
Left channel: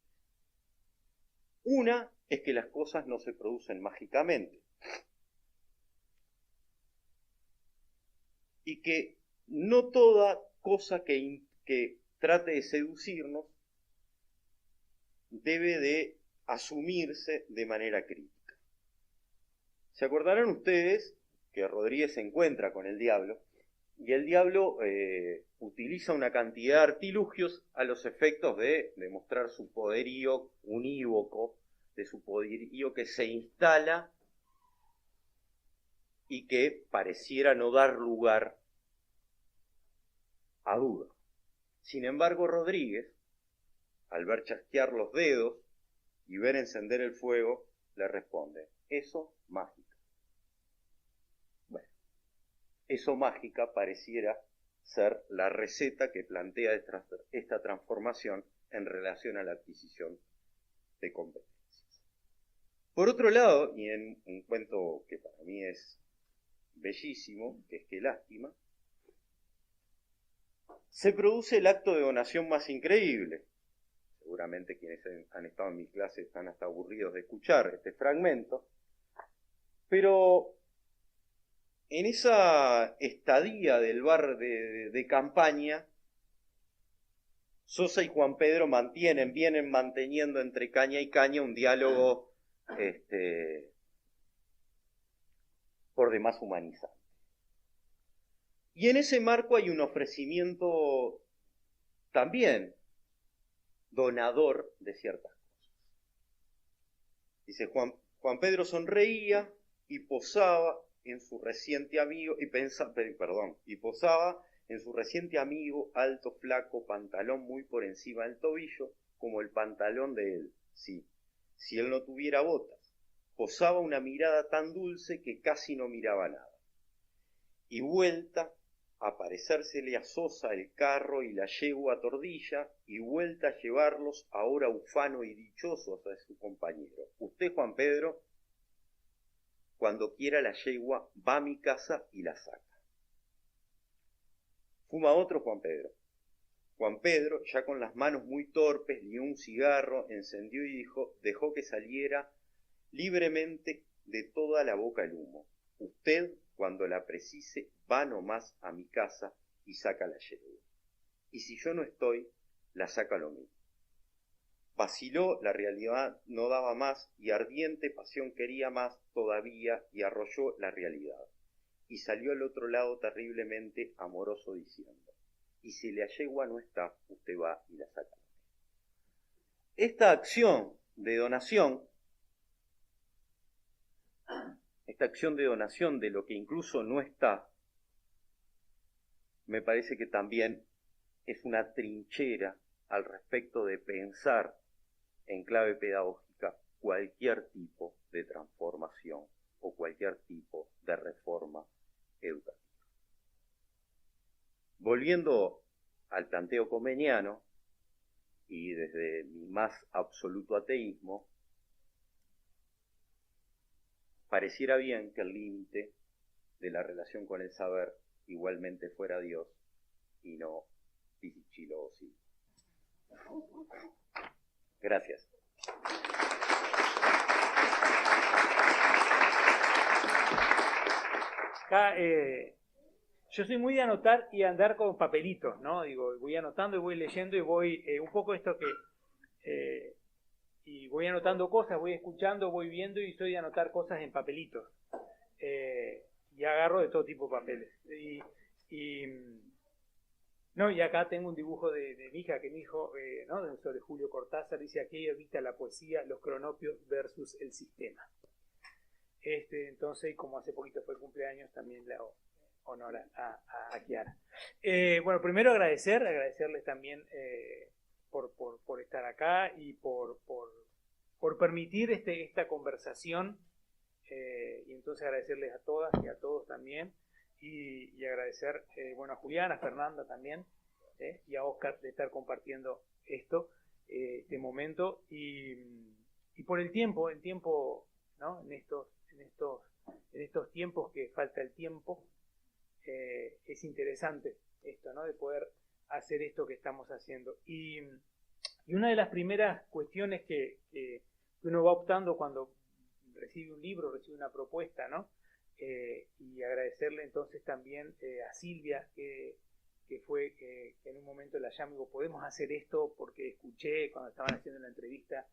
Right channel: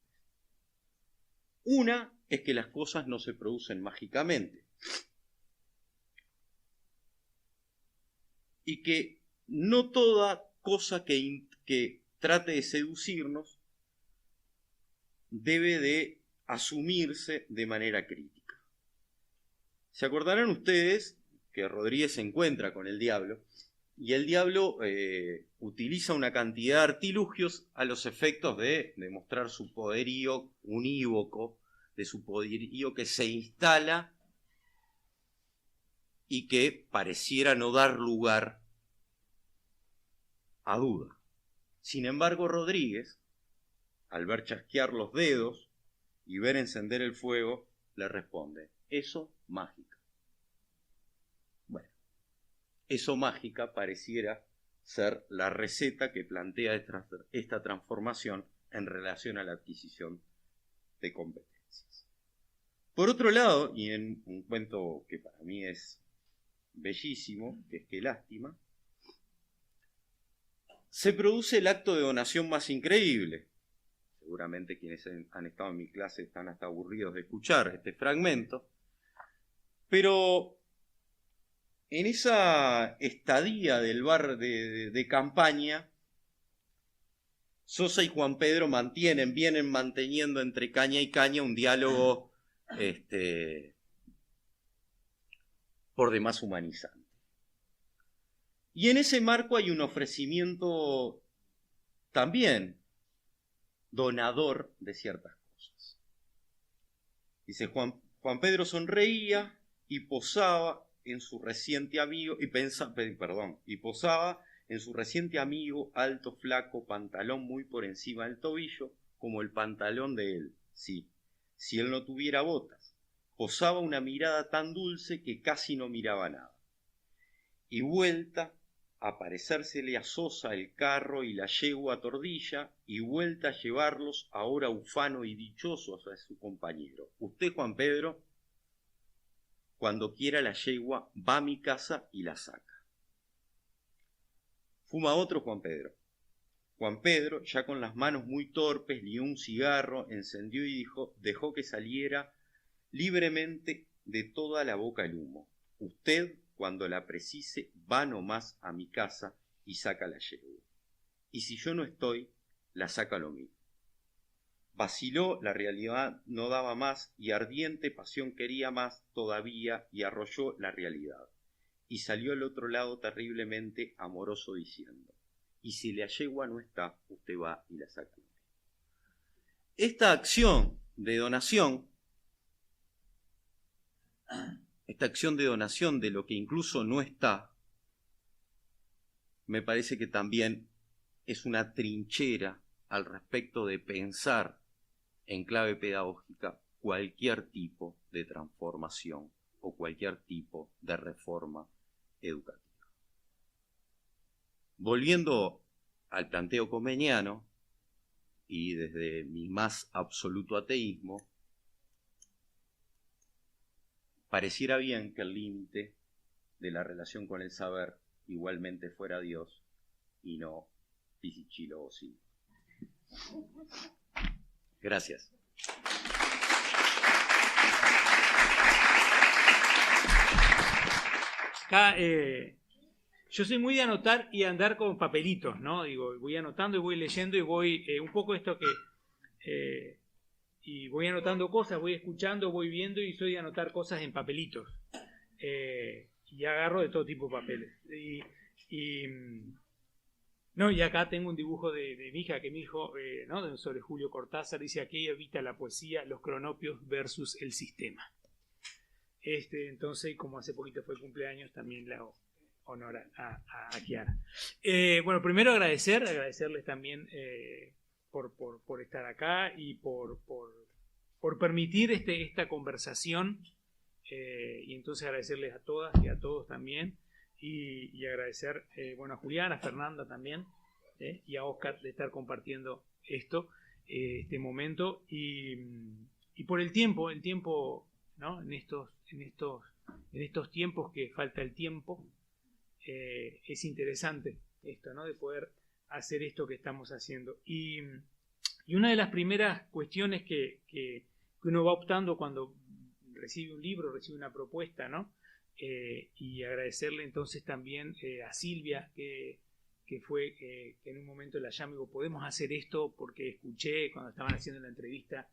Una es que las cosas no se producen mágicamente, y que no toda cosa que trate de seducirnos debe de asumirse de manera crítica. Se acordarán ustedes que Rodríguez se encuentra con el diablo, y el diablo utiliza una cantidad de artilugios a los efectos de demostrar su poderío unívoco, de su poderío que se instala y que pareciera no dar lugar a duda. Sin embargo, Rodríguez, al ver chasquear los dedos y ver encender el fuego, le responde: eso mágica. Bueno, eso mágica pareciera ser la receta que plantea esta transformación en relación a la adquisición de competencias. Por otro lado, y en un cuento que para mí es bellísimo, que es Qué lástima, se produce el acto de donación más increíble. Seguramente quienes han estado en mi clase están hasta aburridos de escuchar este fragmento, pero en esa estadía del bar de campaña, Sosa y Juan Pedro vienen manteniendo entre caña y caña un diálogo por demás humanizante. Y en ese marco hay un ofrecimiento también donador de ciertas cosas. Dice: Juan Pedro sonreía y posaba en su reciente amigo, alto, flaco, pantalón muy por encima del tobillo, como el pantalón de él, sí, si él no tuviera botas. Posaba una mirada tan dulce que casi no miraba nada. Y vuelta a parecérsele a Sosa el carro y la yegua Tordilla, y vuelta a llevarlos ahora ufano y dichosos a su compañero. Usted, Juan Pedro, cuando quiera la yegua, va a mi casa y la saca. Fuma otro Juan Pedro. Juan Pedro, ya con las manos muy torpes, lió un cigarro, encendió y dejó que saliera libremente de toda la boca el humo. Usted, cuando la precise, va nomás a mi casa y saca la yegua. y si yo no estoy, la saca lo mismo. Vaciló, la realidad no daba más, y ardiente pasión quería más todavía, y arrolló la realidad. Y salió al otro lado terriblemente amoroso diciendo, y si la yegua no está, usted va y la saca. Esta acción de donación, de lo que incluso no está, me parece que también es una trinchera al respecto de pensar en clave pedagógica cualquier tipo de transformación o cualquier tipo de reforma educativa. Volviendo al planteo comeniano, y desde mi más absoluto ateísmo, pareciera bien que el límite de la relación con el saber igualmente fuera Dios y no Pisichilo o sí. Gracias. Acá, yo soy muy de anotar y andar con papelitos, ¿no? Digo, voy anotando y voy leyendo y voy, un poco esto que, y voy anotando cosas, voy escuchando, voy viendo y soy de anotar cosas en papelitos. Y agarro de todo tipo de papeles. No, y acá tengo un dibujo de mi hija, que mi hijo, ¿no? Sobre Julio Cortázar, dice: aquí evita la poesía, los cronopios versus el sistema. Entonces, como hace poquito fue el cumpleaños, también le hago honor a Kiara. Bueno, primero agradecerles también por estar acá y por permitir esta conversación, y entonces agradecerles a todas y a todos también, y agradecer bueno, a Juliana, a Fernanda también, y a Oscar de estar compartiendo este momento, y por el tiempo, ¿no? en estos tiempos que falta el tiempo, es interesante esto, ¿no? De poder hacer esto que estamos haciendo. Y una de las primeras cuestiones que uno va optando cuando recibe un libro, recibe una propuesta, ¿no? Y agradecerle entonces también a Silvia, que fue que en un momento la llamé y digo: podemos hacer esto, porque escuché cuando estaban haciendo la entrevista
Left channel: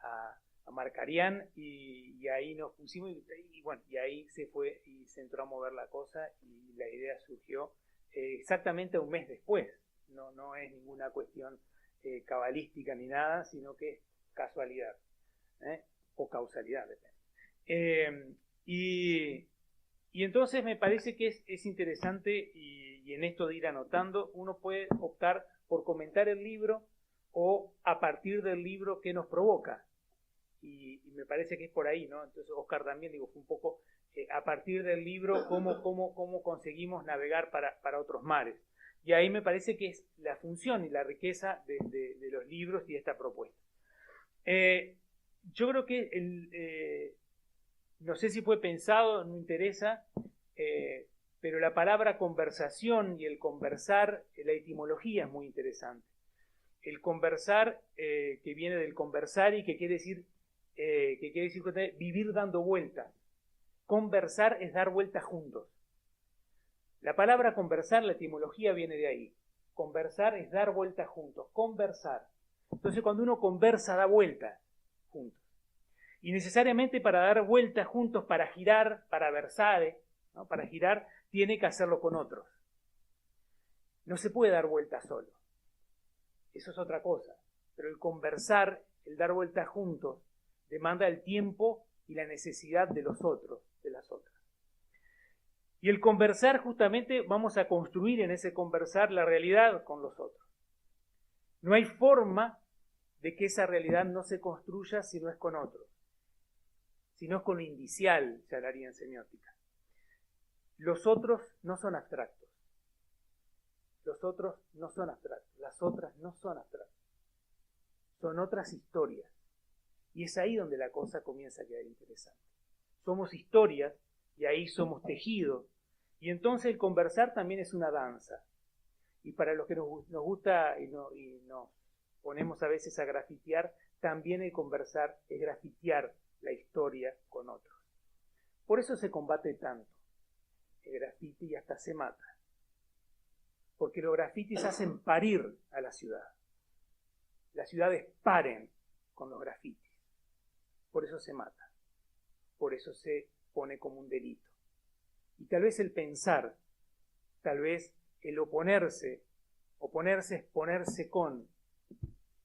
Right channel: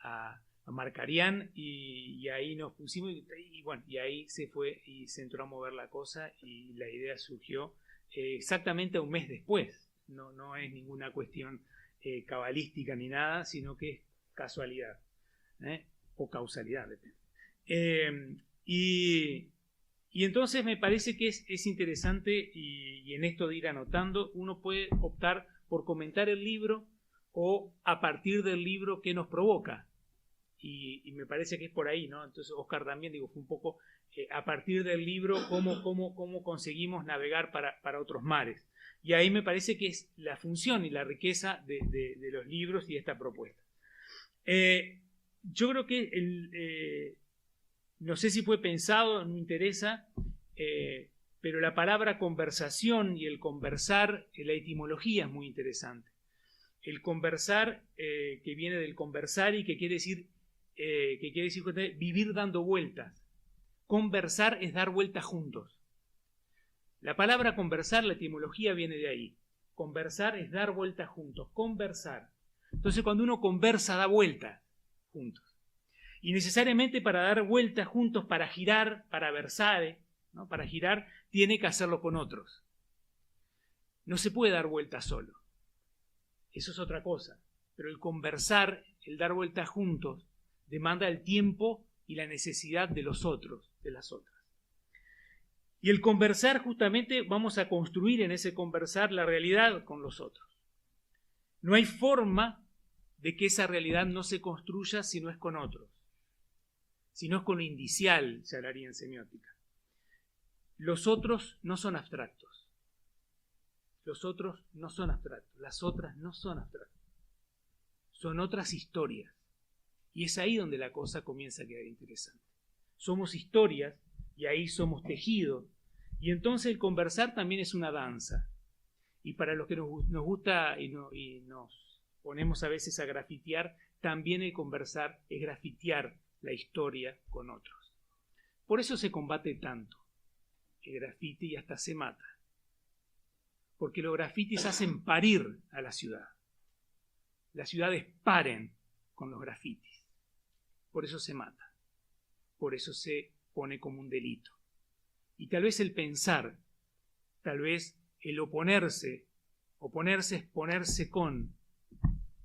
a Marcarián, y ahí nos pusimos, y bueno, y ahí se fue y se entró a mover la cosa, y la idea surgió exactamente un mes después. No es ninguna cuestión cabalística ni nada, sino que es casualidad, o causalidad, depende. Y entonces me parece que es interesante, y en esto de ir anotando, uno puede optar por comentar el libro o a partir del libro que nos provoca. Y me parece que es por ahí, ¿no? Entonces Oscar también, digo, fue un poco a partir del libro cómo conseguimos navegar para otros mares. Y ahí me parece que es la función y la riqueza de los libros y esta propuesta. Yo creo que no sé si fue pensado, no me interesa, pero la palabra conversación y el conversar, la etimología es muy interesante. El conversar, que viene del conversar y que quiere decir vivir dando vueltas. Conversar es dar vueltas juntos. La palabra conversar, la etimología viene de ahí. Conversar es dar vueltas juntos, conversar. Entonces, cuando uno conversa, da vueltas juntos. Y necesariamente para dar vueltas juntos, para girar, para versare, ¿no? Para girar, tiene que hacerlo con otros. No se puede dar vueltas solo. Eso es otra cosa. Pero el conversar, el dar vueltas juntos, demanda el tiempo y la necesidad de los otros, de las otras. Y el conversar, justamente, vamos a construir en ese conversar la realidad con los otros. No hay forma de que esa realidad no se construya si no es con otros. Si no es con lo indicial, se hablaría en semiótica. Los otros no son abstractos. Los otros no son abstractos. Las otras no son abstractas. Son otras historias. Y es ahí donde la cosa comienza a quedar interesante. Somos historias y ahí somos tejidos. Y entonces el conversar también es una danza. Y para los que nos gusta y nos ponemos a veces a grafitear, también el conversar es grafitear la historia con otros. Por eso se combate tanto el grafite y hasta se mata. porque los grafitis hacen parir a la ciudad. Las ciudades paren con los grafitis. Por eso se mata. Por eso se pone como un delito. Y tal vez el pensar, tal vez el oponerse es ponerse con,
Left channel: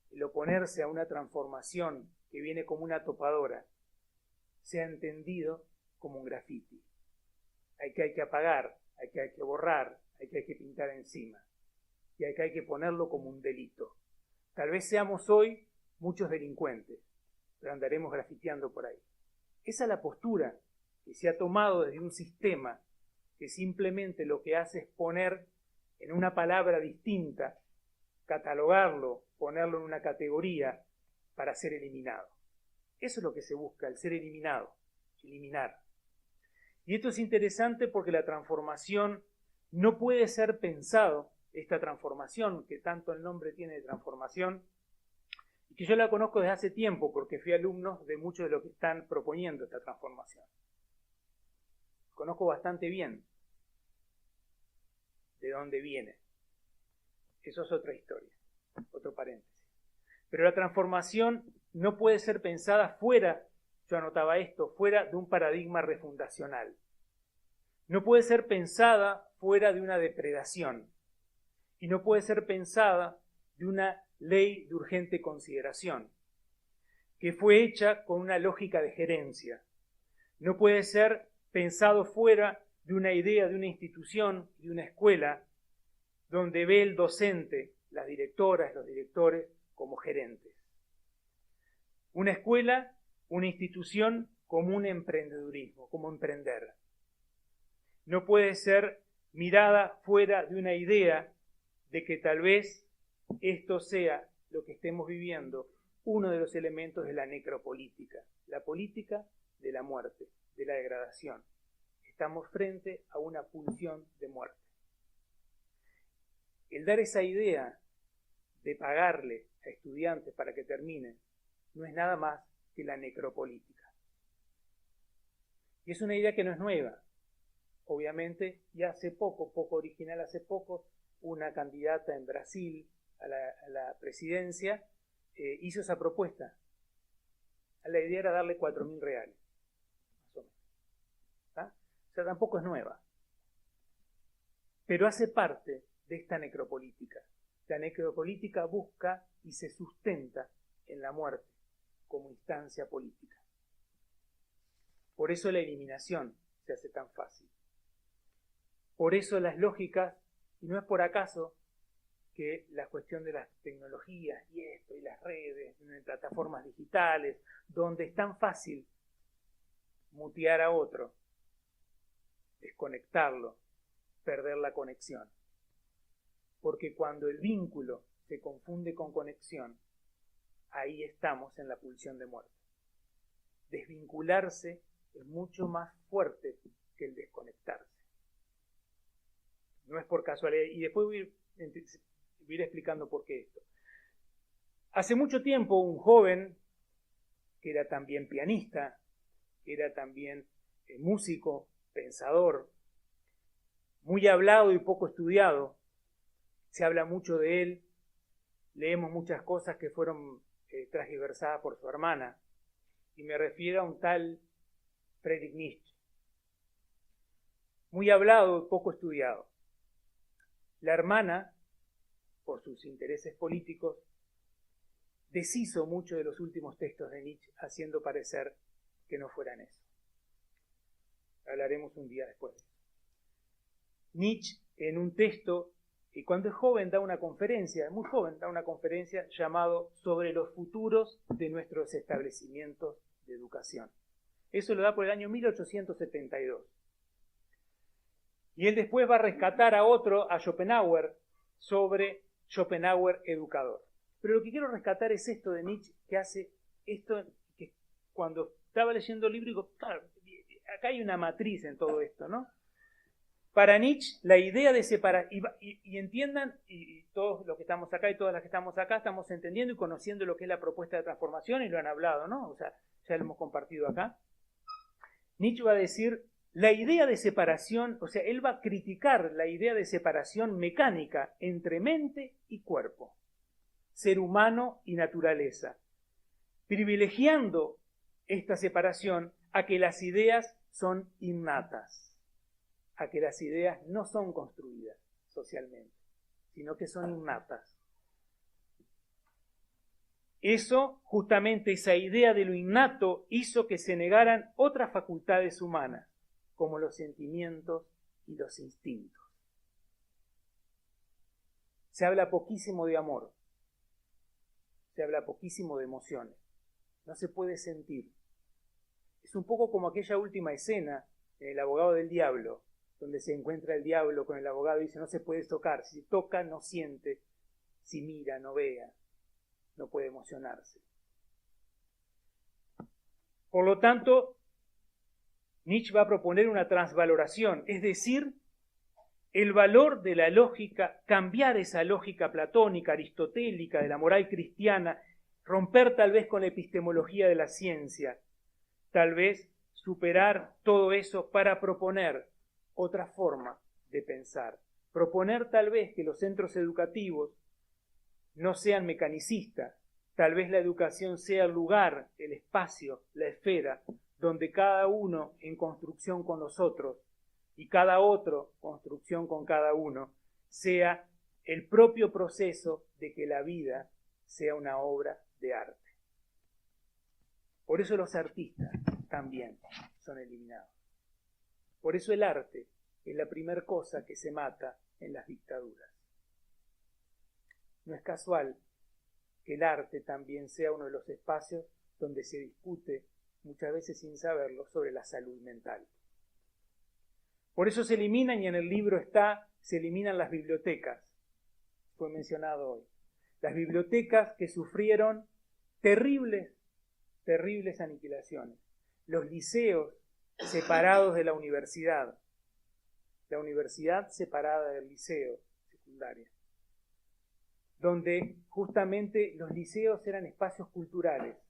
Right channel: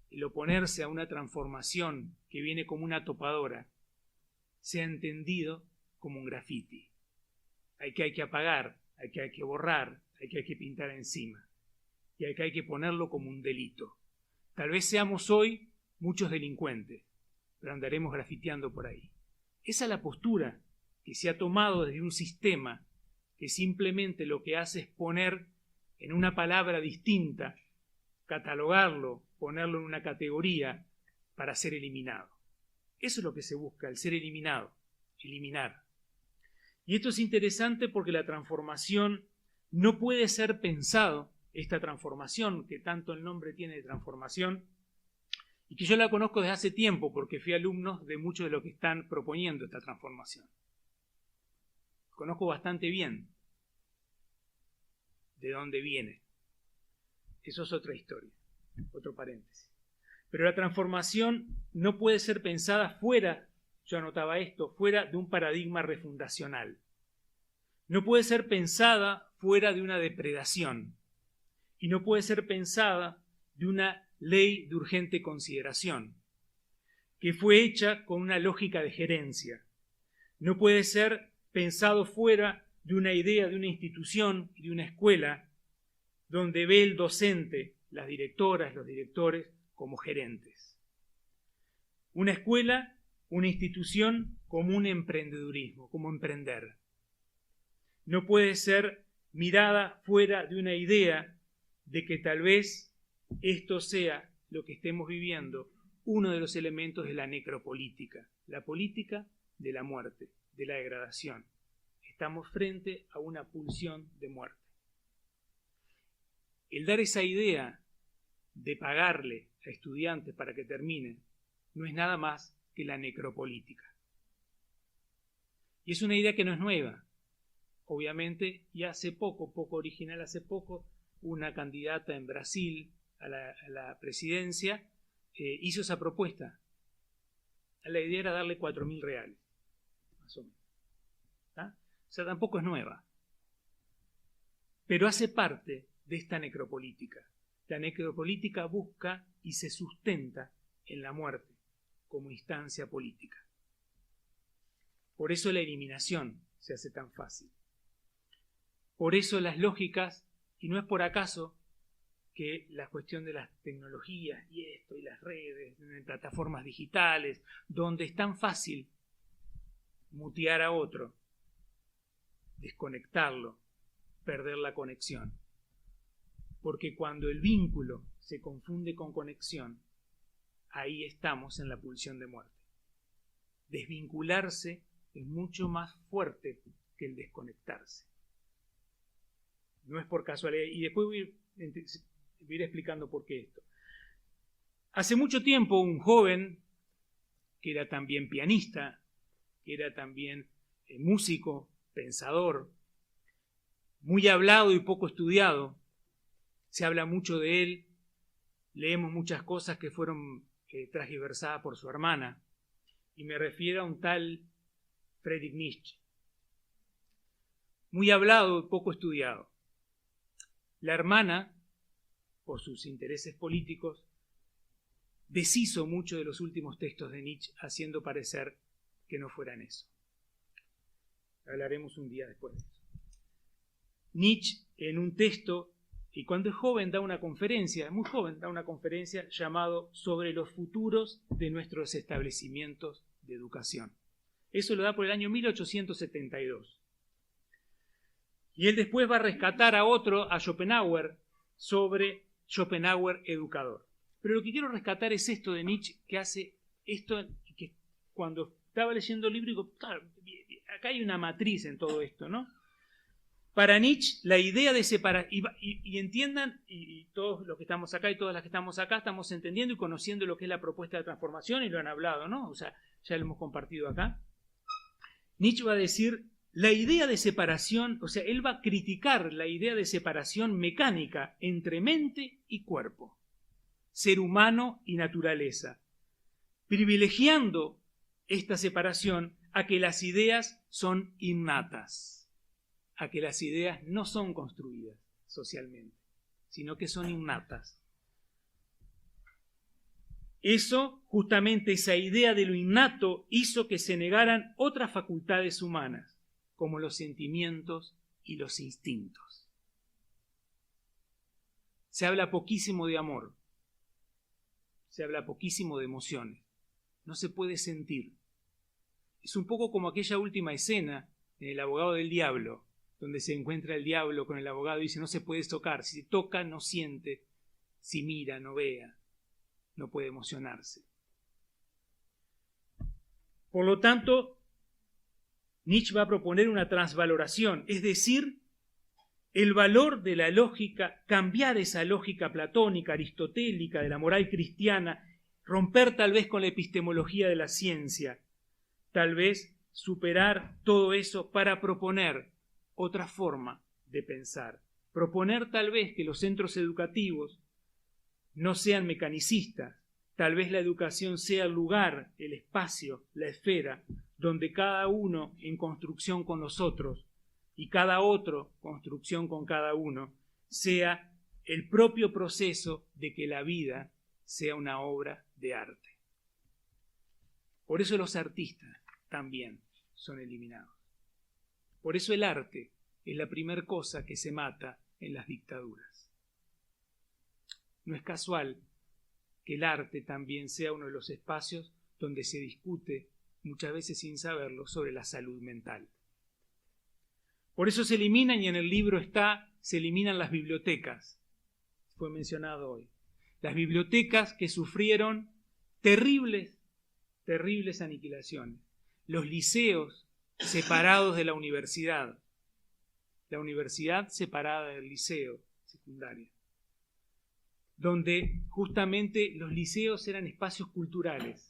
el oponerse a una transformación que viene como una topadora, sea entendido como un grafiti. Hay que apagar, hay que borrar, hay que pintar encima. Y hay que ponerlo como un delito. Tal vez seamos hoy muchos delincuentes, pero andaremos grafiteando por ahí. Esa es la postura que se ha tomado desde un sistema que simplemente lo que hace es poner en una palabra distinta, catalogarlo, ponerlo en una categoría para ser eliminado. Eso es lo que se busca, el ser eliminado, eliminar. Y esto es interesante porque la transformación no puede ser pensado, esta transformación, que tanto el nombre tiene de transformación, y que yo la conozco desde hace tiempo porque fui alumno de muchos de los que están proponiendo esta transformación. Conozco bastante bien de dónde viene. Eso es otra historia, otro paréntesis. Pero la transformación no puede ser pensada fuera, yo anotaba esto, fuera de un paradigma refundacional. No puede ser pensada fuera de una depredación. Y no puede ser pensada de una ley de urgente consideración, que fue hecha con una lógica de gerencia. No puede ser pensado fuera de una idea de una institución y de una escuela donde ve el docente, las directoras, los directores, como gerentes. Una escuela, una institución como un emprendedurismo, como emprender. No puede ser mirada fuera de una idea de que tal vez esto sea lo que estemos viviendo, uno de los elementos de la necropolítica, la política de la muerte, de la degradación. Estamos frente a una pulsión de muerte. El dar esa idea de pagarle a estudiantes para que terminen no es nada más que la necropolítica. Y es una idea que no es nueva, obviamente, y hace poco original, hace poco, una candidata en Brasil a la presidencia hizo esa propuesta. La idea era darle 4.000 reales, más o menos. ¿Ah? O sea, tampoco es nueva. Pero hace parte de esta necropolítica. La necropolítica busca y se sustenta en la muerte como instancia política. Por eso la eliminación se hace tan fácil. Por eso las lógicas, y no es por acaso que la cuestión de las tecnologías y esto, y las redes, plataformas digitales, donde es tan fácil mutear a otro, desconectarlo, perder la conexión. Porque cuando el vínculo se confunde con conexión, ahí estamos en la pulsión de muerte. Desvincularse es mucho más fuerte que el desconectarse. No es por casualidad. Y después voy a ir explicando por qué esto. Hace mucho tiempo un joven, que era también pianista, que era también músico, pensador, muy hablado y poco estudiado, se habla mucho de él, leemos muchas cosas que fueron transgiversadas por su hermana, y me refiero a un tal Friedrich Nietzsche. Muy hablado y poco estudiado. La hermana, por sus intereses políticos, deshizo mucho de los últimos textos de Nietzsche, haciendo parecer que no fueran eso. Hablaremos un día después de eso. Nietzsche, en un texto, y cuando es joven da una conferencia, muy joven, da una conferencia llamado Sobre los futuros de nuestros establecimientos de educación. Eso lo da por el año 1872. Y él después va a rescatar a otro, a Schopenhauer, sobre Schopenhauer educador. Pero lo que quiero rescatar es esto de Nietzsche, que hace esto, que cuando estaba leyendo el libro, digo, claro, acá hay una matriz en todo esto, ¿no? Para Nietzsche, la idea de separar, y entiendan, y todos los que estamos acá y todas las que estamos acá, estamos entendiendo y conociendo lo que es la propuesta de transformación, y lo han hablado, ¿no? O sea, ya lo hemos compartido acá. Nietzsche va a decir la idea de separación, o sea, él va a criticar la idea de separación mecánica entre mente y cuerpo, ser humano y naturaleza, privilegiando esta separación a que las ideas son innatas, a que las ideas no son construidas socialmente, sino que son innatas. Eso, justamente esa idea de lo innato, hizo que se negaran otras facultades humanas, como los sentimientos y los instintos. Se habla poquísimo de amor, se habla poquísimo de emociones, no se puede sentir. Es un poco como aquella última escena en El abogado del diablo, donde se encuentra el diablo con el abogado y dice: no se puede tocar, si se toca no siente, si mira no vea, no puede emocionarse. Por lo tanto, Nietzsche va a proponer una transvaloración, es decir, el valor de la lógica, cambiar esa lógica platónica, aristotélica, de la moral cristiana, romper tal vez con la epistemología de la ciencia, tal vez superar todo eso para proponer otra forma de pensar, proponer tal vez que los centros educativos no sean mecanicistas, tal vez la educación sea el lugar, el espacio, la esfera, donde cada uno en construcción con los otros y cada otro construcción con cada uno sea el propio proceso de que la vida sea una obra de arte. Por eso los artistas también son eliminados. Por eso el arte es la primera cosa que se mata en las dictaduras. No es casual que el arte también sea uno de los espacios donde se discute, muchas veces sin saberlo, sobre la salud mental. Por eso se eliminan, y en el libro se eliminan las bibliotecas. Fue mencionado hoy. Las bibliotecas que sufrieron terribles aniquilaciones. Los liceos separados de la universidad separada del liceo secundaria, donde justamente los liceos eran espacios culturales.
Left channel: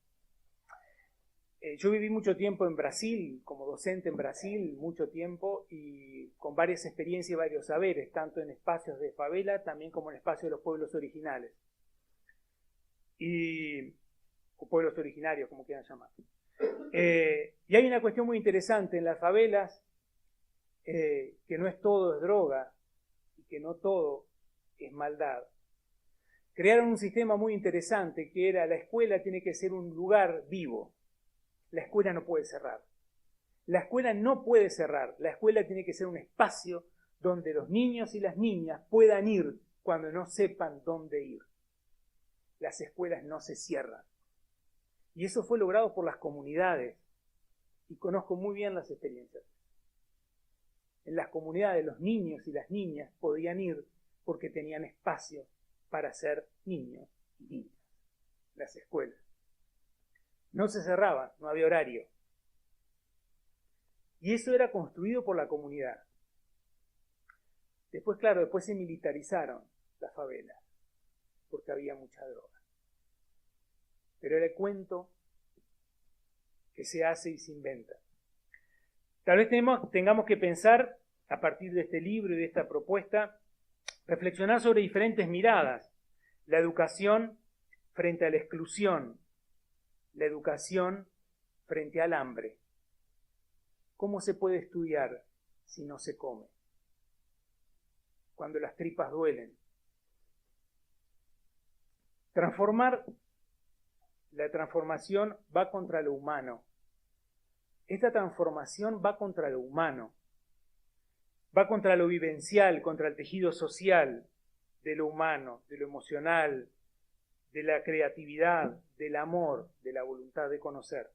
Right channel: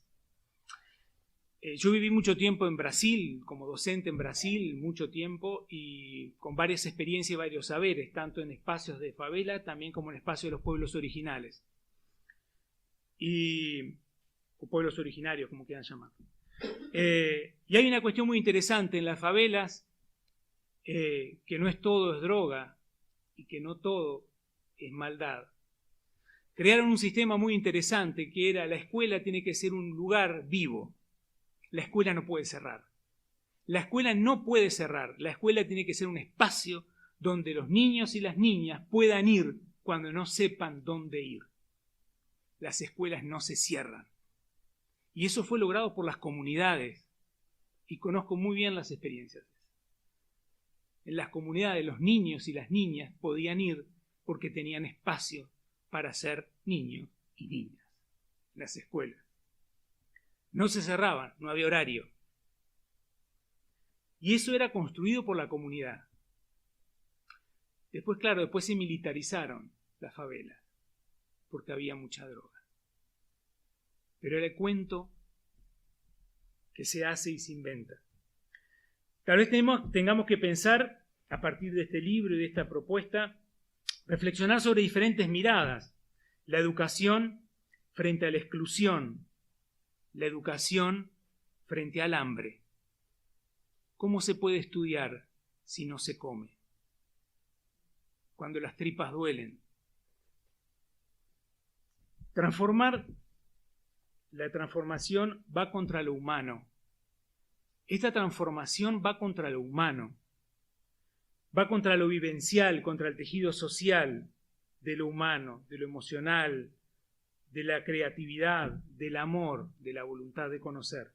Yo viví mucho tiempo en Brasil, como docente en Brasil, mucho tiempo, y con varias experiencias y varios saberes, tanto en espacios de favela, también como en espacios de los pueblos originales. O pueblos originarios, como quieran llamar. Y hay una cuestión muy interesante en las favelas, que no es todo es droga, y que no todo es maldad. Crearon un sistema muy interesante, que era: la escuela tiene que ser un lugar vivo. La escuela no puede cerrar. La escuela no puede cerrar. La escuela tiene que ser un espacio donde los niños y las niñas puedan ir cuando no sepan dónde ir. Las escuelas no se cierran. Y eso fue logrado por las comunidades. Y conozco muy bien las experiencias. En las comunidades los niños y las niñas podían ir porque tenían espacio para ser niños y niñas. Las escuelas no se cerraban, no había horario. Y eso era construido por la comunidad. Después, claro, después se militarizaron las favelas, porque había mucha droga. Pero era el cuento que se hace y se inventa. Tal vez tengamos que pensar, a partir de este libro y de esta propuesta, reflexionar sobre diferentes miradas. La educación frente a la exclusión, la educación frente al hambre. ¿Cómo se puede estudiar si no se come? Cuando las tripas duelen. La transformación va contra lo humano. Esta transformación va contra lo humano. Va contra lo vivencial, contra el tejido social de lo humano, de lo emocional, de la creatividad, del amor, de la voluntad de conocer.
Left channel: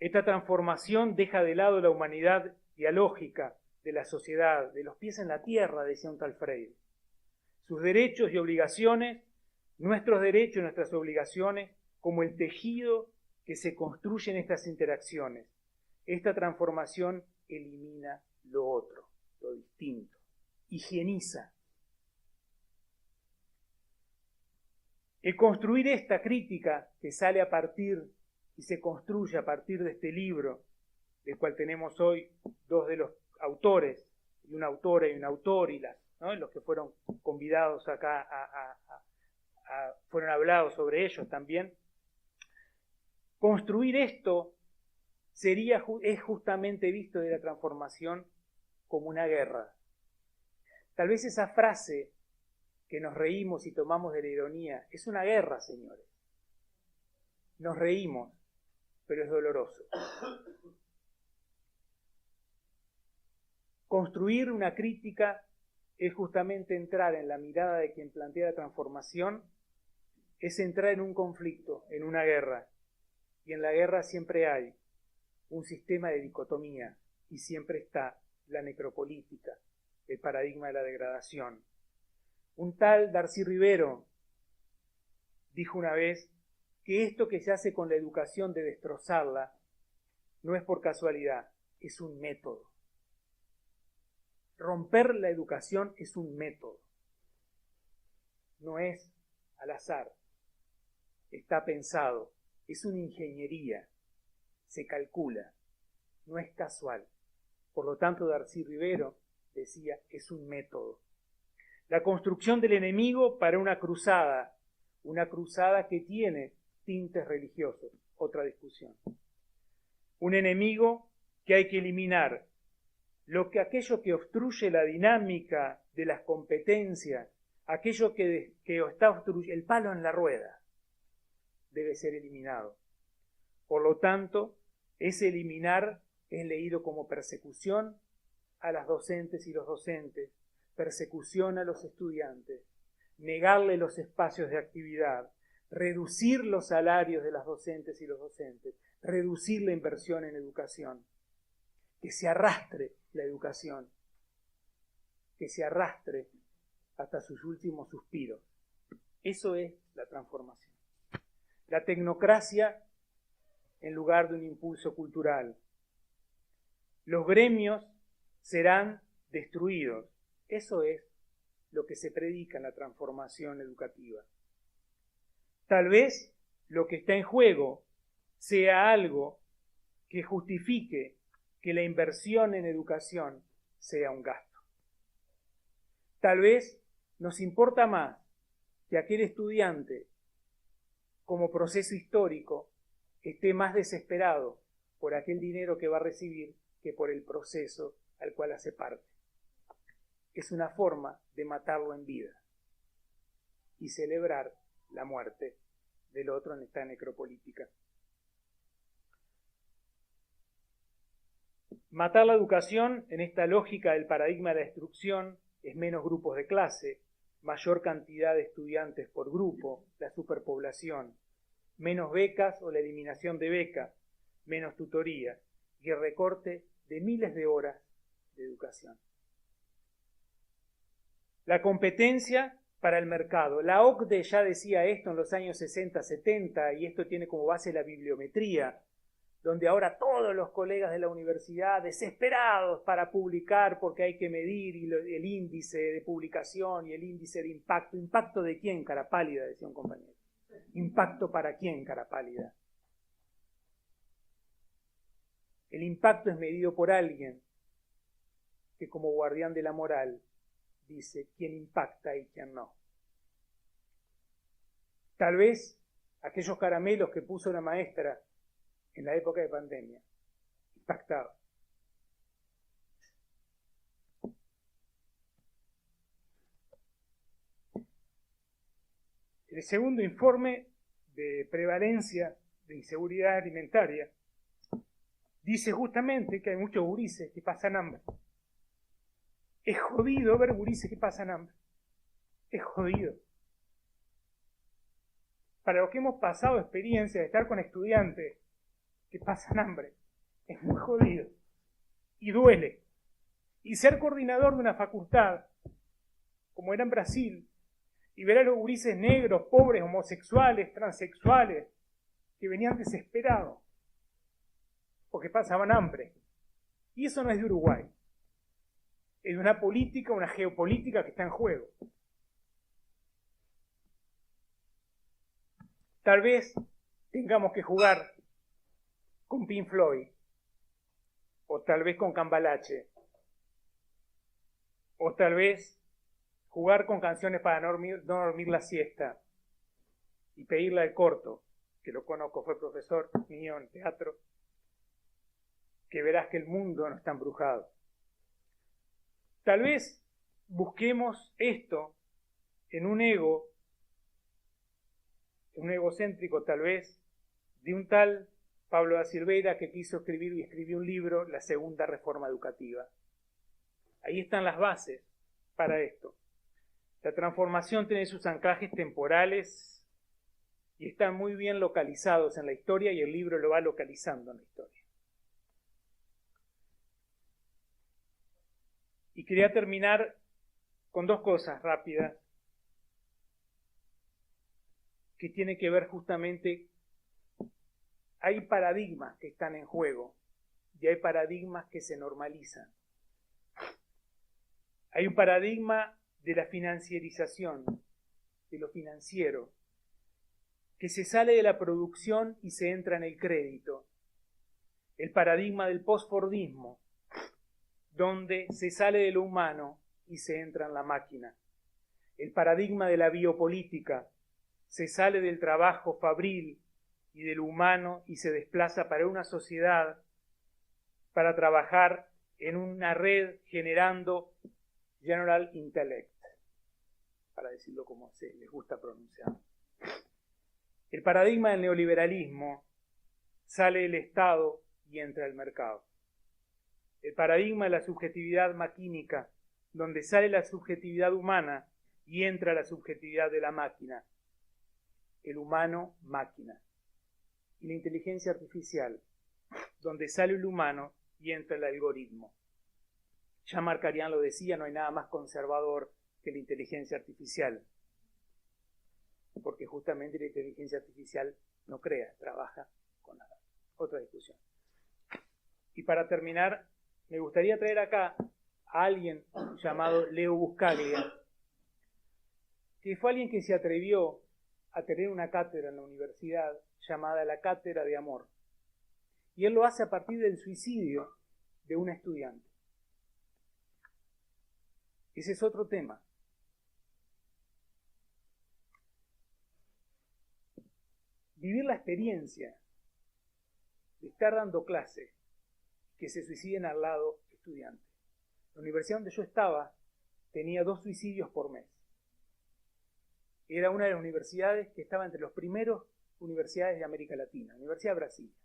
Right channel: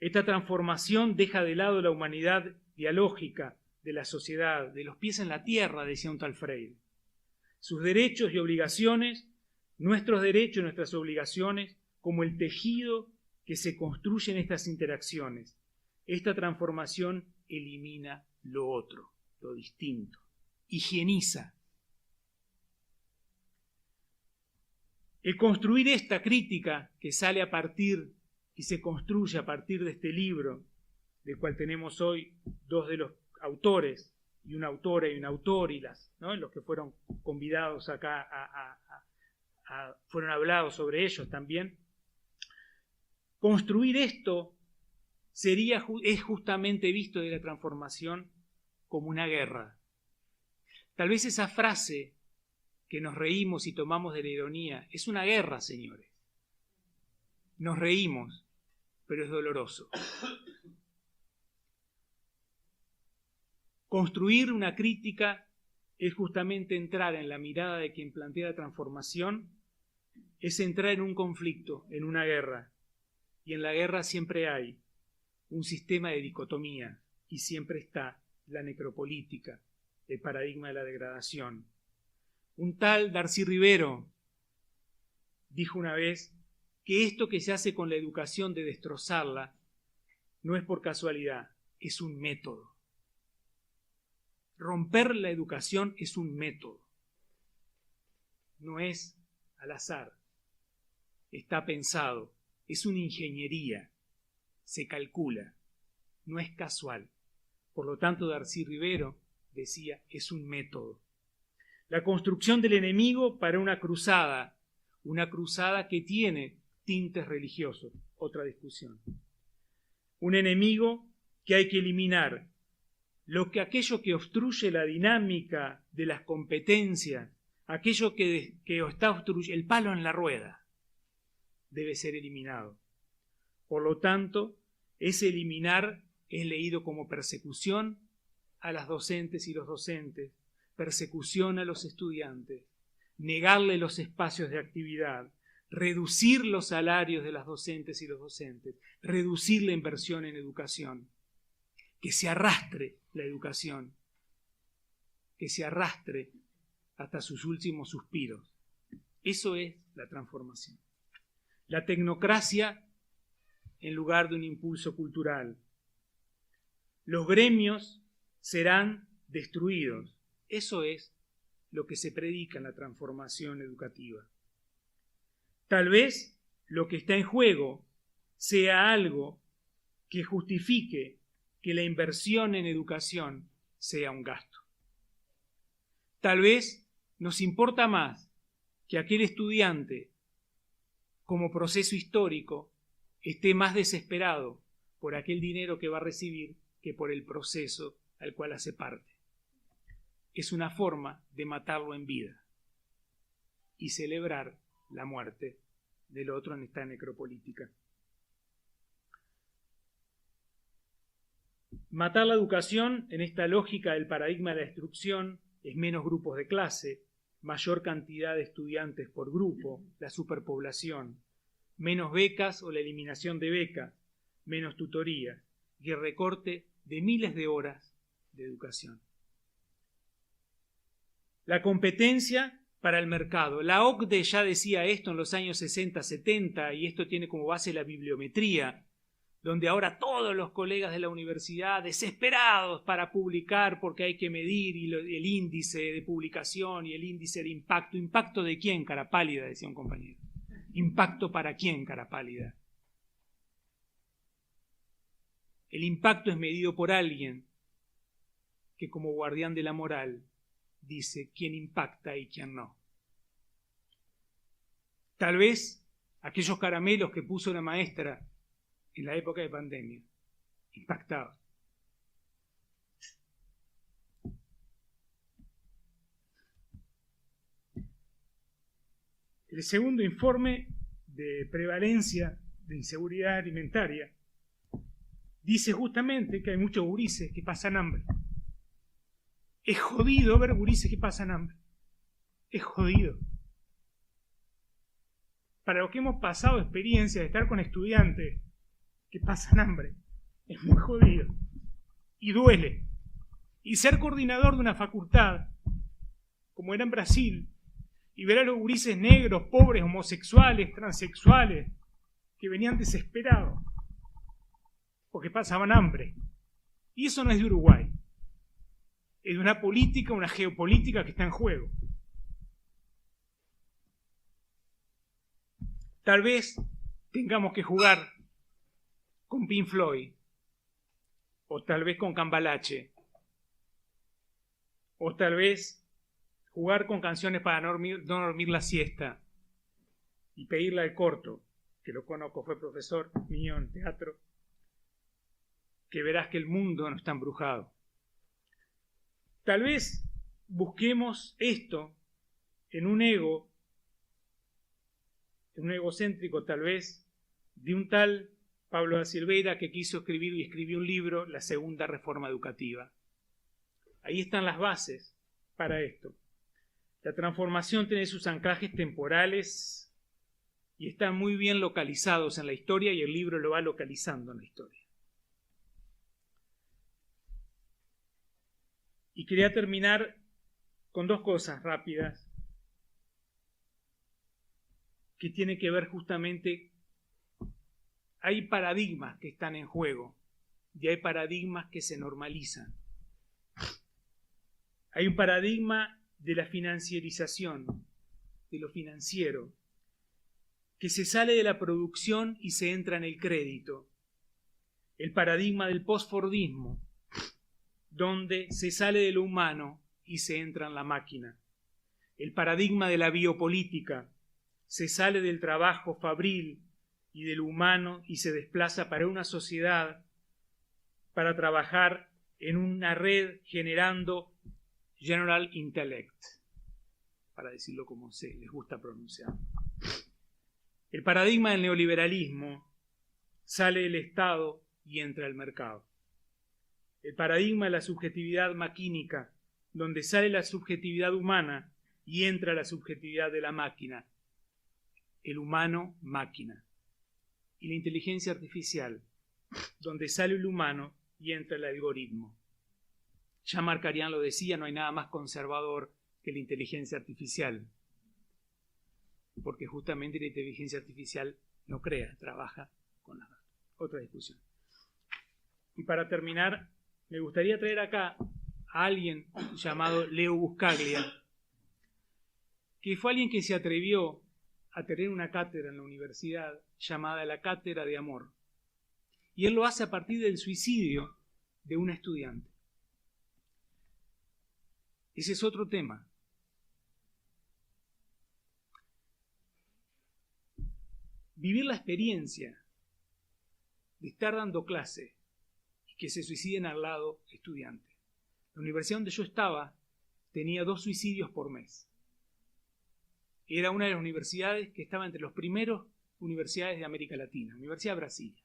Esta transformación deja de lado la humanidad dialógica de la sociedad, de los pies en la tierra, decía un tal Freire. Sus derechos y obligaciones, nuestros derechos y nuestras obligaciones, como el tejido que se construye en estas interacciones. Esta transformación elimina lo otro, lo distinto, higieniza. El construir esta crítica que sale a partir y se construye a partir de este libro del cual tenemos hoy dos de los autores, y una autora y un autor, y ¿no? Los que fueron convidados acá fueron hablados sobre ellos también. Construir esto es justamente visto de la transformación como una guerra. Tal vez esa frase que nos reímos y tomamos de la ironía es una guerra, señores. Nos reímos, pero es doloroso. Construir una crítica es justamente entrar en la mirada de quien plantea la transformación, es entrar en un conflicto, en una guerra. Y en la guerra siempre hay un sistema de dicotomía y siempre está la necropolítica, el paradigma de la degradación. Un tal Darcy Rivero dijo una vez que esto que se hace con la educación de destrozarla no es por casualidad, es un método. Romper la educación es un método, no es al azar, está pensado, es una ingeniería, se calcula, no es casual. Por lo tanto, Darcy Rivero decía, es un método. La construcción del enemigo para una cruzada que tiene tintes religiosos, otra discusión. Un enemigo que hay que eliminar. Aquello que obstruye la dinámica de las competencias, aquello que está obstruyendo, el palo en la rueda, debe ser eliminado. Por lo tanto, ese eliminar es leído como persecución a las docentes y los docentes, persecución a los estudiantes, negarle los espacios de actividad, reducir los salarios de las docentes y los docentes, reducir la inversión en educación, que se arrastre la educación, que se arrastre hasta sus últimos suspiros. Eso es la transformación. La tecnocracia en lugar de un impulso cultural. Los gremios serán destruidos. Eso es lo que se predica en la transformación educativa. Tal vez lo que está en juego sea algo que justifique que la inversión en educación sea un gasto. Tal vez nos importa más que aquel estudiante, como proceso histórico, esté más desesperado por aquel dinero que va a recibir que por el proceso al cual hace parte. Es una forma de matarlo en vida y celebrar la muerte del otro en esta necropolítica. Matar la educación en esta lógica del paradigma de la destrucción es menos grupos de clase, mayor cantidad de estudiantes por grupo, la superpoblación, menos becas o la eliminación de becas, menos tutoría y el recorte de miles de horas de educación. La competencia para el mercado. La OCDE ya decía esto en los años 60, 70 y esto tiene como base la bibliometría, donde ahora todos los colegas de la universidad desesperados para publicar porque hay que medir el índice de publicación y el índice de impacto. ¿Impacto de quién, cara pálida?, decía un compañero. ¿Impacto para quién, cara pálida? El impacto es medido por alguien que como guardián de la moral dice quién impacta y quién no. Tal vez aquellos caramelos que puso la maestra en la época de pandemia impactaban. El segundo informe de prevalencia de inseguridad alimentaria dice justamente que hay muchos gurises que pasan hambre. Es jodido ver gurises que pasan hambre. Es jodido. Para los que hemos pasado experiencia de estar con estudiantes que pasan hambre, es muy jodido. Y duele. Y ser coordinador de una facultad, como era en Brasil, y ver a los gurises negros, pobres, homosexuales, transexuales, que venían desesperados, porque pasaban hambre. Y eso no es de Uruguay. Es de una política, una geopolítica que está en juego. Tal vez tengamos que jugar con Pink Floyd o tal vez con cambalache, o tal vez jugar con canciones para no dormir la siesta y pedirle al corto, que lo conozco, fue profesor mío en teatro, que verás que el mundo no está embrujado. Tal vez busquemos esto en un egocéntrico tal vez, de un tal Pablo da Silveira que quiso escribir y escribió un libro, La Segunda Reforma Educativa. Ahí están las bases para esto. La transformación tiene sus anclajes temporales y están muy bien localizados en la historia, y el libro lo va localizando en la historia. Y quería terminar con dos cosas rápidas que tienen que ver justamente, hay paradigmas que están en juego y hay paradigmas que se normalizan. Hay un paradigma de la financiarización, de lo financiero, que se sale de la producción y se entra en el crédito. El paradigma del postfordismo, donde se sale de lo humano y se entra en la máquina. El paradigma de la biopolítica, se sale del trabajo fabril y del humano y se desplaza para una sociedad, para trabajar en una red generando general intellect, para decirlo como se les gusta pronunciar. El paradigma del neoliberalismo, sale del Estado y entra al mercado. El paradigma de la subjetividad maquínica, donde sale la subjetividad humana y entra la subjetividad de la máquina. El humano, máquina. Y la inteligencia artificial, donde sale el humano y entra el algoritmo. Ya Markarian lo decía, no hay nada más conservador que la inteligencia artificial. Porque justamente la inteligencia artificial no crea, trabaja con la data. Otra discusión. Y para terminar, me gustaría traer acá a alguien llamado Leo Buscaglia, que fue alguien que se atrevió a tener una cátedra en la universidad llamada la Cátedra de Amor. Y él lo hace a partir del suicidio de un estudiante. Ese es otro tema. Vivir la experiencia de estar dando clase y que se suiciden al lado estudiantes. La universidad donde yo estaba tenía 2 suicidios por mes. Era una de las universidades que estaba entre los primeros universidades de América Latina, Universidad de Brasilia.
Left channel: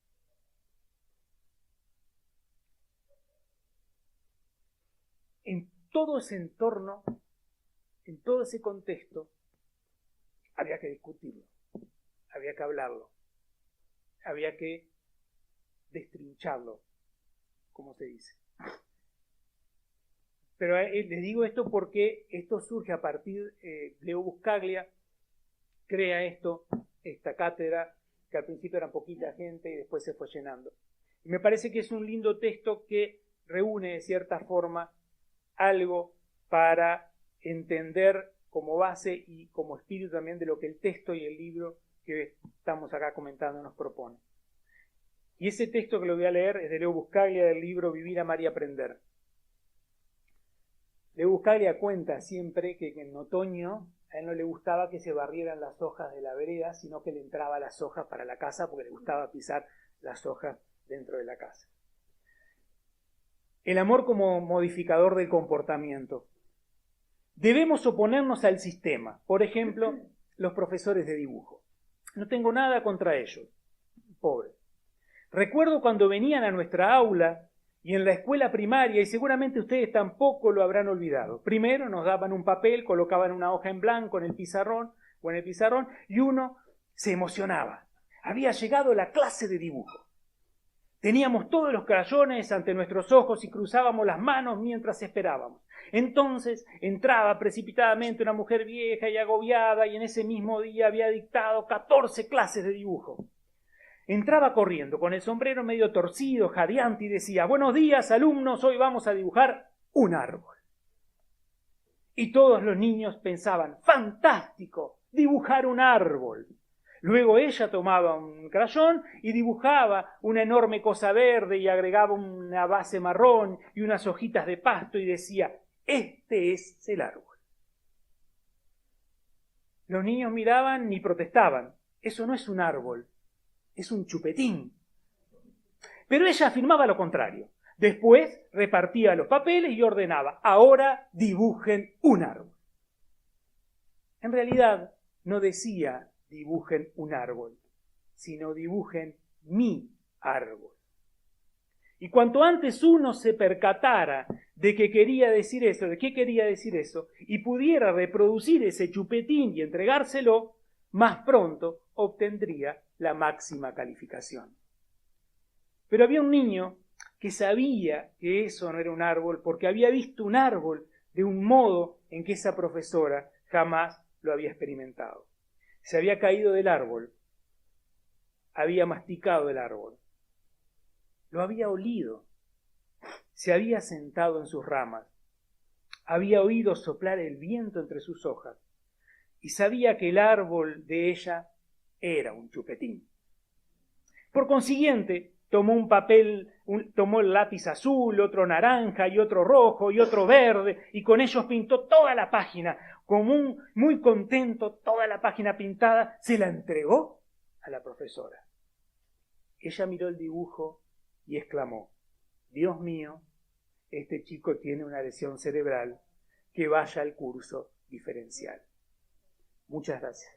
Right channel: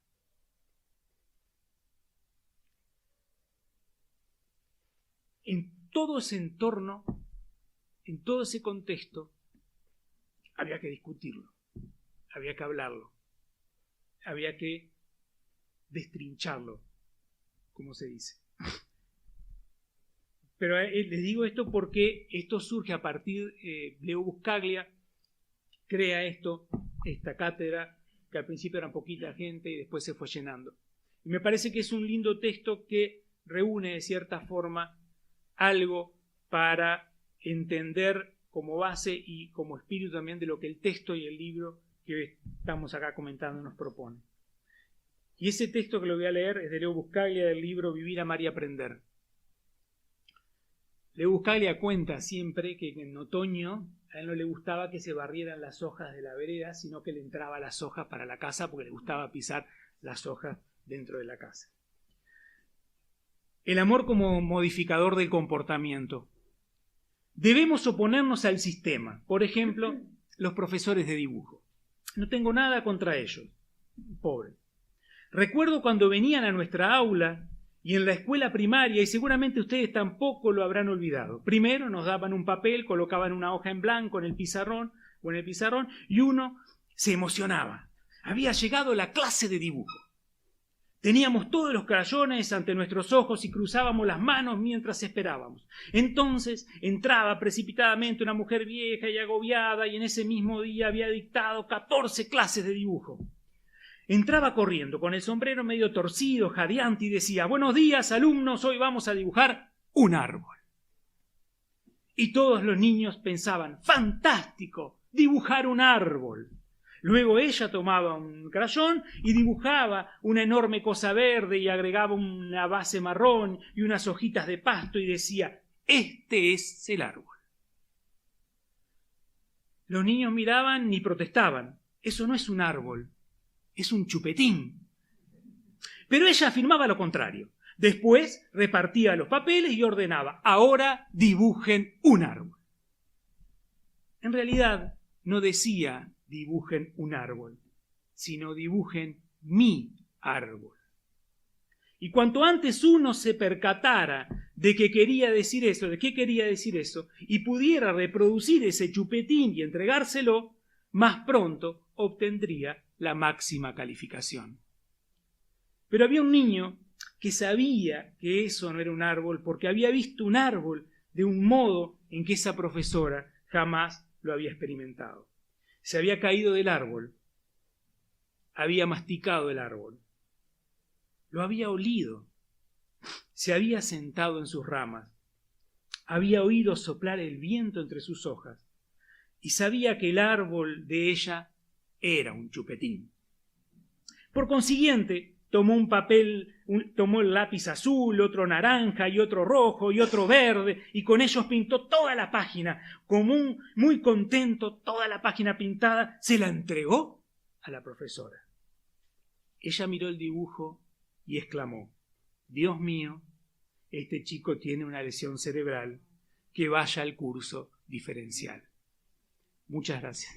En todo ese entorno, en todo ese contexto, había que discutirlo, había que hablarlo, había que destrincharlo, como se dice. Pero les digo esto porque esto surge a partir de Leo Buscaglia, crea esta cátedra, que al principio era poquita gente y después se fue llenando. Y me parece que es un lindo texto que reúne de cierta forma algo para entender como base y como espíritu también de lo que el texto y el libro que estamos acá comentando nos propone. Y ese texto que lo voy a leer es de Leo Buscaglia, del libro Vivir, Amar y Aprender. Leo Buscaglia cuenta siempre que en otoño a él no le gustaba que se barrieran las hojas de la vereda, sino que le entraba las hojas para la casa porque le gustaba pisar las hojas dentro de la casa. El amor como modificador del comportamiento. Debemos oponernos al sistema. Por ejemplo, los profesores de dibujo. No tengo nada contra ellos. Pobre. Recuerdo cuando venían a nuestra aula y en la escuela primaria, y seguramente ustedes tampoco lo habrán olvidado. Primero nos daban un papel, colocaban una hoja en blanco en el pizarrón, y uno se emocionaba. Había llegado la clase de dibujo. Teníamos todos los crayones ante nuestros ojos y cruzábamos las manos mientras esperábamos. Entonces entraba precipitadamente una mujer vieja y agobiada y en ese mismo día había dictado 14 clases de dibujo. Entraba corriendo con el sombrero medio torcido, jadeante y decía: buenos días, alumnos, hoy vamos a dibujar un árbol. Y todos los niños pensaban: fantástico, dibujar un árbol. Luego ella tomaba un crayón y dibujaba una enorme cosa verde y agregaba una base marrón y unas hojitas de pasto y decía, este es el árbol. Los niños miraban y protestaban, eso no es un árbol, es un chupetín. Pero ella afirmaba lo contrario. Después repartía los papeles y ordenaba, ahora dibujen un árbol. En realidad no decía dibujen un árbol, sino dibujen mi árbol. Y cuanto antes uno se percatara de que quería decir eso, de qué quería decir eso, y pudiera reproducir ese chupetín y entregárselo, más pronto obtendría la máxima calificación. Pero había un niño que sabía que eso no era un árbol porque había visto un árbol de un modo en que esa profesora jamás lo había experimentado. Se había caído del árbol, había masticado el árbol, lo había olido, se había sentado en sus ramas, había oído soplar el viento entre sus hojas y sabía que el árbol de ella era un chupetín. Por consiguiente, tomó un papel, tomó el lápiz azul, otro naranja y otro rojo y otro verde y con ellos pintó toda la página. Como muy contento, toda la página pintada, se la entregó a la profesora. Ella miró el dibujo y exclamó, Dios mío, este chico tiene una lesión cerebral, que vaya al curso diferencial. Muchas gracias.